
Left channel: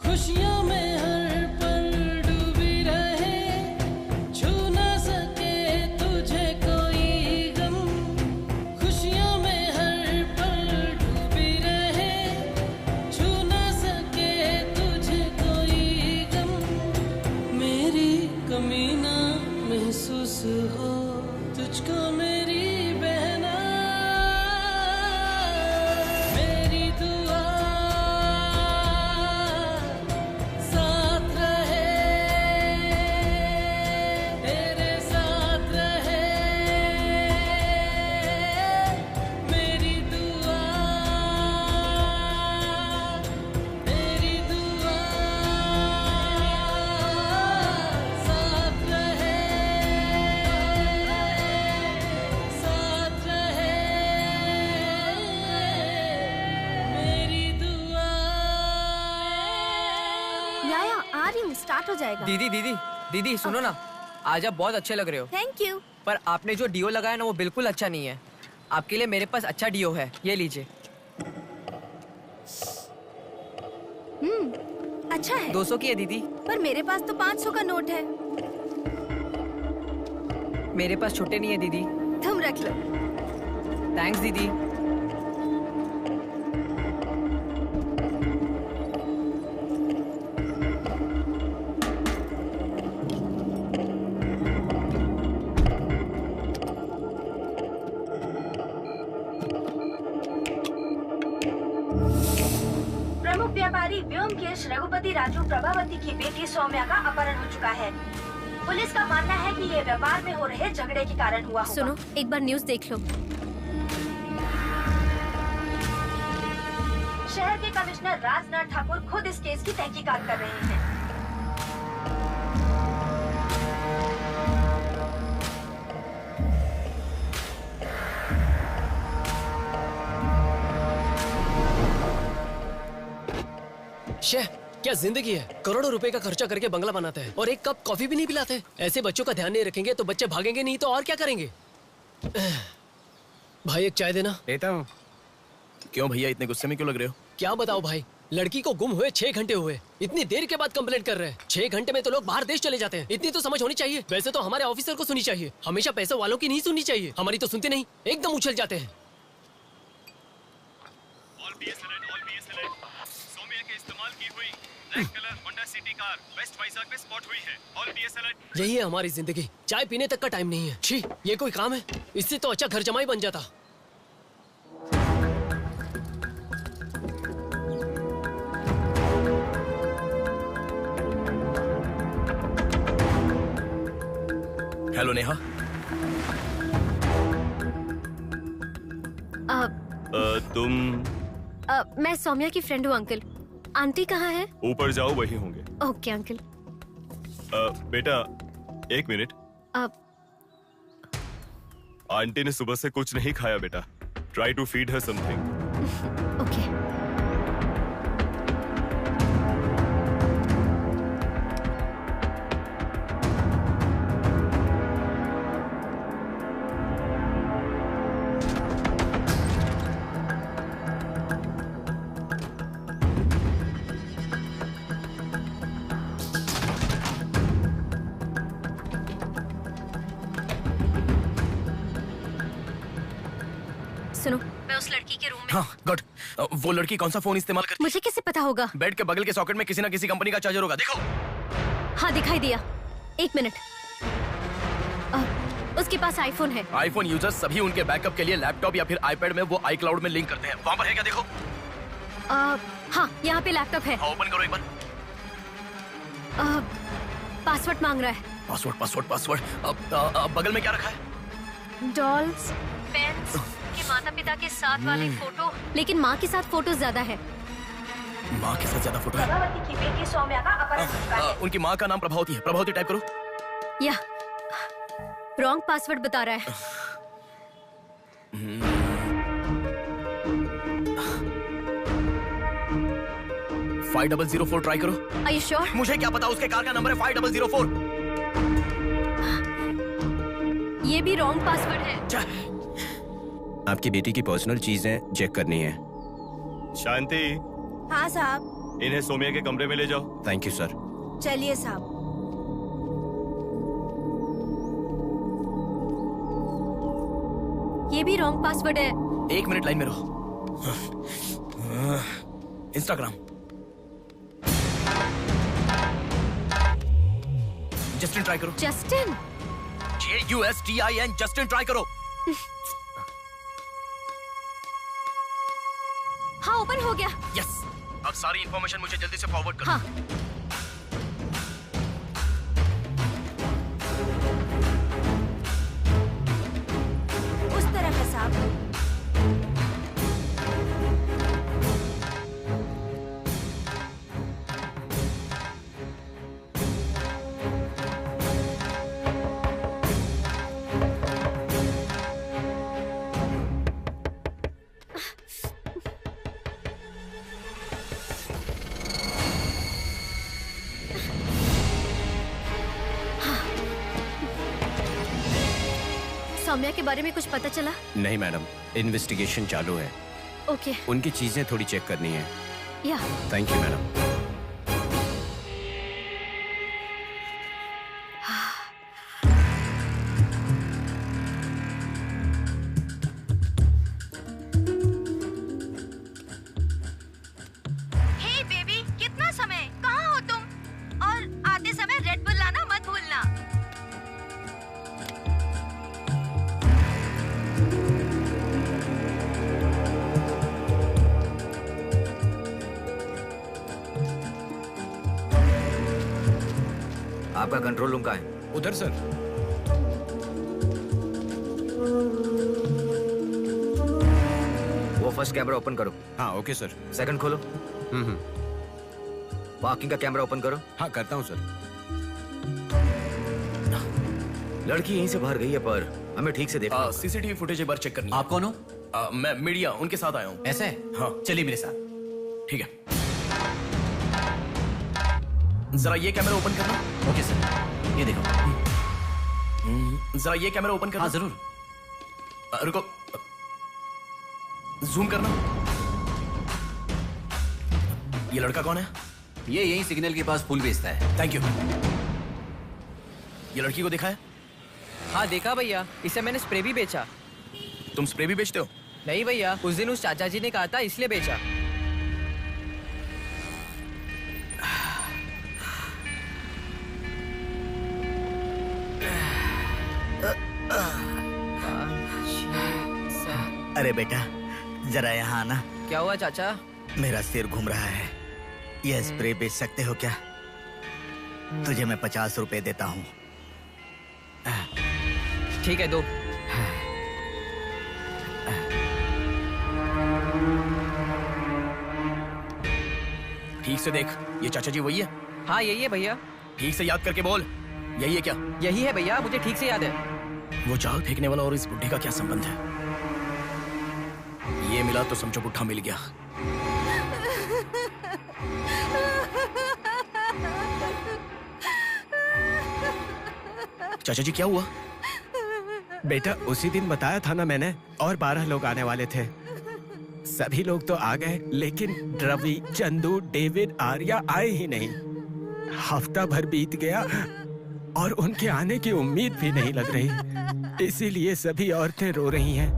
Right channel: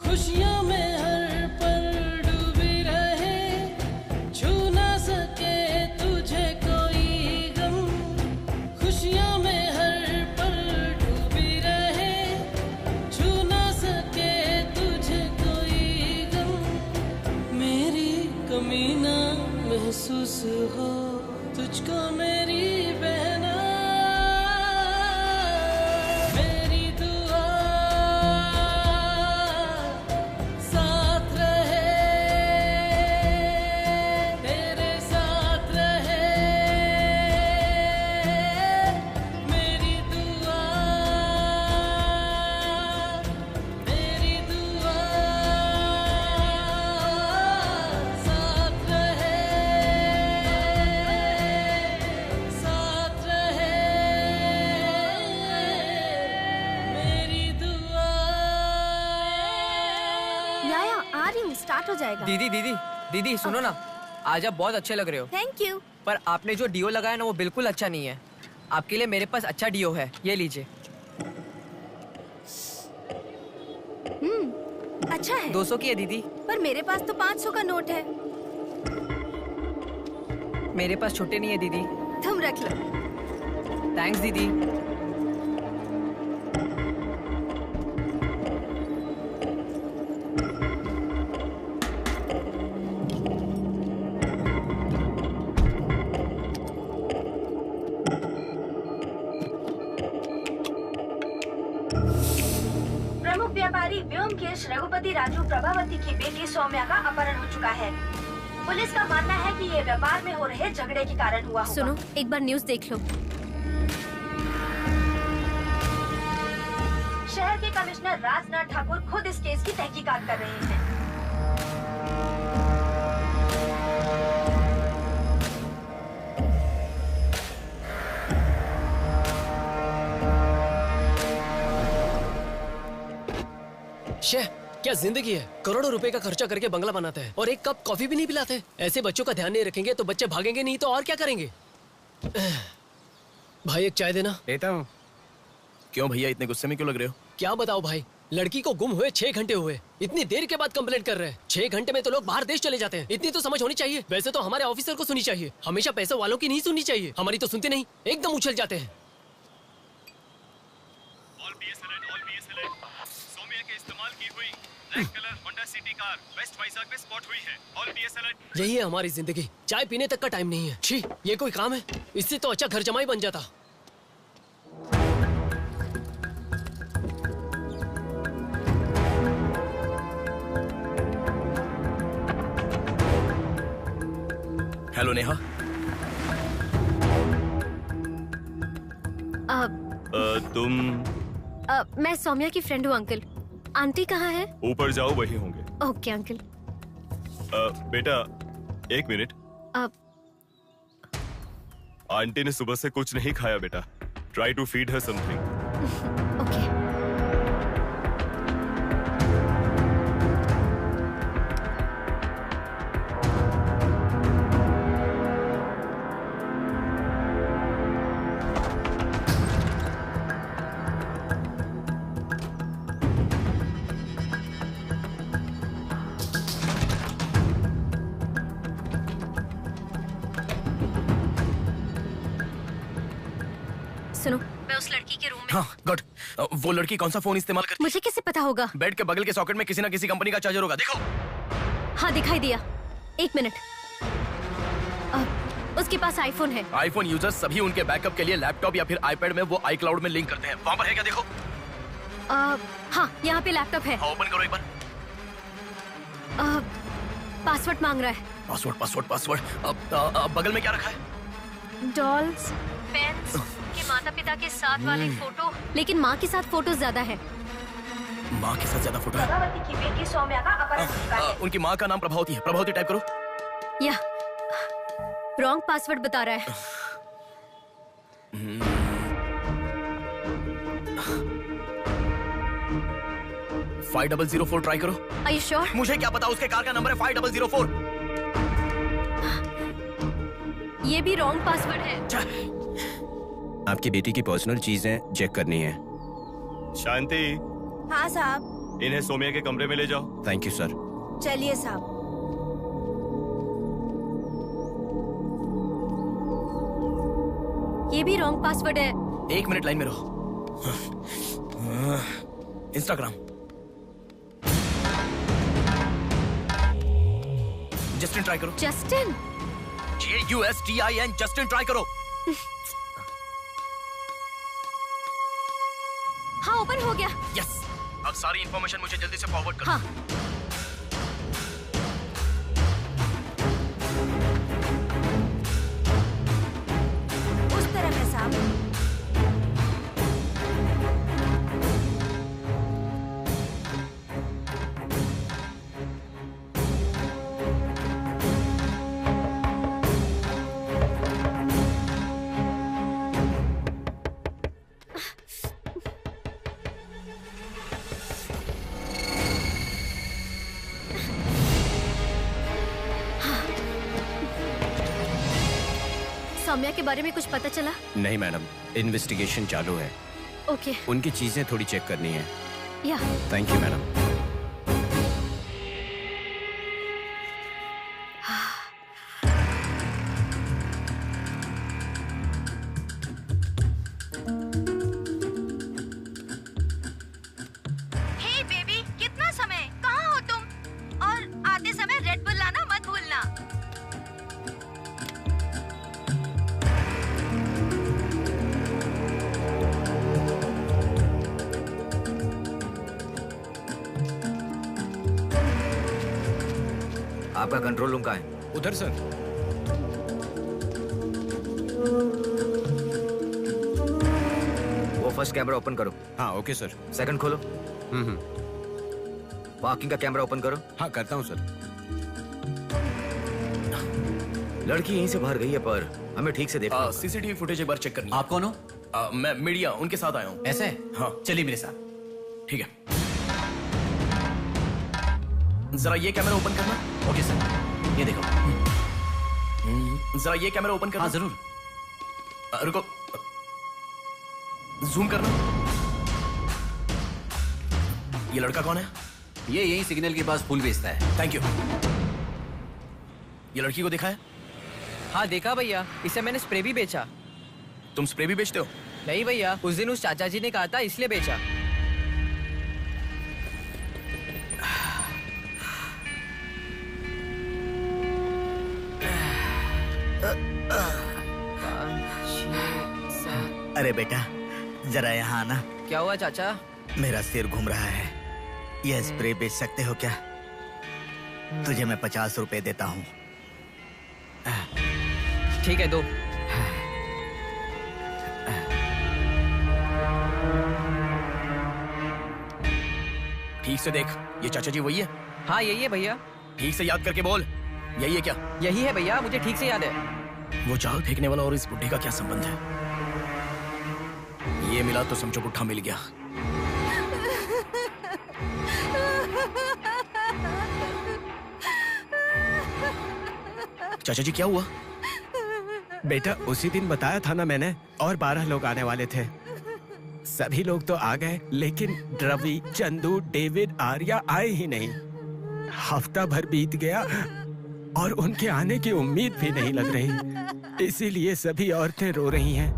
खुशियों में हर पल डूबी रहे, छू ना सके तुझे कोई गम। खुशियों में हर पल डूबी रहे, छू ना सके तुझे कोई गम। मेरी कमी ना महसूस हो तुझको मेरी बहना। मेरी दुआ साथ रहे, तेरे साथ रहे। मेरी दुआ साथ रहे, साथ रहे। मेरी दुआ। याया आ रही हूँ, स्टार्ट हो जाएगा। दीदी दीदी दीदी सुनो ना, आज आप बहुत अच्छे लग रहे हो। Thank you. पर आपने जो डिओ लगाया ना वो बिल्कुल अच्छा नहीं है। आपके लिए मेरे पास अच्छा डिओ है, ये लीजिए। अच्छा है। 200 की है दीदी। पर मेरे पास तो 500 का नोट है। मेरे पास छोटे नहीं है दीदी। तुम रख लो। थैंक्स दीदी। प्रमुख व्यापारी व्योमकेश रघुपति राजू प्रभावती की बेटी सौम्या का अपहरण हो चुका है। पुलिस का मानना है कि ये व्यापार में हो रहे झगड़े के कारण हुआ होगा। सुनो, एक बार न्यूज़ देख लो। शहर के कमिश्नर राजनाथ ठाकुर खुद इस केस की तहकीकात कर रहे हैं। शेह, क्या जिंदगी है? करोड़ों रुपए का खर्चा करके बंगला बनाते हैं और एक कप कॉफी भी नहीं पिलाते। ऐसे बच्चों का ध्यान नहीं रखेंगे तो बच्चे भागेंगे नहीं तो और क्या करेंगे? भाई एक चाय देना। देता हूँ। क्यों भैया इतने गुस्से में क्यों लग रहे हो? क्या बताओ भाई, लड़की को गुम हुए 6 घंटे हुए, इतनी देर के बाद कंप्लेंट कर रहे हैं। 6 घंटे में तो लोग बाहर देश चले जाते हैं। इतनी तो समझ होनी चाहिए। वैसे तो हमारे ऑफिसर को सुनी चाहिए, हमेशा पैसे वालों की नहीं सुननी चाहिए। हमारी तो सुनते नहीं, एकदम उछल जाते हैं। यही है हमारी जिंदगी। चाय पीने तक का टाइम नहीं है। छी, ये कोई काम है? इससे तो अच्छा घर जमाई बन जाता। हेलो नेहा। तुम? मैं सौम्या की फ्रेंड हूँ अंकल। आंटी कहाँ है? ऊपर जाओ, वही होंगे। Okay uncle. बेटा 1 मिनट। आंटी ने सुबह से कुछ नहीं खाया बेटा। Try to feed her something. Okay. सुनो, मैं उस लड़की के रूम में। हाँ गुड। वो लड़की कौन सा फोन इस्तेमाल करती है? मुझे कैसे पता होगा? बेड के बगल के सॉकेट में किसी ना किसी कंपनी का चार्जर होगा, देखो। हाँ दिखाई दिया। 1 मिनट। उसके पास आईफोन है। आईफोन यूजर्स सभी उनके बैकअप के लिए लैपटॉप या फिर आईपैड में वो iCloud में लिंक करते हैं। वहाँ पर है क्या, देखो। हाँ यहाँ पे लैपटॉप है। ओपन करो एक बार। पासवर्ड मांग रहा है। पासवर्ड। बगल में क्या रखा है? डॉल्स, पेन्स, के माता पिता के साथ वाले फोटो, लेकिन माँ के साथ फोटो ज्यादा है। माँ के साथ ज्यादा फोटो है? प्रभावती की बेटी सौम्या का अपहरण हो चुका है। उनकी माँ का नाम प्रभावती है। प्रभावती टाइप करो। या रॉन्ग पासवर्ड बता रहा है। 5004 ट्राई करो। Are you sure? मुझे क्या पता, उसके कार का नंबर है 5004। ये भी रॉन्ग पासवर्ड है। आपकी बेटी की पर्सनल चीजें चेक करनी है। शांति, हाँ साहब। इन्हें सोमिया के कमरे में ले जाओ। Thank you sir. चलिए साहब। ये भी रॉन्ग पासवर्ड है। 1 मिनट लाइन में रहो। इंस्टाग्राम। जस्टिन ट्राई करो। जस्टिन? JUSTIN, जस्टिन ट्राई करो। हाँ ओपन हो गया। यस। अब सारी इंफॉर्मेशन मुझे जल्दी से फॉरवर्ड करो। हाँ। उस तरफ है साहब। सौम्या के बारे में कुछ पता चला? नहीं मैडम, इन्वेस्टिगेशन चालू है। ओके। उनकी चीजें थोड़ी चेक करनी है। Yeah. Thank you madam. Hey baby, कितना समय? कहाँ हो तुम? और आते समय रेड बुल लाना मत भूलना। आपका कंट्रोल रूम कहाँ है? उधर सर। वो फर्स्ट कैमरा ओपन करो। हाँ ओके सर। सेकंड खोलो। पार्किंग का कैमरा ओपन करो। हाँ करता हूँ सर। लड़की यहीं से बाहर गई है, पर हमें ठीक से देखना। सीसीटीवी फुटेज एक बार चेक करनी है। आप कौन हो? मैं मीडिया, उनके साथ आया हूँ। ऐसे? हाँ चलिए मेरे साथ। ठीक है। जरा ये कैमरा ओपन करना। ओके सर, ये देखो। जरा ये कैमरा ओपन करना। हाँ जरूर। रुको, जूम करना। ये लड़का कौन है? ये यही सिग्नल के पास फूल बेचता है। Thank you. ये लड़की को देखा है? हाँ देखा भैया, इसे मैंने स्प्रे भी बेचा। तुम स्प्रे भी बेचते हो? नहीं भैया, उस दिन उस चाचा जी ने कहा था इसलिए बेचा। अरे बेटा, जरा यहाँ आना। क्या हुआ चाचा? मेरा सिर घूम रहा है। यह स्प्रे बेच सकते हो क्या? तुझे मैं 50 रुपए देता हूँ। ठीक है, दो। ठीक से देख, ये चाचा जी वही है? हाँ यही है भैया। ठीक से याद करके बोल, यही है क्या? यही है भैया, मुझे ठीक से याद है। वो जाल फेंकने वाला और इस बुढ़े का क्या संबंध है? ये मिला तो समझो बुढ़ा मिल गया। चाचा जी क्या हुआ? बेटा उसी दिन बताया था ना मैंने, और 12 लोग आने वाले थे। सभी लोग तो आ गए, लेकिन रवि, चंदू, डेविड, आर्या आए ही नहीं। हफ्ता भर बीत गया और उनके आने की उम्मीद भी नहीं लग रही। इसीलिए सभी औरतें रो रही हैं।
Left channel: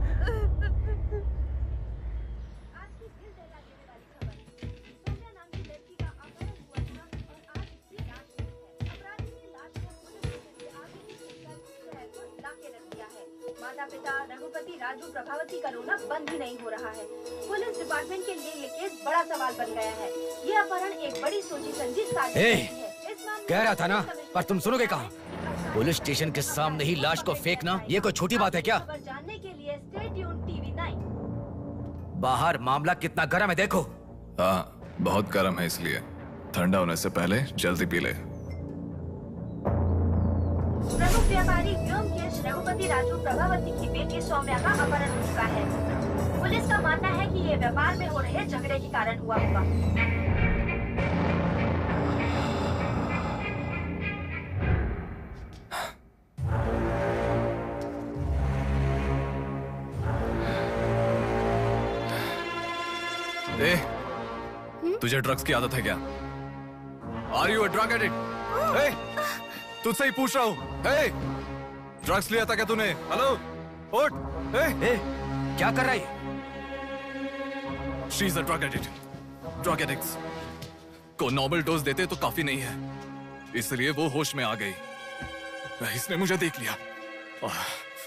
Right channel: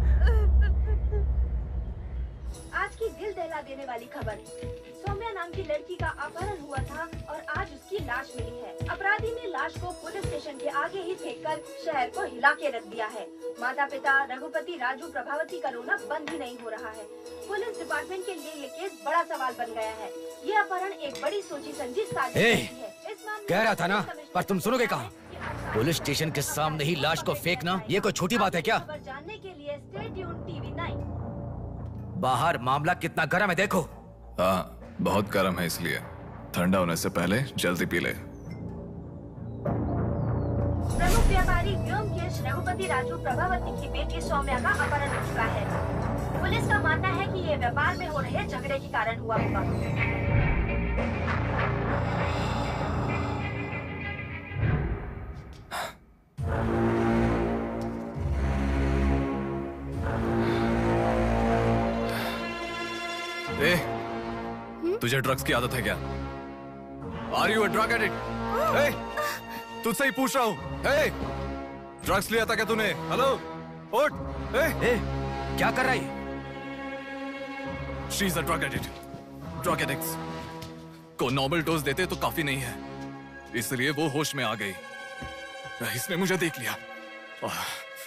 खबर। सौम्या नाम की लड़की का अपहरण हुआ था और आज उसकी लाश मिली है। अपराधी ने लाश को पुलिस स्टेशन के आगे ही फेंककर शहर को हिला के रख दिया है। माता पिता रघुपति, राजू, प्रभावती का रोना बंद ही नहीं हो रहा है। पुलिस डिपार्टमेंट के लिए ये केस बड़ा सवाल बन गया है। ये अपहरण एक बड़ी सोची समझी साजिश है। कह रहा था ना, पर तुम सुनोगे कहाँ? पुलिस स्टेशन के सामने ही लाश को फेंकना ये कोई छोटी बात है क्या? जानने के लिए स्टे ट्यून टीवी 9। बाहर मामला कितना गर्म है देखो। हाँ, बहुत गर्म है, इसलिए ठंडा होने से पहले जल्दी पी ले। प्रमुख व्यापारी व्योमकेश रघुपति राजू प्रभावती की बेटी सौम्या का अपहरण हो चुका है। पुलिस का मानना है कि ये व्यापार में हो रहे झगड़े के कारण हुआ होगा। ए, तुझे ड्रग्स की आदत है क्या? Are you a drug addict? ए, तुझसे ही पूछ रहा हूँ। ए, ड्रग्स लिया था क्या तूने? हेलो, उठ। ए, क्या कर रहा है? She is a drug addict. Drug addicts को नॉर्मल डोज देते तो काफी नहीं है, इसलिए वो होश में आ गई। इसने मुझे देख लिया।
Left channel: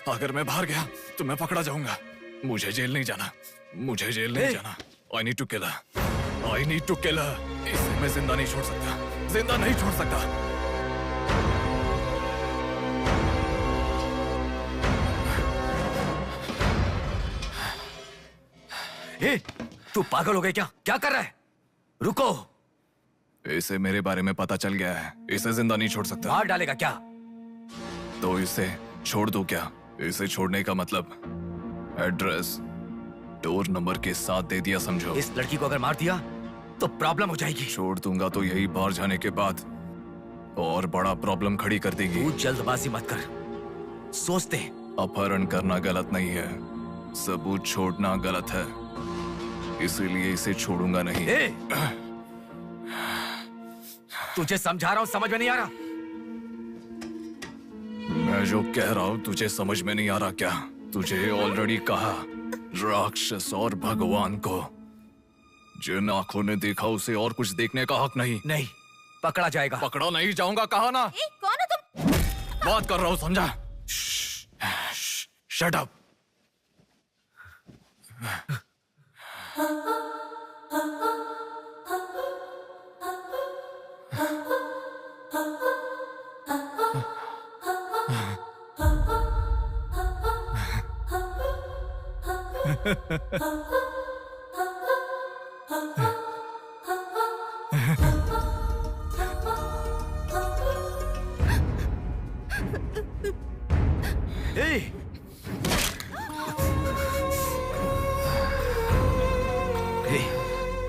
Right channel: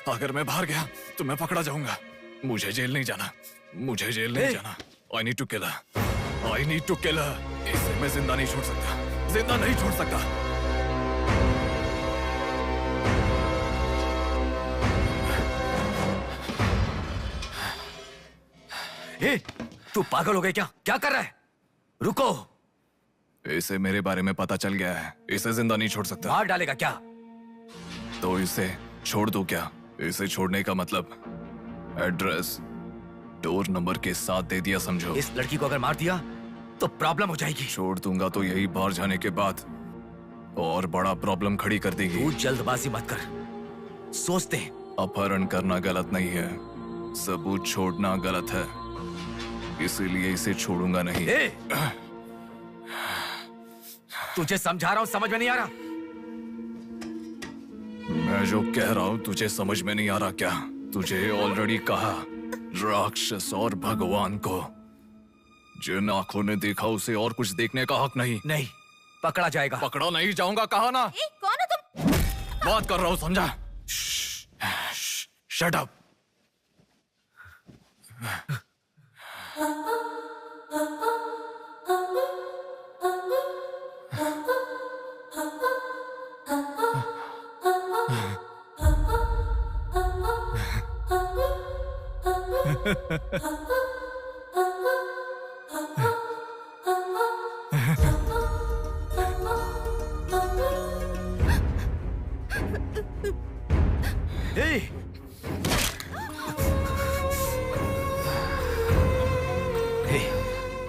अगर मैं बाहर गया तो मैं पकड़ा जाऊंगा। मुझे जेल नहीं जाना, मुझे जेल नहीं जाना। I need to kill her. I need to kill her. इसे मैं जिंदा नहीं छोड़ सकता, जिंदा नहीं छोड़ सकता। ए, तू पागल हो गया क्या? क्या कर रहा है? रुको। इसे मेरे बारे में पता चल गया है, इसे जिंदा नहीं छोड़ सकता। मार डालेगा क्या? तो इसे छोड़ दूं क्या? इसे छोड़ने का मतलब एड्रेस, डोर नंबर के साथ दे दिया, समझो। इस लड़की को अगर मार दिया तो प्रॉब्लम हो जाएगी। छोड़ दूंगा तो यही बाहर जाने के बाद और बड़ा प्रॉब्लम खड़ी कर देगी। तू जल्दबाजी मत कर, सोचते हैं। अपहरण करना गलत नहीं है, सबूत छोड़ना गलत है, इसीलिए इसे छोड़ूंगा नहीं। तुझे समझा रहा हूं, समझ में नहीं आ रहा? मैं जो कह रहा हूं तुझे समझ में नहीं आ रहा क्या? तुझे ऑलरेडी कहा, राक्षस और भगवान को जिन आंखों ने देखा उसे और कुछ देखने का हक नहीं। नहीं, पकड़ा जाएगा। पकड़ा नहीं जाऊंगा, कहा ना। कौन हो तुम? बात कर रहा हूं, समझा? Shut up.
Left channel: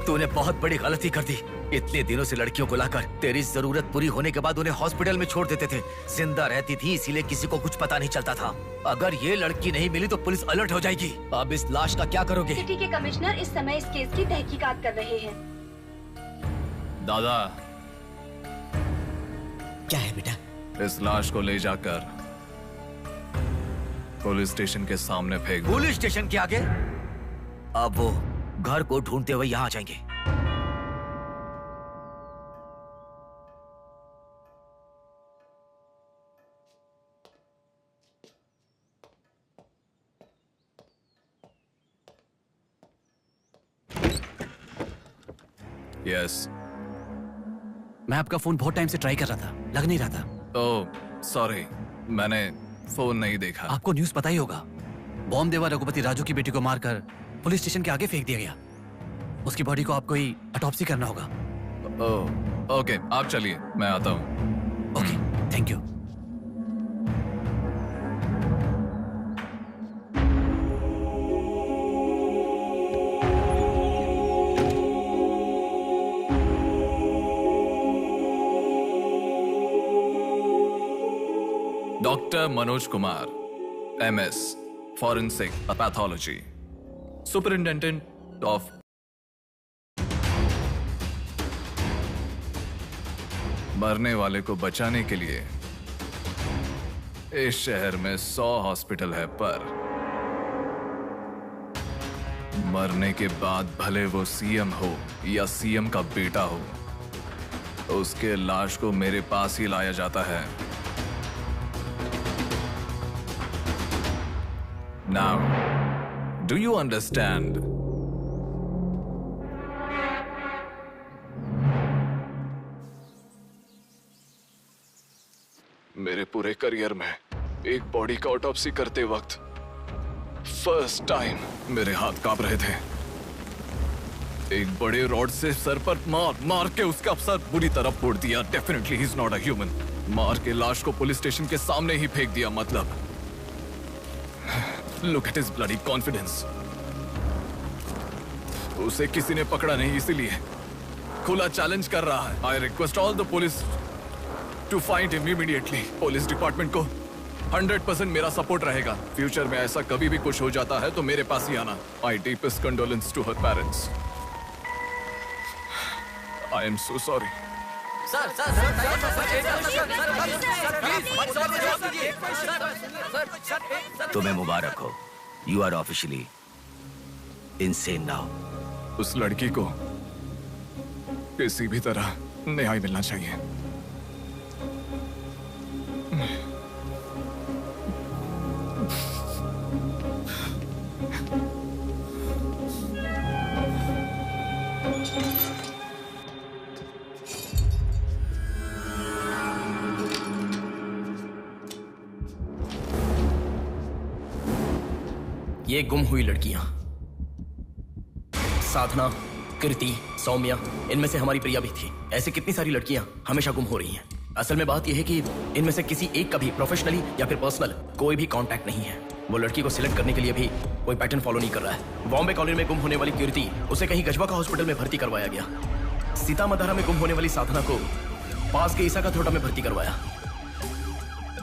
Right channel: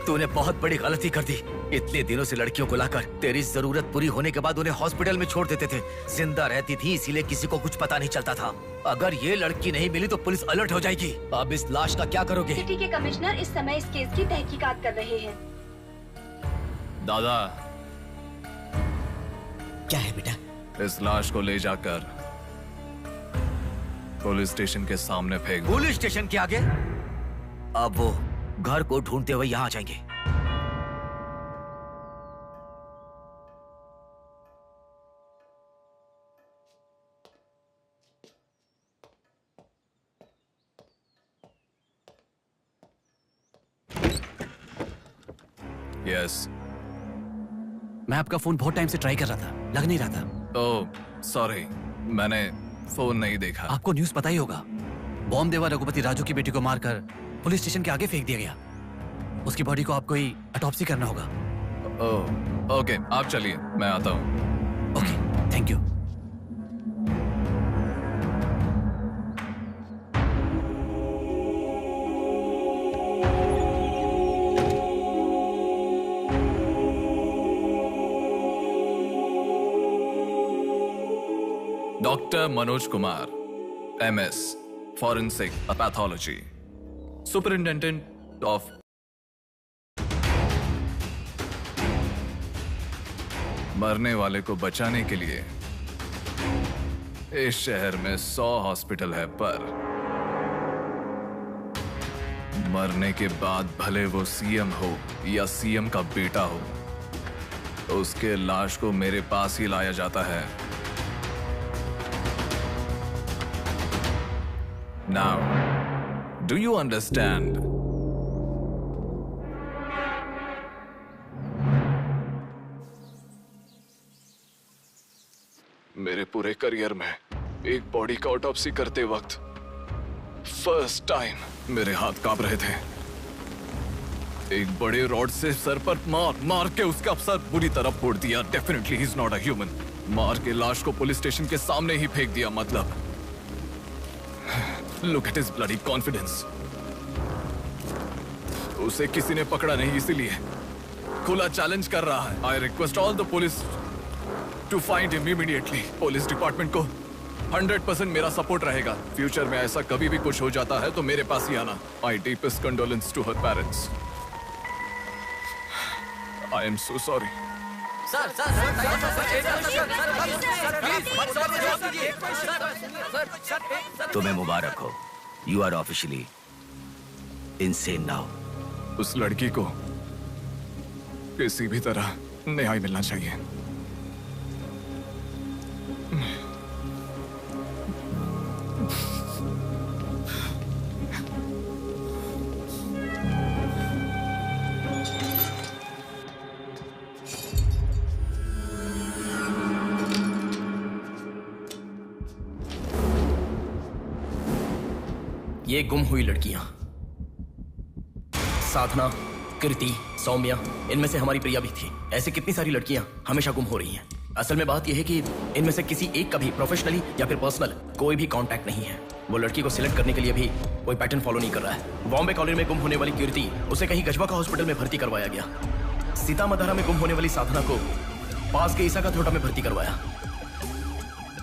तूने बहुत बड़ी गलती कर दी। इतने दिनों से लड़कियों को लाकर तेरी जरूरत पूरी होने के बाद उन्हें हॉस्पिटल में छोड़ देते थे। जिंदा रहती थी इसीलिए किसी को कुछ पता नहीं चलता था। अगर ये लड़की नहीं मिली तो पुलिस अलर्ट हो जाएगी। अब इस लाश का क्या करोगे? सिटी के कमिश्नर इस समय इस केस की तहकीकात कर रहे हैं। दादा, क्या है बेटा? इस लाश को ले जाकर पुलिस स्टेशन के सामने फेंक दो। पुलिस स्टेशन के आगे? अब वो घर को ढूंढते हुए यहाँ आ जाएंगे। यस। मैं आपका फोन बहुत टाइम से ट्राई कर रहा था, लग नहीं रहा था। ओह, सॉरी, मैंने फोन नहीं देखा। आपको न्यूज़ पता ही होगा, बॉम्ब देवा रघुपति राजू की बेटी को मारकर पुलिस स्टेशन के आगे फेंक दिया गया। उसकी बॉडी को आपको ही ऑटोप्सी करना होगा। ओह, ओके, आप चलिए, मैं आता हूँ। Okay, thank you. Doctor Manoj Kumar, MS, forensic pathology, superintendent of मरने वाले को बचाने के लिए इस शहर में 100 हॉस्पिटल है, पर मरने के बाद भले वो सीएम हो या सीएम का बेटा हो, उसके लाश को मेरे पास ही लाया जाता है। Now, do you understand? मेरे पूरे करियर में एक बॉडी का ऑटोप्सी करते वक्त फर्स्ट टाइम मेरे हाथ कांप रहे थे। एक बड़े रॉड से सर पर मार के उसका सर बुरी तरह फोड़ दिया। Definitely he is not a human. मार के लाश को पुलिस स्टेशन के सामने ही फेंक दिया। मतलब look at his bloody confidence. उसे किसी ने पकड़ा नहीं, इसीलिए खुला चैलेंज कर रहा है। I request all the police to find him immediately. Police department को 100% मेरा सपोर्ट रहेगा। फ्यूचर में ऐसा कभी भी कुछ हो जाता है तो मेरे पास ही आना। I deepest condolence to her parents. I am so sorry. तुम्हें मुबारक हो। You are officially insane now. उस लड़की को किसी भी तरह न्याय मिलना चाहिए। ये गुम हुई लड़कियां साधना, कृति, सौम्या, इनमें से हमारी प्रिया भी थी। ऐसे कितनी सारी लड़कियां हमेशा गुम हो रही हैं। असल में बात यह है कि इनमें से किसी एक का भी प्रोफेशनली या फिर पर्सनल कोई भी कांटेक्ट नहीं है। वो लड़की को सिलेक्ट करने के लिए भी कोई पैटर्न फॉलो नहीं कर रहा है। बॉम्बे कॉलोनी में गुम होने वाली कीर्ति, उसे कहीं गजवा का हॉस्पिटल में भर्ती करवाया गया। सीतामढ़ी में गुम होने वाली साधना को पास के ईसा का थोटा में भर्ती करवाया।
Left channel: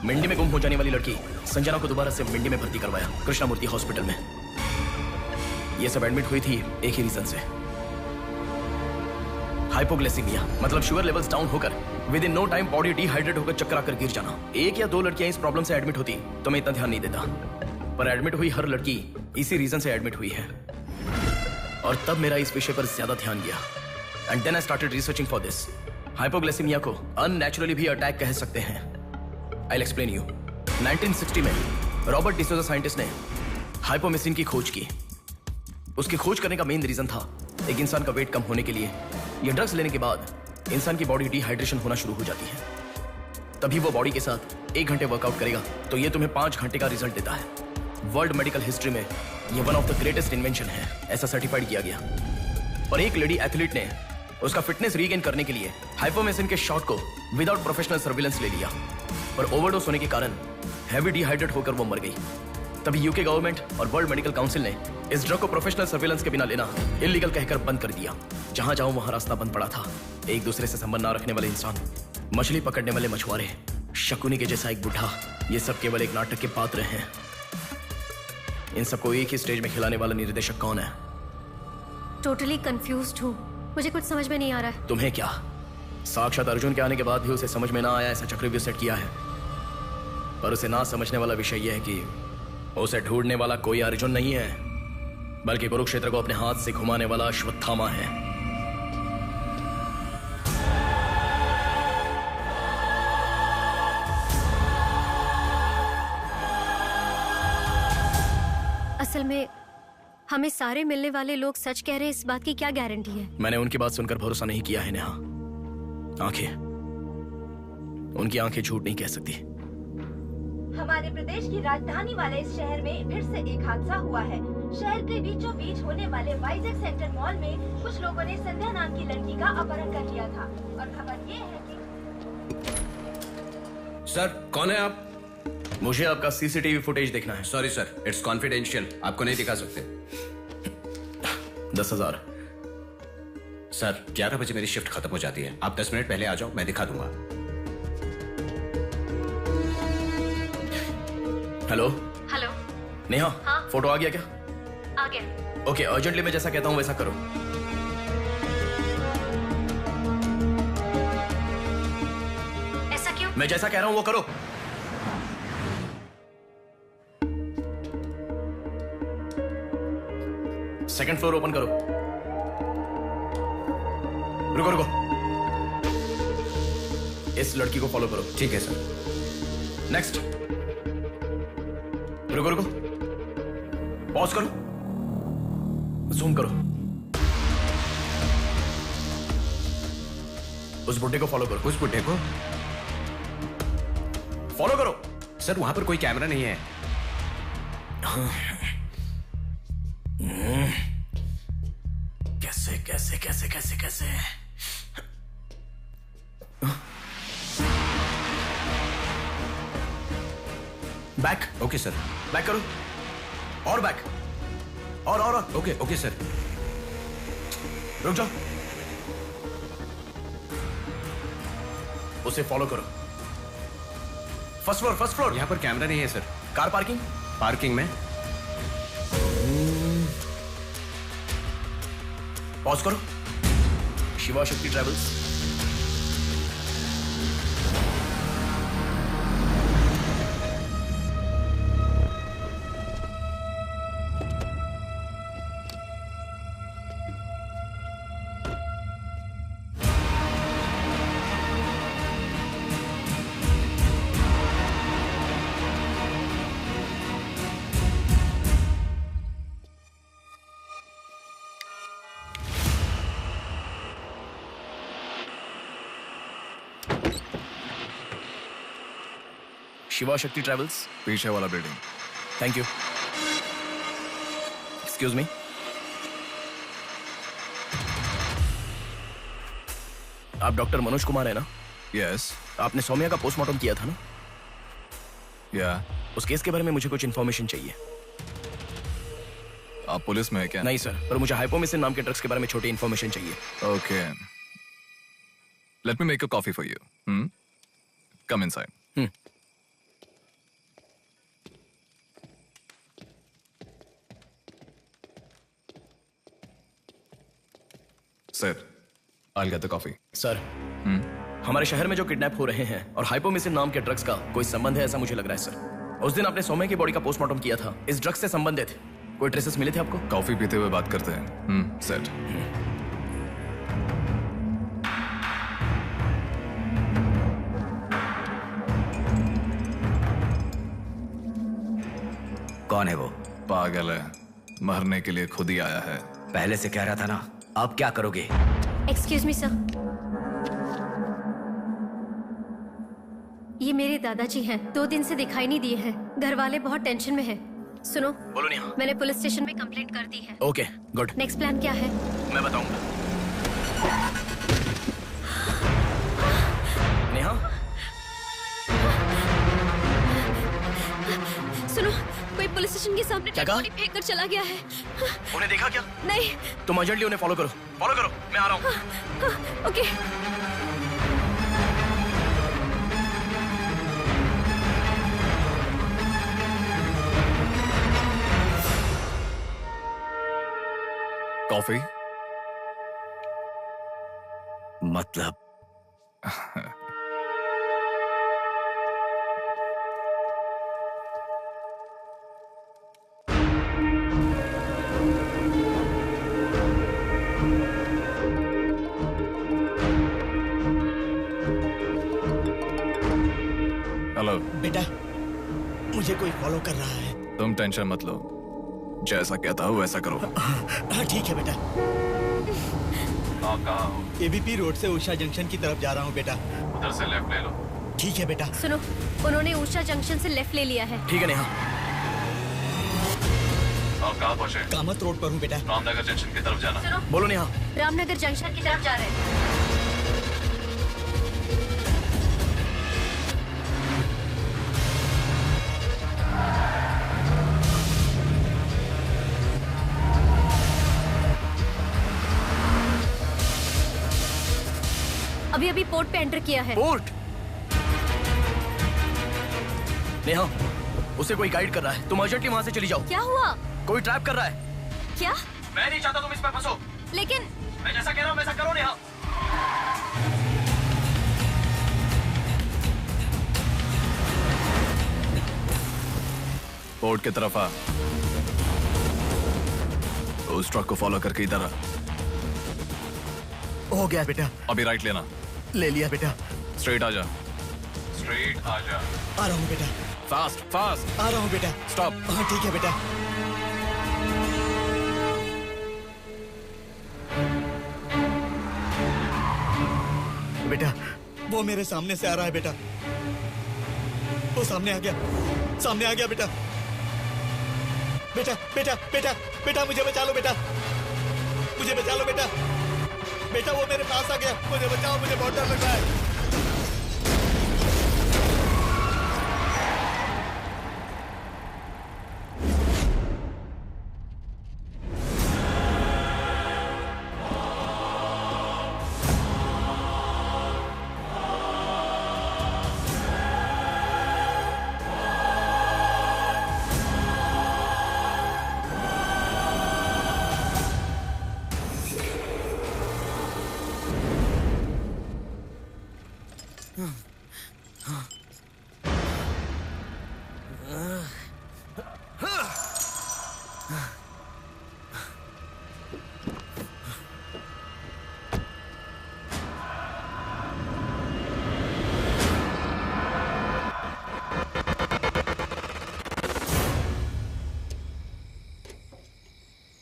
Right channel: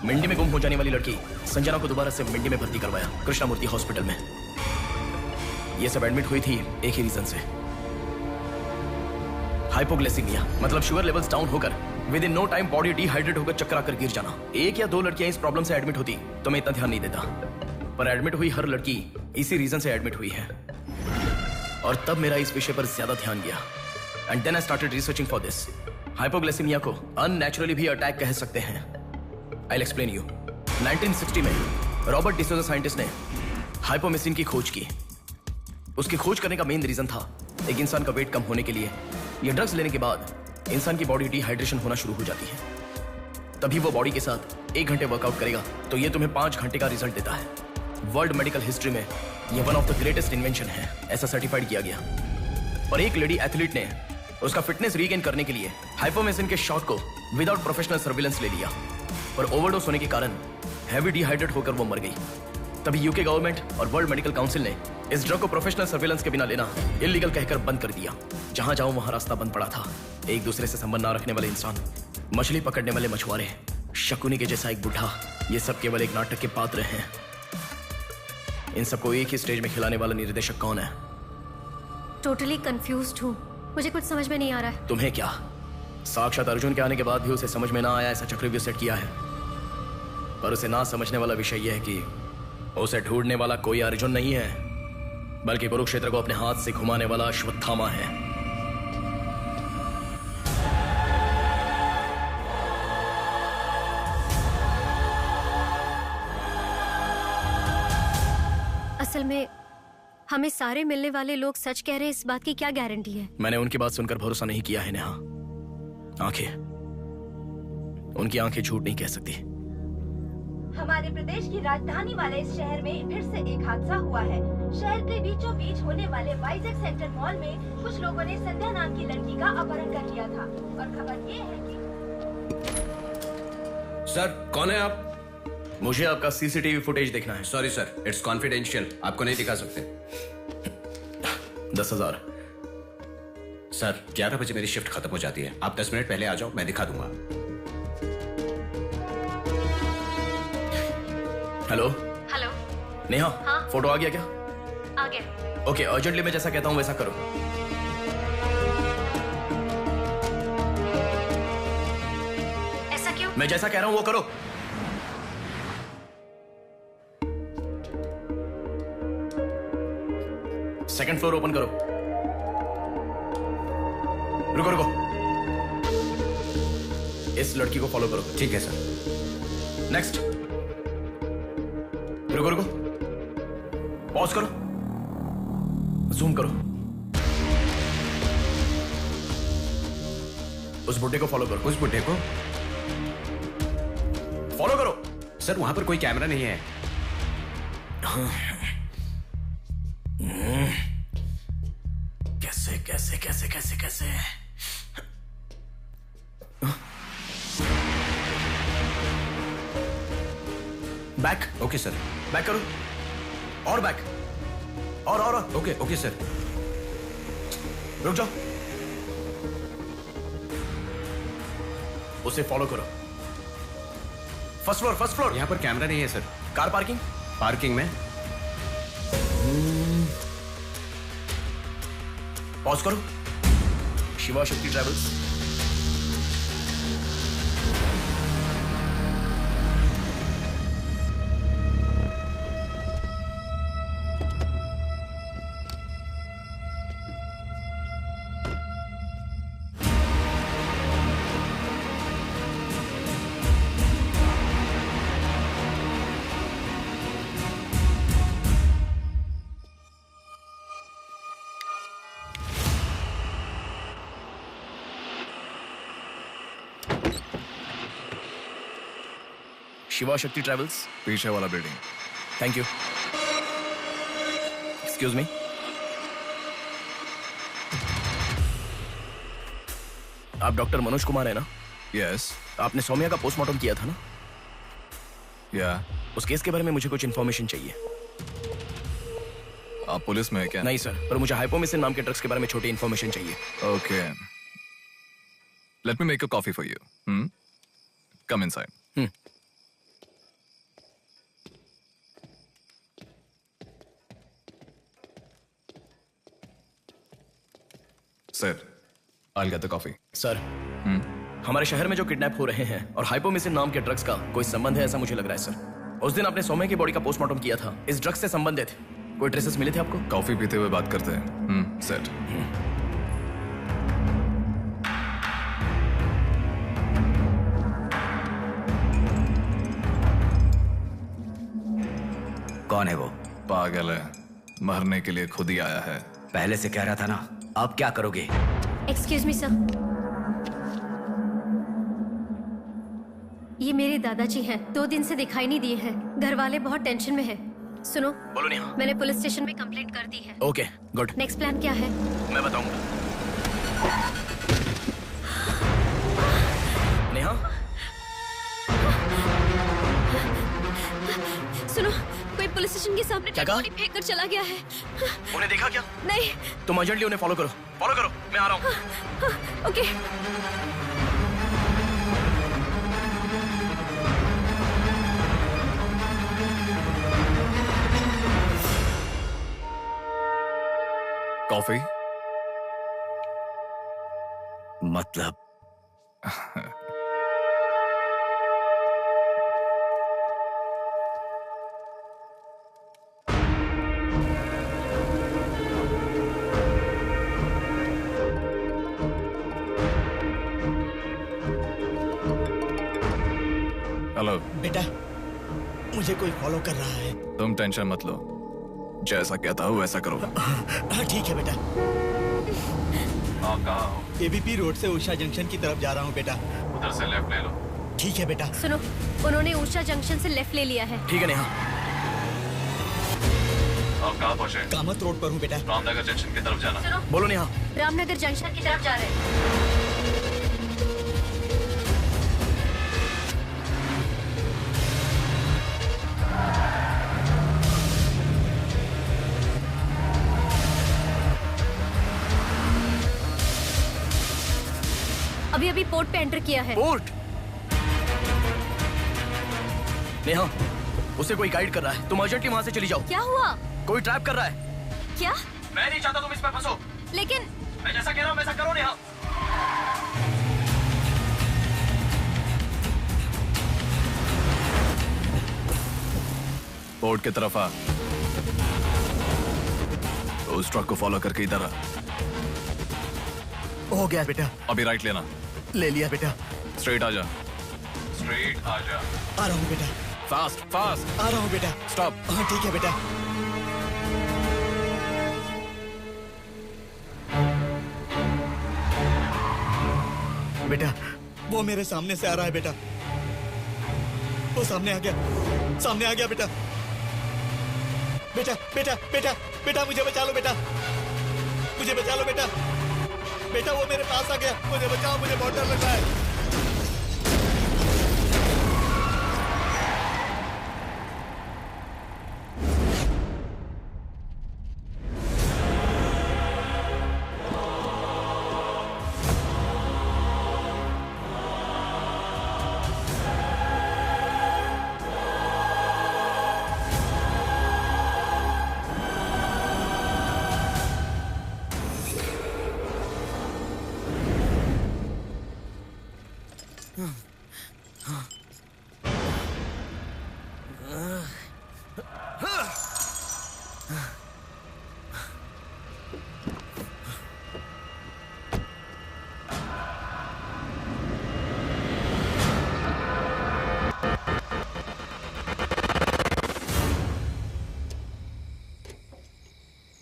मिंडी में गुम हो जाने वाली लड़की संजना को दोबारा से मिंडी में भर्ती करवाया, कृष्णामूर्ति हॉस्पिटल में। ये सब एडमिट हुई थी एक ही रीजन से, हाइपोग्लाइसेमिया, मतलब शुगर लेवल्स डाउन होकर within no time body dehydrate होकर चक्कर आकर गिर जाना। एक या दो लड़कियां इस प्रॉब्लम से एडमिट होती तो मैं इतना ध्यान नहीं देता, पर एडमिट हुई हर लड़की इसी रीजन से एडमिट हुई है। और तब मेरा इस विषय पर ज्यादा ध्यान गया। And then I started researching for this. Hypoglycaemia को अननेचुरली भी अटैक कह सकते हैं। I will explain you. 1960 में रॉबर्ट डिसोजा साइंटिस्ट ने हाइपोमेसिन की खोज की। उसकी खोज करने का मेन रीजन था एक इंसान का वेट कम होने के लिए ये ड्रग्स लेने के बाद इंसान की बॉडी डिहाइड्रेशन होना शुरू हो जाती है। तभी वो बॉडी के साथ 1 घंटे वर्कआउट करेगा तो ये तुम्हें 5 घंटे का रिजल्ट देता है। वर्ल्ड मेडिकल हिस्ट्री में ये one of the greatest invention है, ऐसा सर्टिफाइड किया गया। पर एक लेडी एथलीट ने उसका फिटनेस रीगेन करने के लिए हाइपोमेसिन के शॉट को विदाउट प्रोफेशनल सर्विलेंस ले लिया, पर ओवरडोज होने के कारण हैवी डिहाइड्रेट होकर वो मर गई। तभी यूके गवर्नमेंट और वर्ल्ड मेडिकल काउंसिल ने इस ड्रग को प्रोफेशनल सर्विलेंस के बिना लेना इलीगल कहकर बंद कर दिया। जहां जाओ वहां रास्ता बंद पड़ा था। एक दूसरे से संबंध ना रखने वाले इंसान, मछली पकड़ने वाले मछुआरे, शकुनी के जैसा एक बुढ़ा, ये सब केवल एक नाटक के पात्र हैं। इन सबको एक ही स्टेज में खिलाने वाला निर्देशक कौन है? टोटली कंफ्यूज्ड हूँ, मुझे कुछ समझ में नहीं आ रहा है। तुम्हें क्या? साक्षात अर्जुन के आने के बाद भी उसे समझ में ना आया ऐसा चक्रव्यूह सेट किया है। पर उसे ना समझने वाला विषय यह है कि उसे ढूंढने वाला कोई अर्जुन नहीं है, बल्कि कुरुक्षेत्र को अपने हाथ से घुमाने वाला अश्वत्थामा है। असल में हमें सारे मिलने वाले लोग सच कह रहे हैं, इस बात की क्या गारंटी है? मैंने उनकी बात सुनकर भरोसा नहीं किया है नेहा। आंखें, उनकी आंखें झूठ नहीं कह सकती। हमारे प्रदेश की राजधानी वाले इस शहर में फिर से एक हादसा हुआ है। शहर के बीचों बीच होने वाले वाइजैक सेंटर मॉल में कुछ लोगों ने संध्या नाम की लड़की का अपहरण कर लिया था और खबर ये है कि सर, कौन है आप? मुझे आपका सीसीटीवी फुटेज देखना है। सॉरी सर, इट्स कॉन्फिडेंशियल, आपको नहीं दिखा सकते। 10,000। सर, 11 बजे मेरी शिफ्ट खत्म हो जाती है, आप 10 मिनट पहले आ जाओ, मैं दिखा दूंगा। हेलो हेलो नेहा, हाँ? फोटो आ गया क्या? आ गया। ओके, अर्जेंटली मैं जैसा कहता हूँ वैसा करो। ऐसा क्यों? मैं जैसा कह रहा हूँ वो करो। सेकंड फ्लोर ओपन करो। रुको रुको, इस लड़की को फॉलो करो। ठीक है सर। नेक्स्ट। रुको रुको, पॉज करो, जूम करो। उस बुड्ढे को फॉलो करो। उस बुड्ढे को फॉलो करो। सर वहां पर कोई कैमरा नहीं है। कैसे कैसे कैसे कैसे कैसे? बैक। Okay sir. बैक करो, और बैक, और। Okay okay sir. रुक जाओ, उसे फॉलो करो। First floor, first floor. यहाँ पर कैमरा नहीं है सर। Car parking. पार्किंग में। पॉज करो। शिवा शक्ति ट्रैवल्स। शिवा शक्ति ट्रैवल्स, पीछे वाला building. Thank you. Excuse me. आप डॉक्टर मनोज कुमार है ना? यस। आपने सौम्या का पोस्टमार्टम किया था ना? या। उस केस के बारे में मुझे कुछ इन्फॉर्मेशन चाहिए। आप पुलिस में है क्या? नहीं सर, पर मुझे हाइपोमिसिन नाम के ड्रग्स के बारे में छोटी इन्फॉर्मेशन चाहिए। Okay, let me make a coffee for you. Come inside. Sir, I'll get the coffee. Sir, हमारे शहर में जो किडनैप हो रहे हैं और हाइपोमिसिन नाम के ड्रग्स का कोई संबंध है ऐसा मुझे लग रहा है सर। उस दिन आपने सौम्या की बॉडी का पोस्टमार्टम किया था, इस ड्रग्स से संबंधित कोई ट्रेसेस मिले थे आपको? कॉफी पीते हुए बात करते हैं। सेट। कौन है वो? पागल है, मरने के लिए खुद ही आया है। पहले से कह रहा था ना, अब क्या करोगे? एक्सक्यूज मी सर, ये मेरे दादाजी हैं। 2 दिन से दिखाई नहीं दिए हैं। घर वाले बहुत टेंशन में हैं। सुनो, बोलो नेहा। मैंने पुलिस स्टेशन में कंप्लेंट कर दी है। Okay, good. नेक्स्ट प्लान क्या है? मैं बताऊंगा। नेहा, सुनो, कोई पुलिस स्टेशन के सामने क्या डेड बॉडी फेंक कर चला गया है। उन्हें देखा क्या? नहीं। तुम अर्जेंटली उन्हें फॉलो करो। फॉलो करो, मैं आ रहा हूँ। ओके। कॉफी? मतलब हेलो बेटा, मुझे कोई फॉलो कर रहा है। तुम टेंशन मत लो, जैसा कहता हूँ वैसा करो। हाँ ठीक है बेटा। आप कहाँ हो? एबीपी रोड से उषा जंक्शन की तरफ जा रहा हूँ बेटा। उधर से लेफ्ट ले लो। ठीक है बेटा। सुनो, उन्होंने उषा जंक्शन से लेफ्ट ले लिया है। ठीक है नेहा। आप कहाँ पहुँचे? कामत रोड पर हूँ बेटा। रामनगर जंक्शन की तरफ जाना। सुनो, बोलो नेहा। रामनगर जंक्शन की तरफ जा रहे हैं। अभी अभी पोर्ट पे एंटर किया है। पोर्ट? नेहा, उसे कोई गाइड कर रहा है। तुम अर्जेंटली वहां से चली जाओ। क्या हुआ? कोई ट्रैप कर रहा है। क्या? मैं नहीं चाहता तुम इसमें फंसो। लेकिन मैं जैसा कह रहा हूं वैसा करो नेहा। पोर्ट की तरफ आ। उस ट्रक को फॉलो करके इधर आ। हो गया बेटा। अभी राइट लेना। ले लिया बेटा। स्ट्रेट आ जा। स्ट्रेट आ जा। आ रहा हूँ बेटा। Fast fast. आ रहा हूँ बेटा। स्टॉप। हाँ ठीक है बेटा। बेटा वो मेरे सामने से आ रहा है बेटा। वो सामने आ गया। सामने आ गया बेटा। बेटा बेटा बेटा बेटा मुझे बचा लो बेटा। मुझे बचा लो बेटा। बेटा वो मेरे पास आ गया। मुझे बचाओ, मुझे बहुत डर लग रहा है।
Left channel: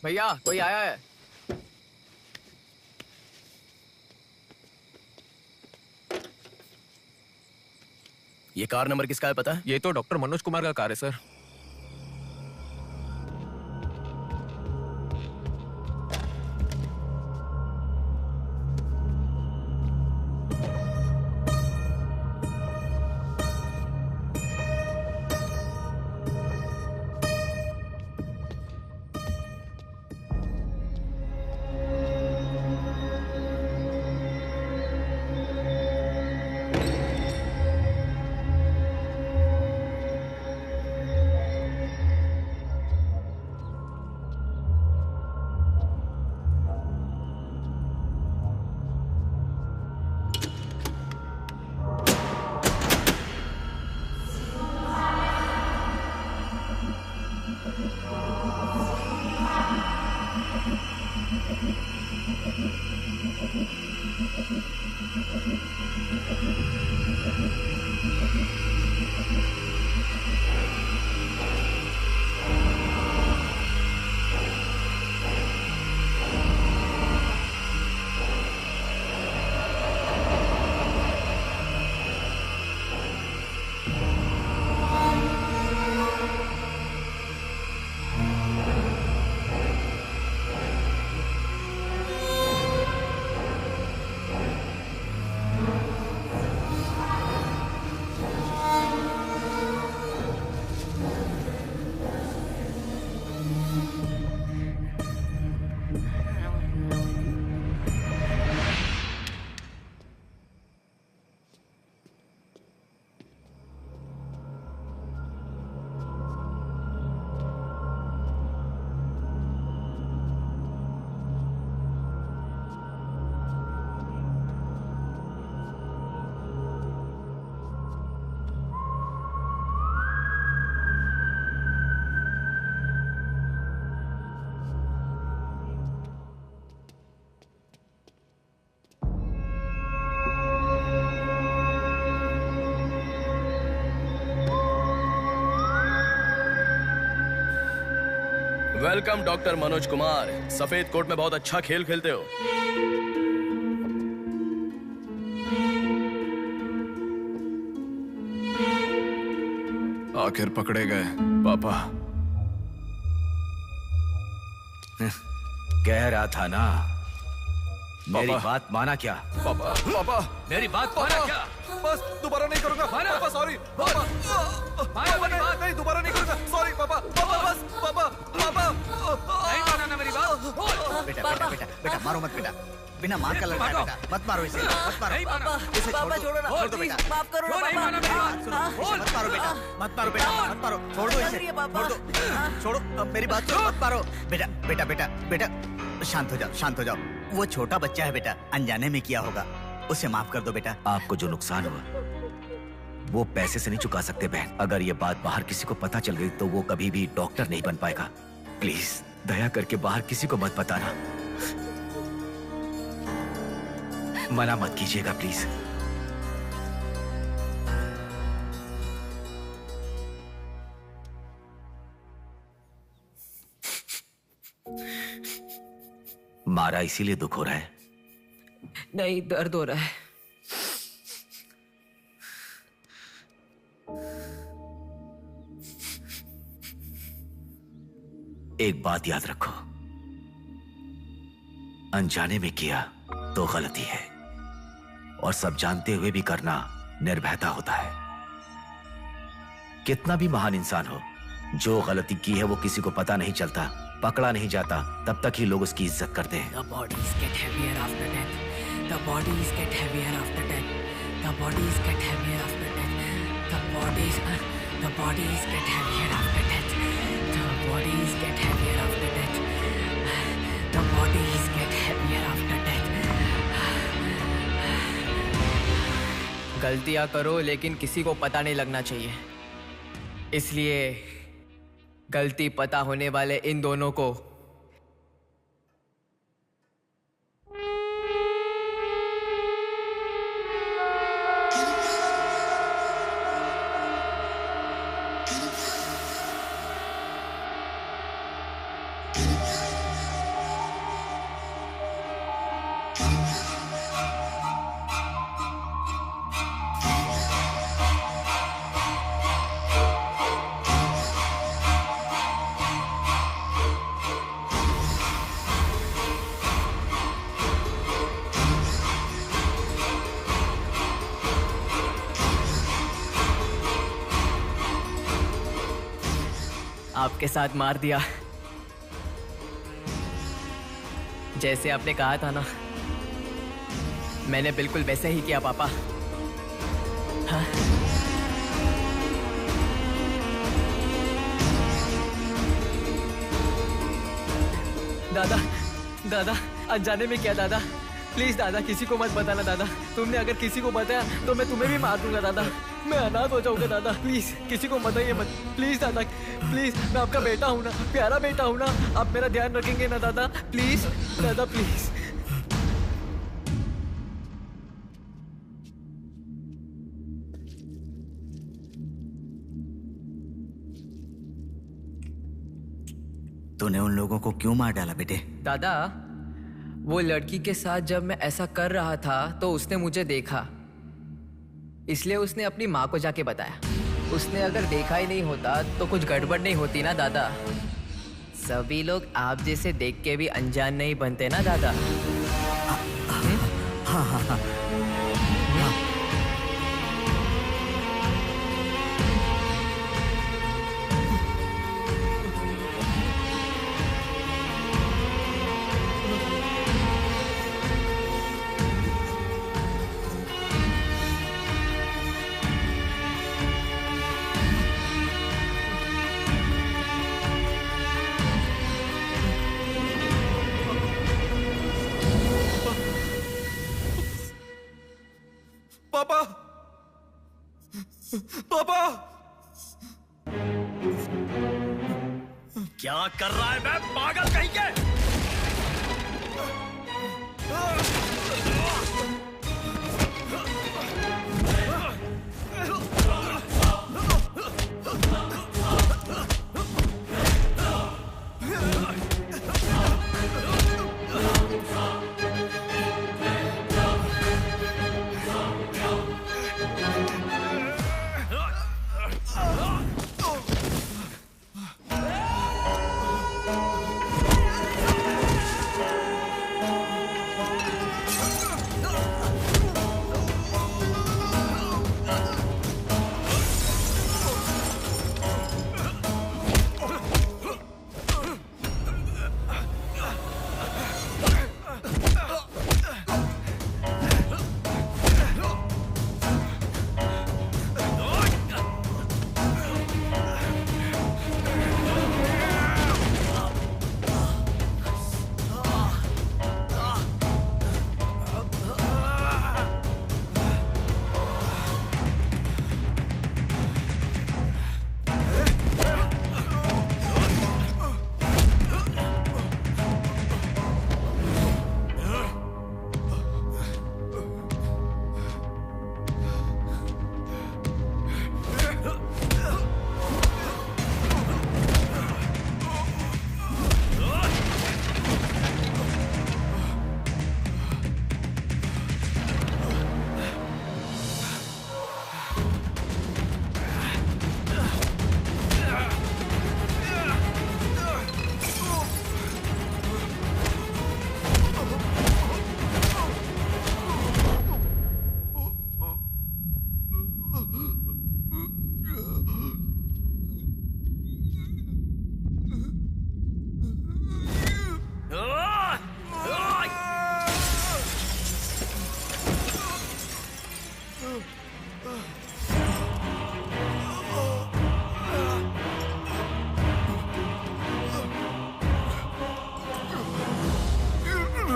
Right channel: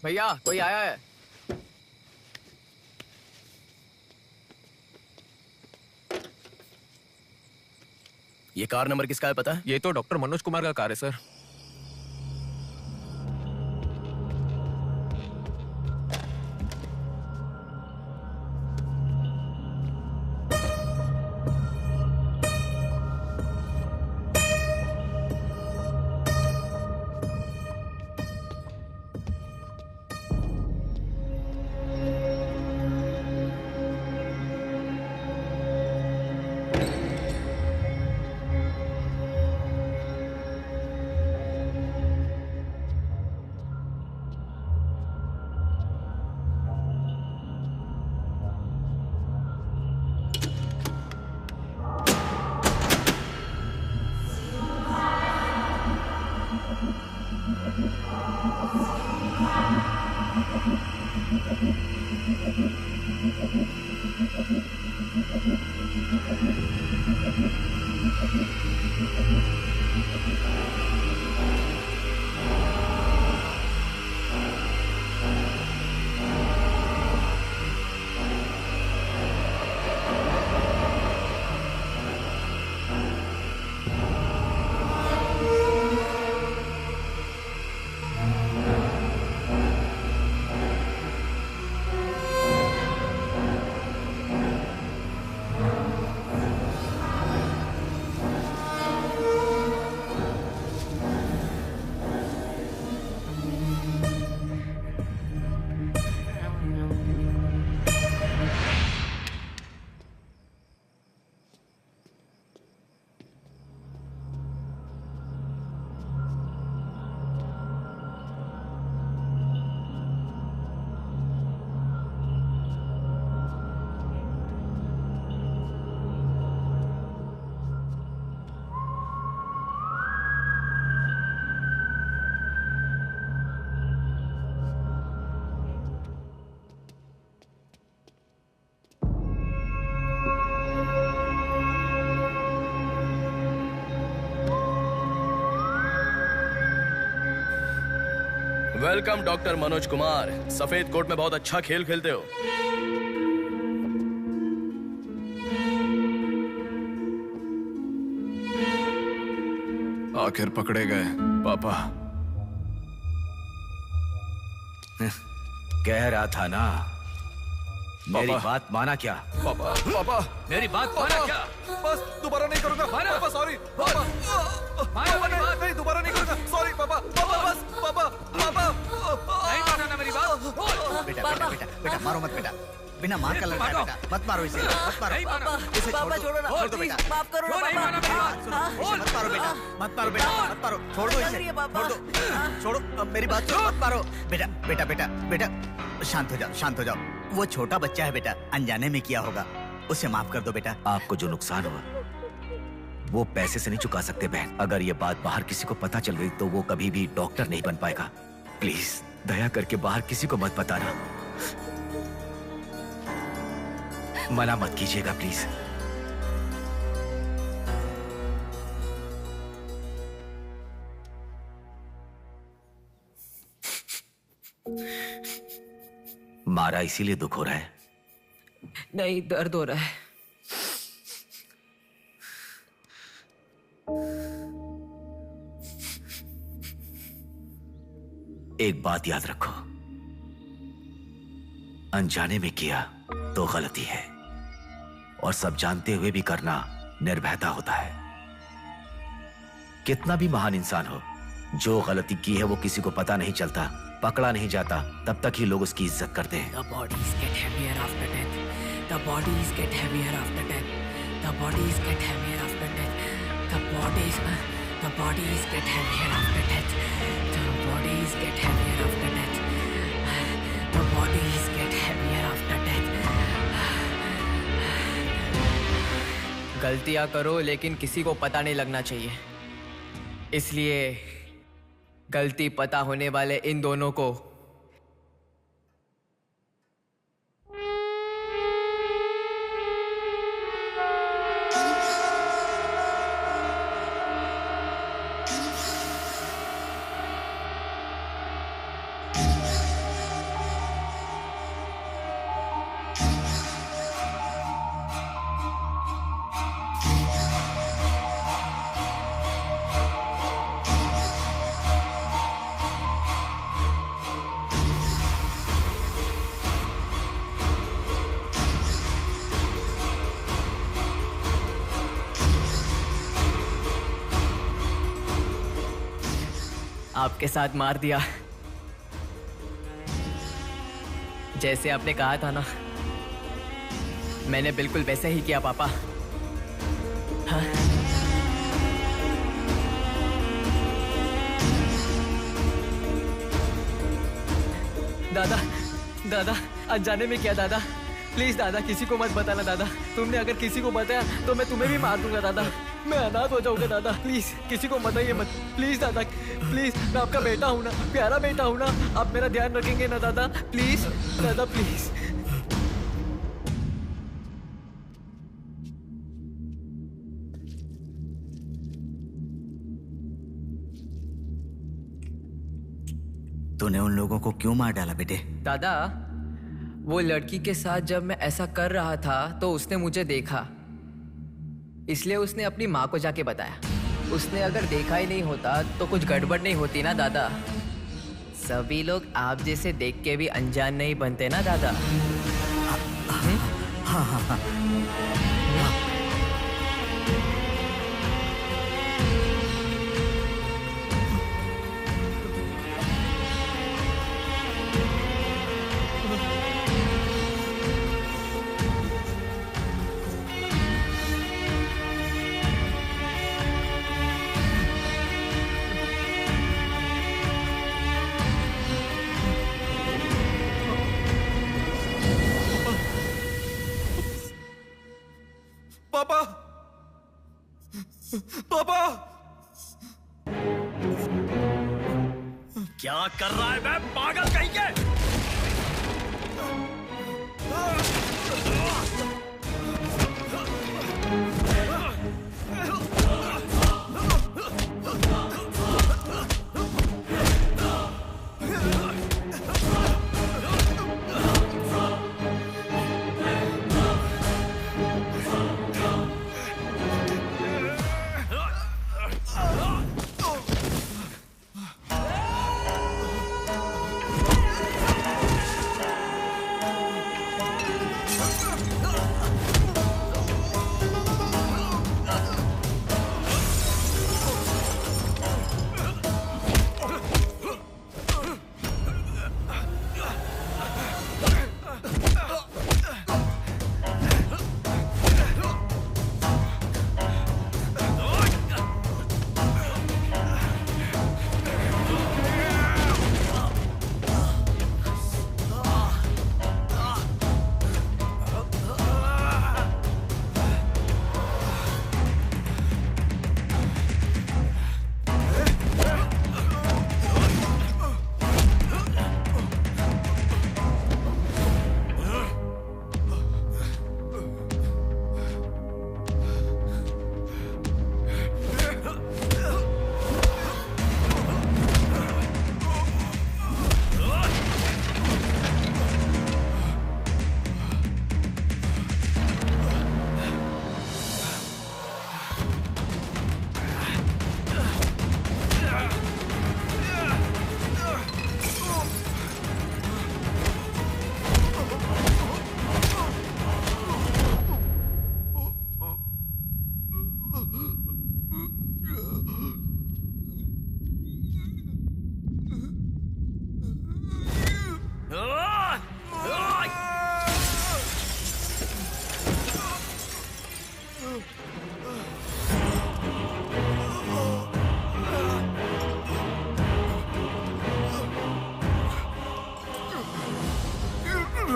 भैया कोई आया है। ये कार नंबर किसका है पता है? ये तो डॉक्टर मनोज कुमार का कार है sir. Welcome doctor Manoj Kumar. सफेद कोट में बहुत अच्छा खेल खेलते हो। आखिर पकड़े गए पापा। कह रहा था ना, मेरी बात माना क्या? पापा पापा मेरी बात माना क्या? बस दोबारा नहीं करूंगा पापा। सॉरी पापा। पापा नहीं दोबारा नहीं करूंगा। सॉरी पापा। पापा बस पापा। पापा नहीं माना ना मेरी बात। बेटा बेटा बेटा बेटा मारो मत बेटा। बिना मार का लड़का है बेटा। मत मारो इसे। मत मारो। इसे छोड़ दो। छोड़ दो बेटा। माफ करो ना इसे मत मारो बेटा। मत मारो बेटा। मत मारो। छोड़ दो इसे। छोड़ दो। छोड़ो। अब मेरी बात सुनो। मत मारो बेटा। बेटा बेटा बेटा शांत हो जाओ। शांत हो जाओ। वो छोटा बच्चा है बेटा, अनजाने में किया होगा। उसे माफ कर दो बेटा। आपको जो नुकसान हुआ वो पैसे से नहीं चुका सकते बहन। अगर ये बात बाहर किसी को पता चल गई तो वो कभी भी डॉक्टर नहीं बन पाएगा। प्लीज दया करके बाहर किसी को मत बताना। मना मत कीजिएगा प्लीज। मारा इसीलिए दुख हो रहा है? नहीं, दर्द हो रहा है। एक बात याद रखो, अनजाने में किया तो गलती है, और सब जानते हुए भी करना निर्भयता होता है। कितना भी महान इंसान हो, जो गलती की है वो किसी को पता नहीं चलता, पकड़ा नहीं जाता, तब तक ही लोग उसकी इज्जत करते हैं। The bodies get heavier after death. The bodies get heavier after death. The bodies get heavier after death. The bodies get heavier after death. The bodies get heavier after death. The bodies get heavier after death. गलतियां करो लेकिन किसी को पता नहीं लगना चाहिए। इसलिए गलती पता होने वाले इन दोनों को आपके साथ मार दिया, जैसे आपने कहा था ना, मैंने बिल्कुल वैसे ही किया पापा। हाँ? दादा, दादा, अनजाने में किया दादा। प्लीज दादा, किसी को मत बताना दादा। तुमने अगर किसी को बताया तो मैं तुम्हें भी मार दूंगा दादा। मैं अनाथ हो जाऊंगा दादा। प्लीज किसी को बताइए मत। प्लीज दादा, प्लीज, मैं आपका बेटा हूँ ना, प्यारा बेटा हूँ ना। आप मेरा ध्यान रखेंगे ना दादा? प्लीज दादा, प्लीज। तूने उन लोगों को क्यों मार डाला बेटे? दादा, वो लड़की के साथ जब मैं ऐसा कर रहा था तो उसने मुझे देखा, इसलिए उसने अपनी माँ को जाके बताया। उसने अगर देखा ही नहीं होता तो कुछ गड़बड़ नहीं होती ना दादा। सभी लोग आप जैसे देख के भी अनजान नहीं बनते ना दादा। हाँ हाँ हाँ। पापा, पापा, क्या कर रहा है मैं पागल कहीं के?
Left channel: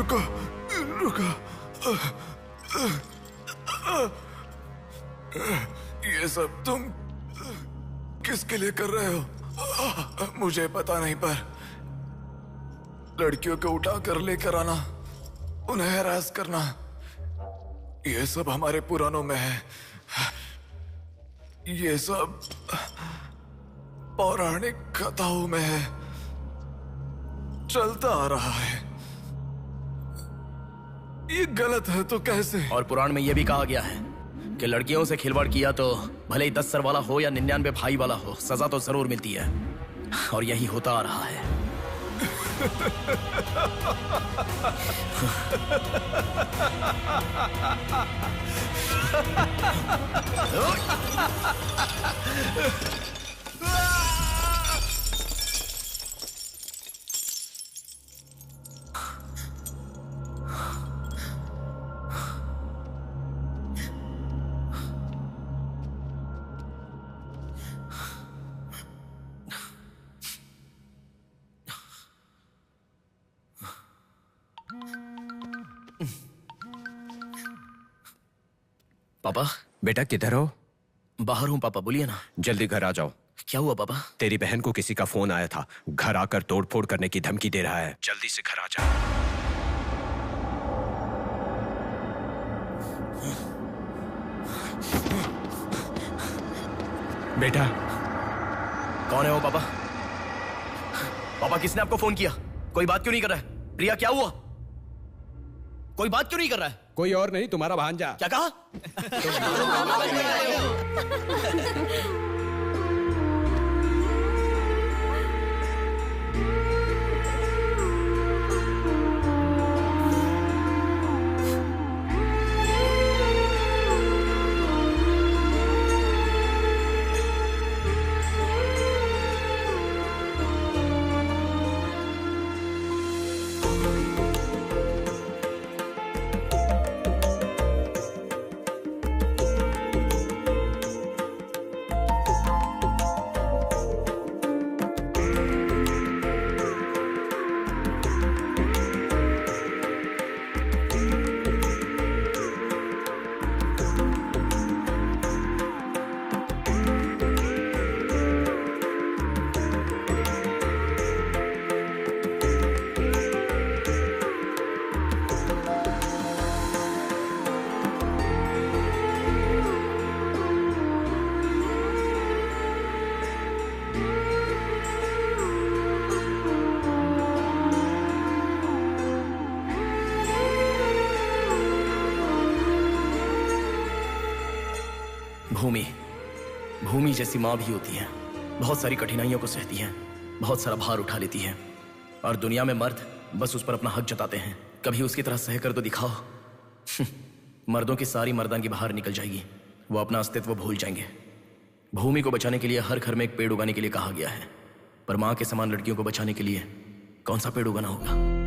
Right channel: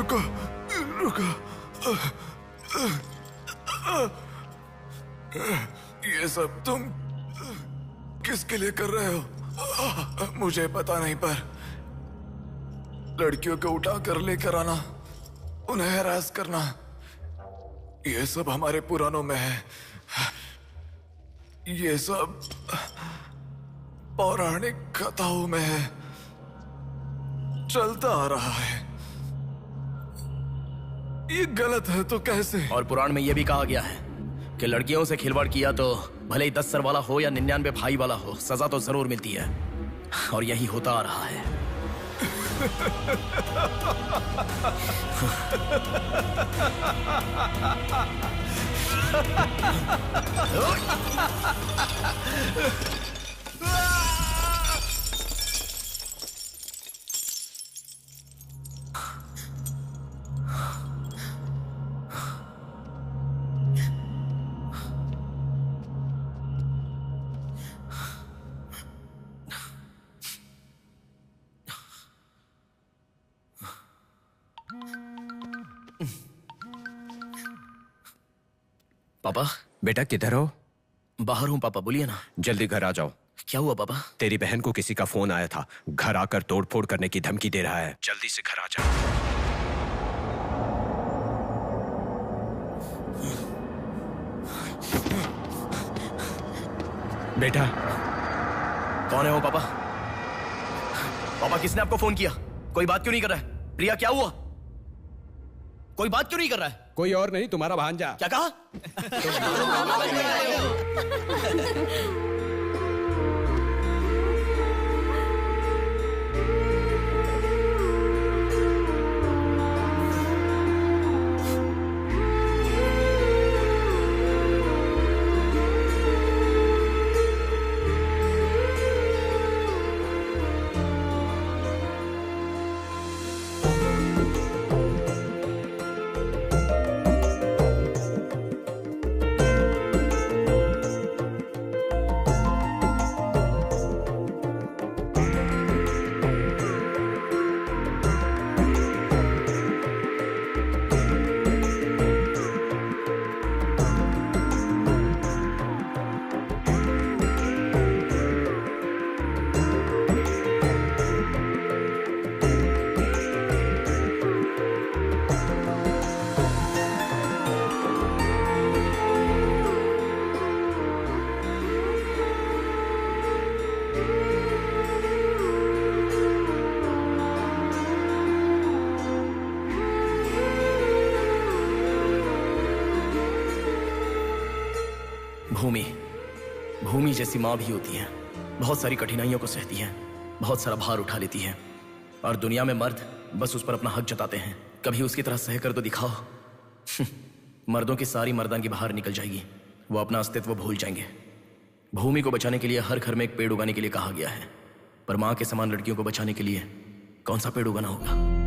रुको रुको। ये सब तुम किसके लिए कर रहे हो? मुझे पता नहीं, पर लड़कियों को उठा कर लेकर आना, उन्हें हैरास करना, ये सब हमारे पुराणों में है। ये सब पौराणिक कथाओं में है, चलता आ रहा है। ये गलत है तो कैसे? और पुराण में यह भी कहा गया है कि लड़कियों से खिलवाड़ किया तो भले ही 10 सर वाला हो या 99 भाई वाला हो, सजा तो जरूर मिलती है। और यही होता आ रहा है। पापा। बेटा किधर हो? बाहर हूँ पापा, बोलिए ना। जल्दी घर आ जाओ। क्या हुआ पापा? तेरी बहन को किसी का फोन आया था, घर आकर तोड़फोड़ करने की धमकी दे रहा है। जल्दी से घर आ जा। बेटा। कौन है वो पापा? पापा किसने आपको फोन किया? कोई बात क्यों नहीं कर रहा है? प्रिया क्या हुआ? कोई बात क्यों नहीं कर रहा है? कोई और नहीं, तुम्हारा भांजा। क्या कहा? भूमि जैसी माँ भी होती है, बहुत सारी कठिनाइयों को सहती है, बहुत सारा भार उठा लेती है, और दुनिया में मर्द बस उस पर अपना हक जताते हैं। कभी उसकी तरह सह कर तो दिखाओ। मर्दों की सारी मर्दानगी बाहर निकल जाएगी, वो अपना अस्तित्व भूल जाएंगे। भूमि को बचाने के लिए हर घर में एक पेड़ उगाने के लिए कहा गया है, पर माँ के समान लड़कियों को बचाने के लिए कौन सा पेड़ उगाना होगा?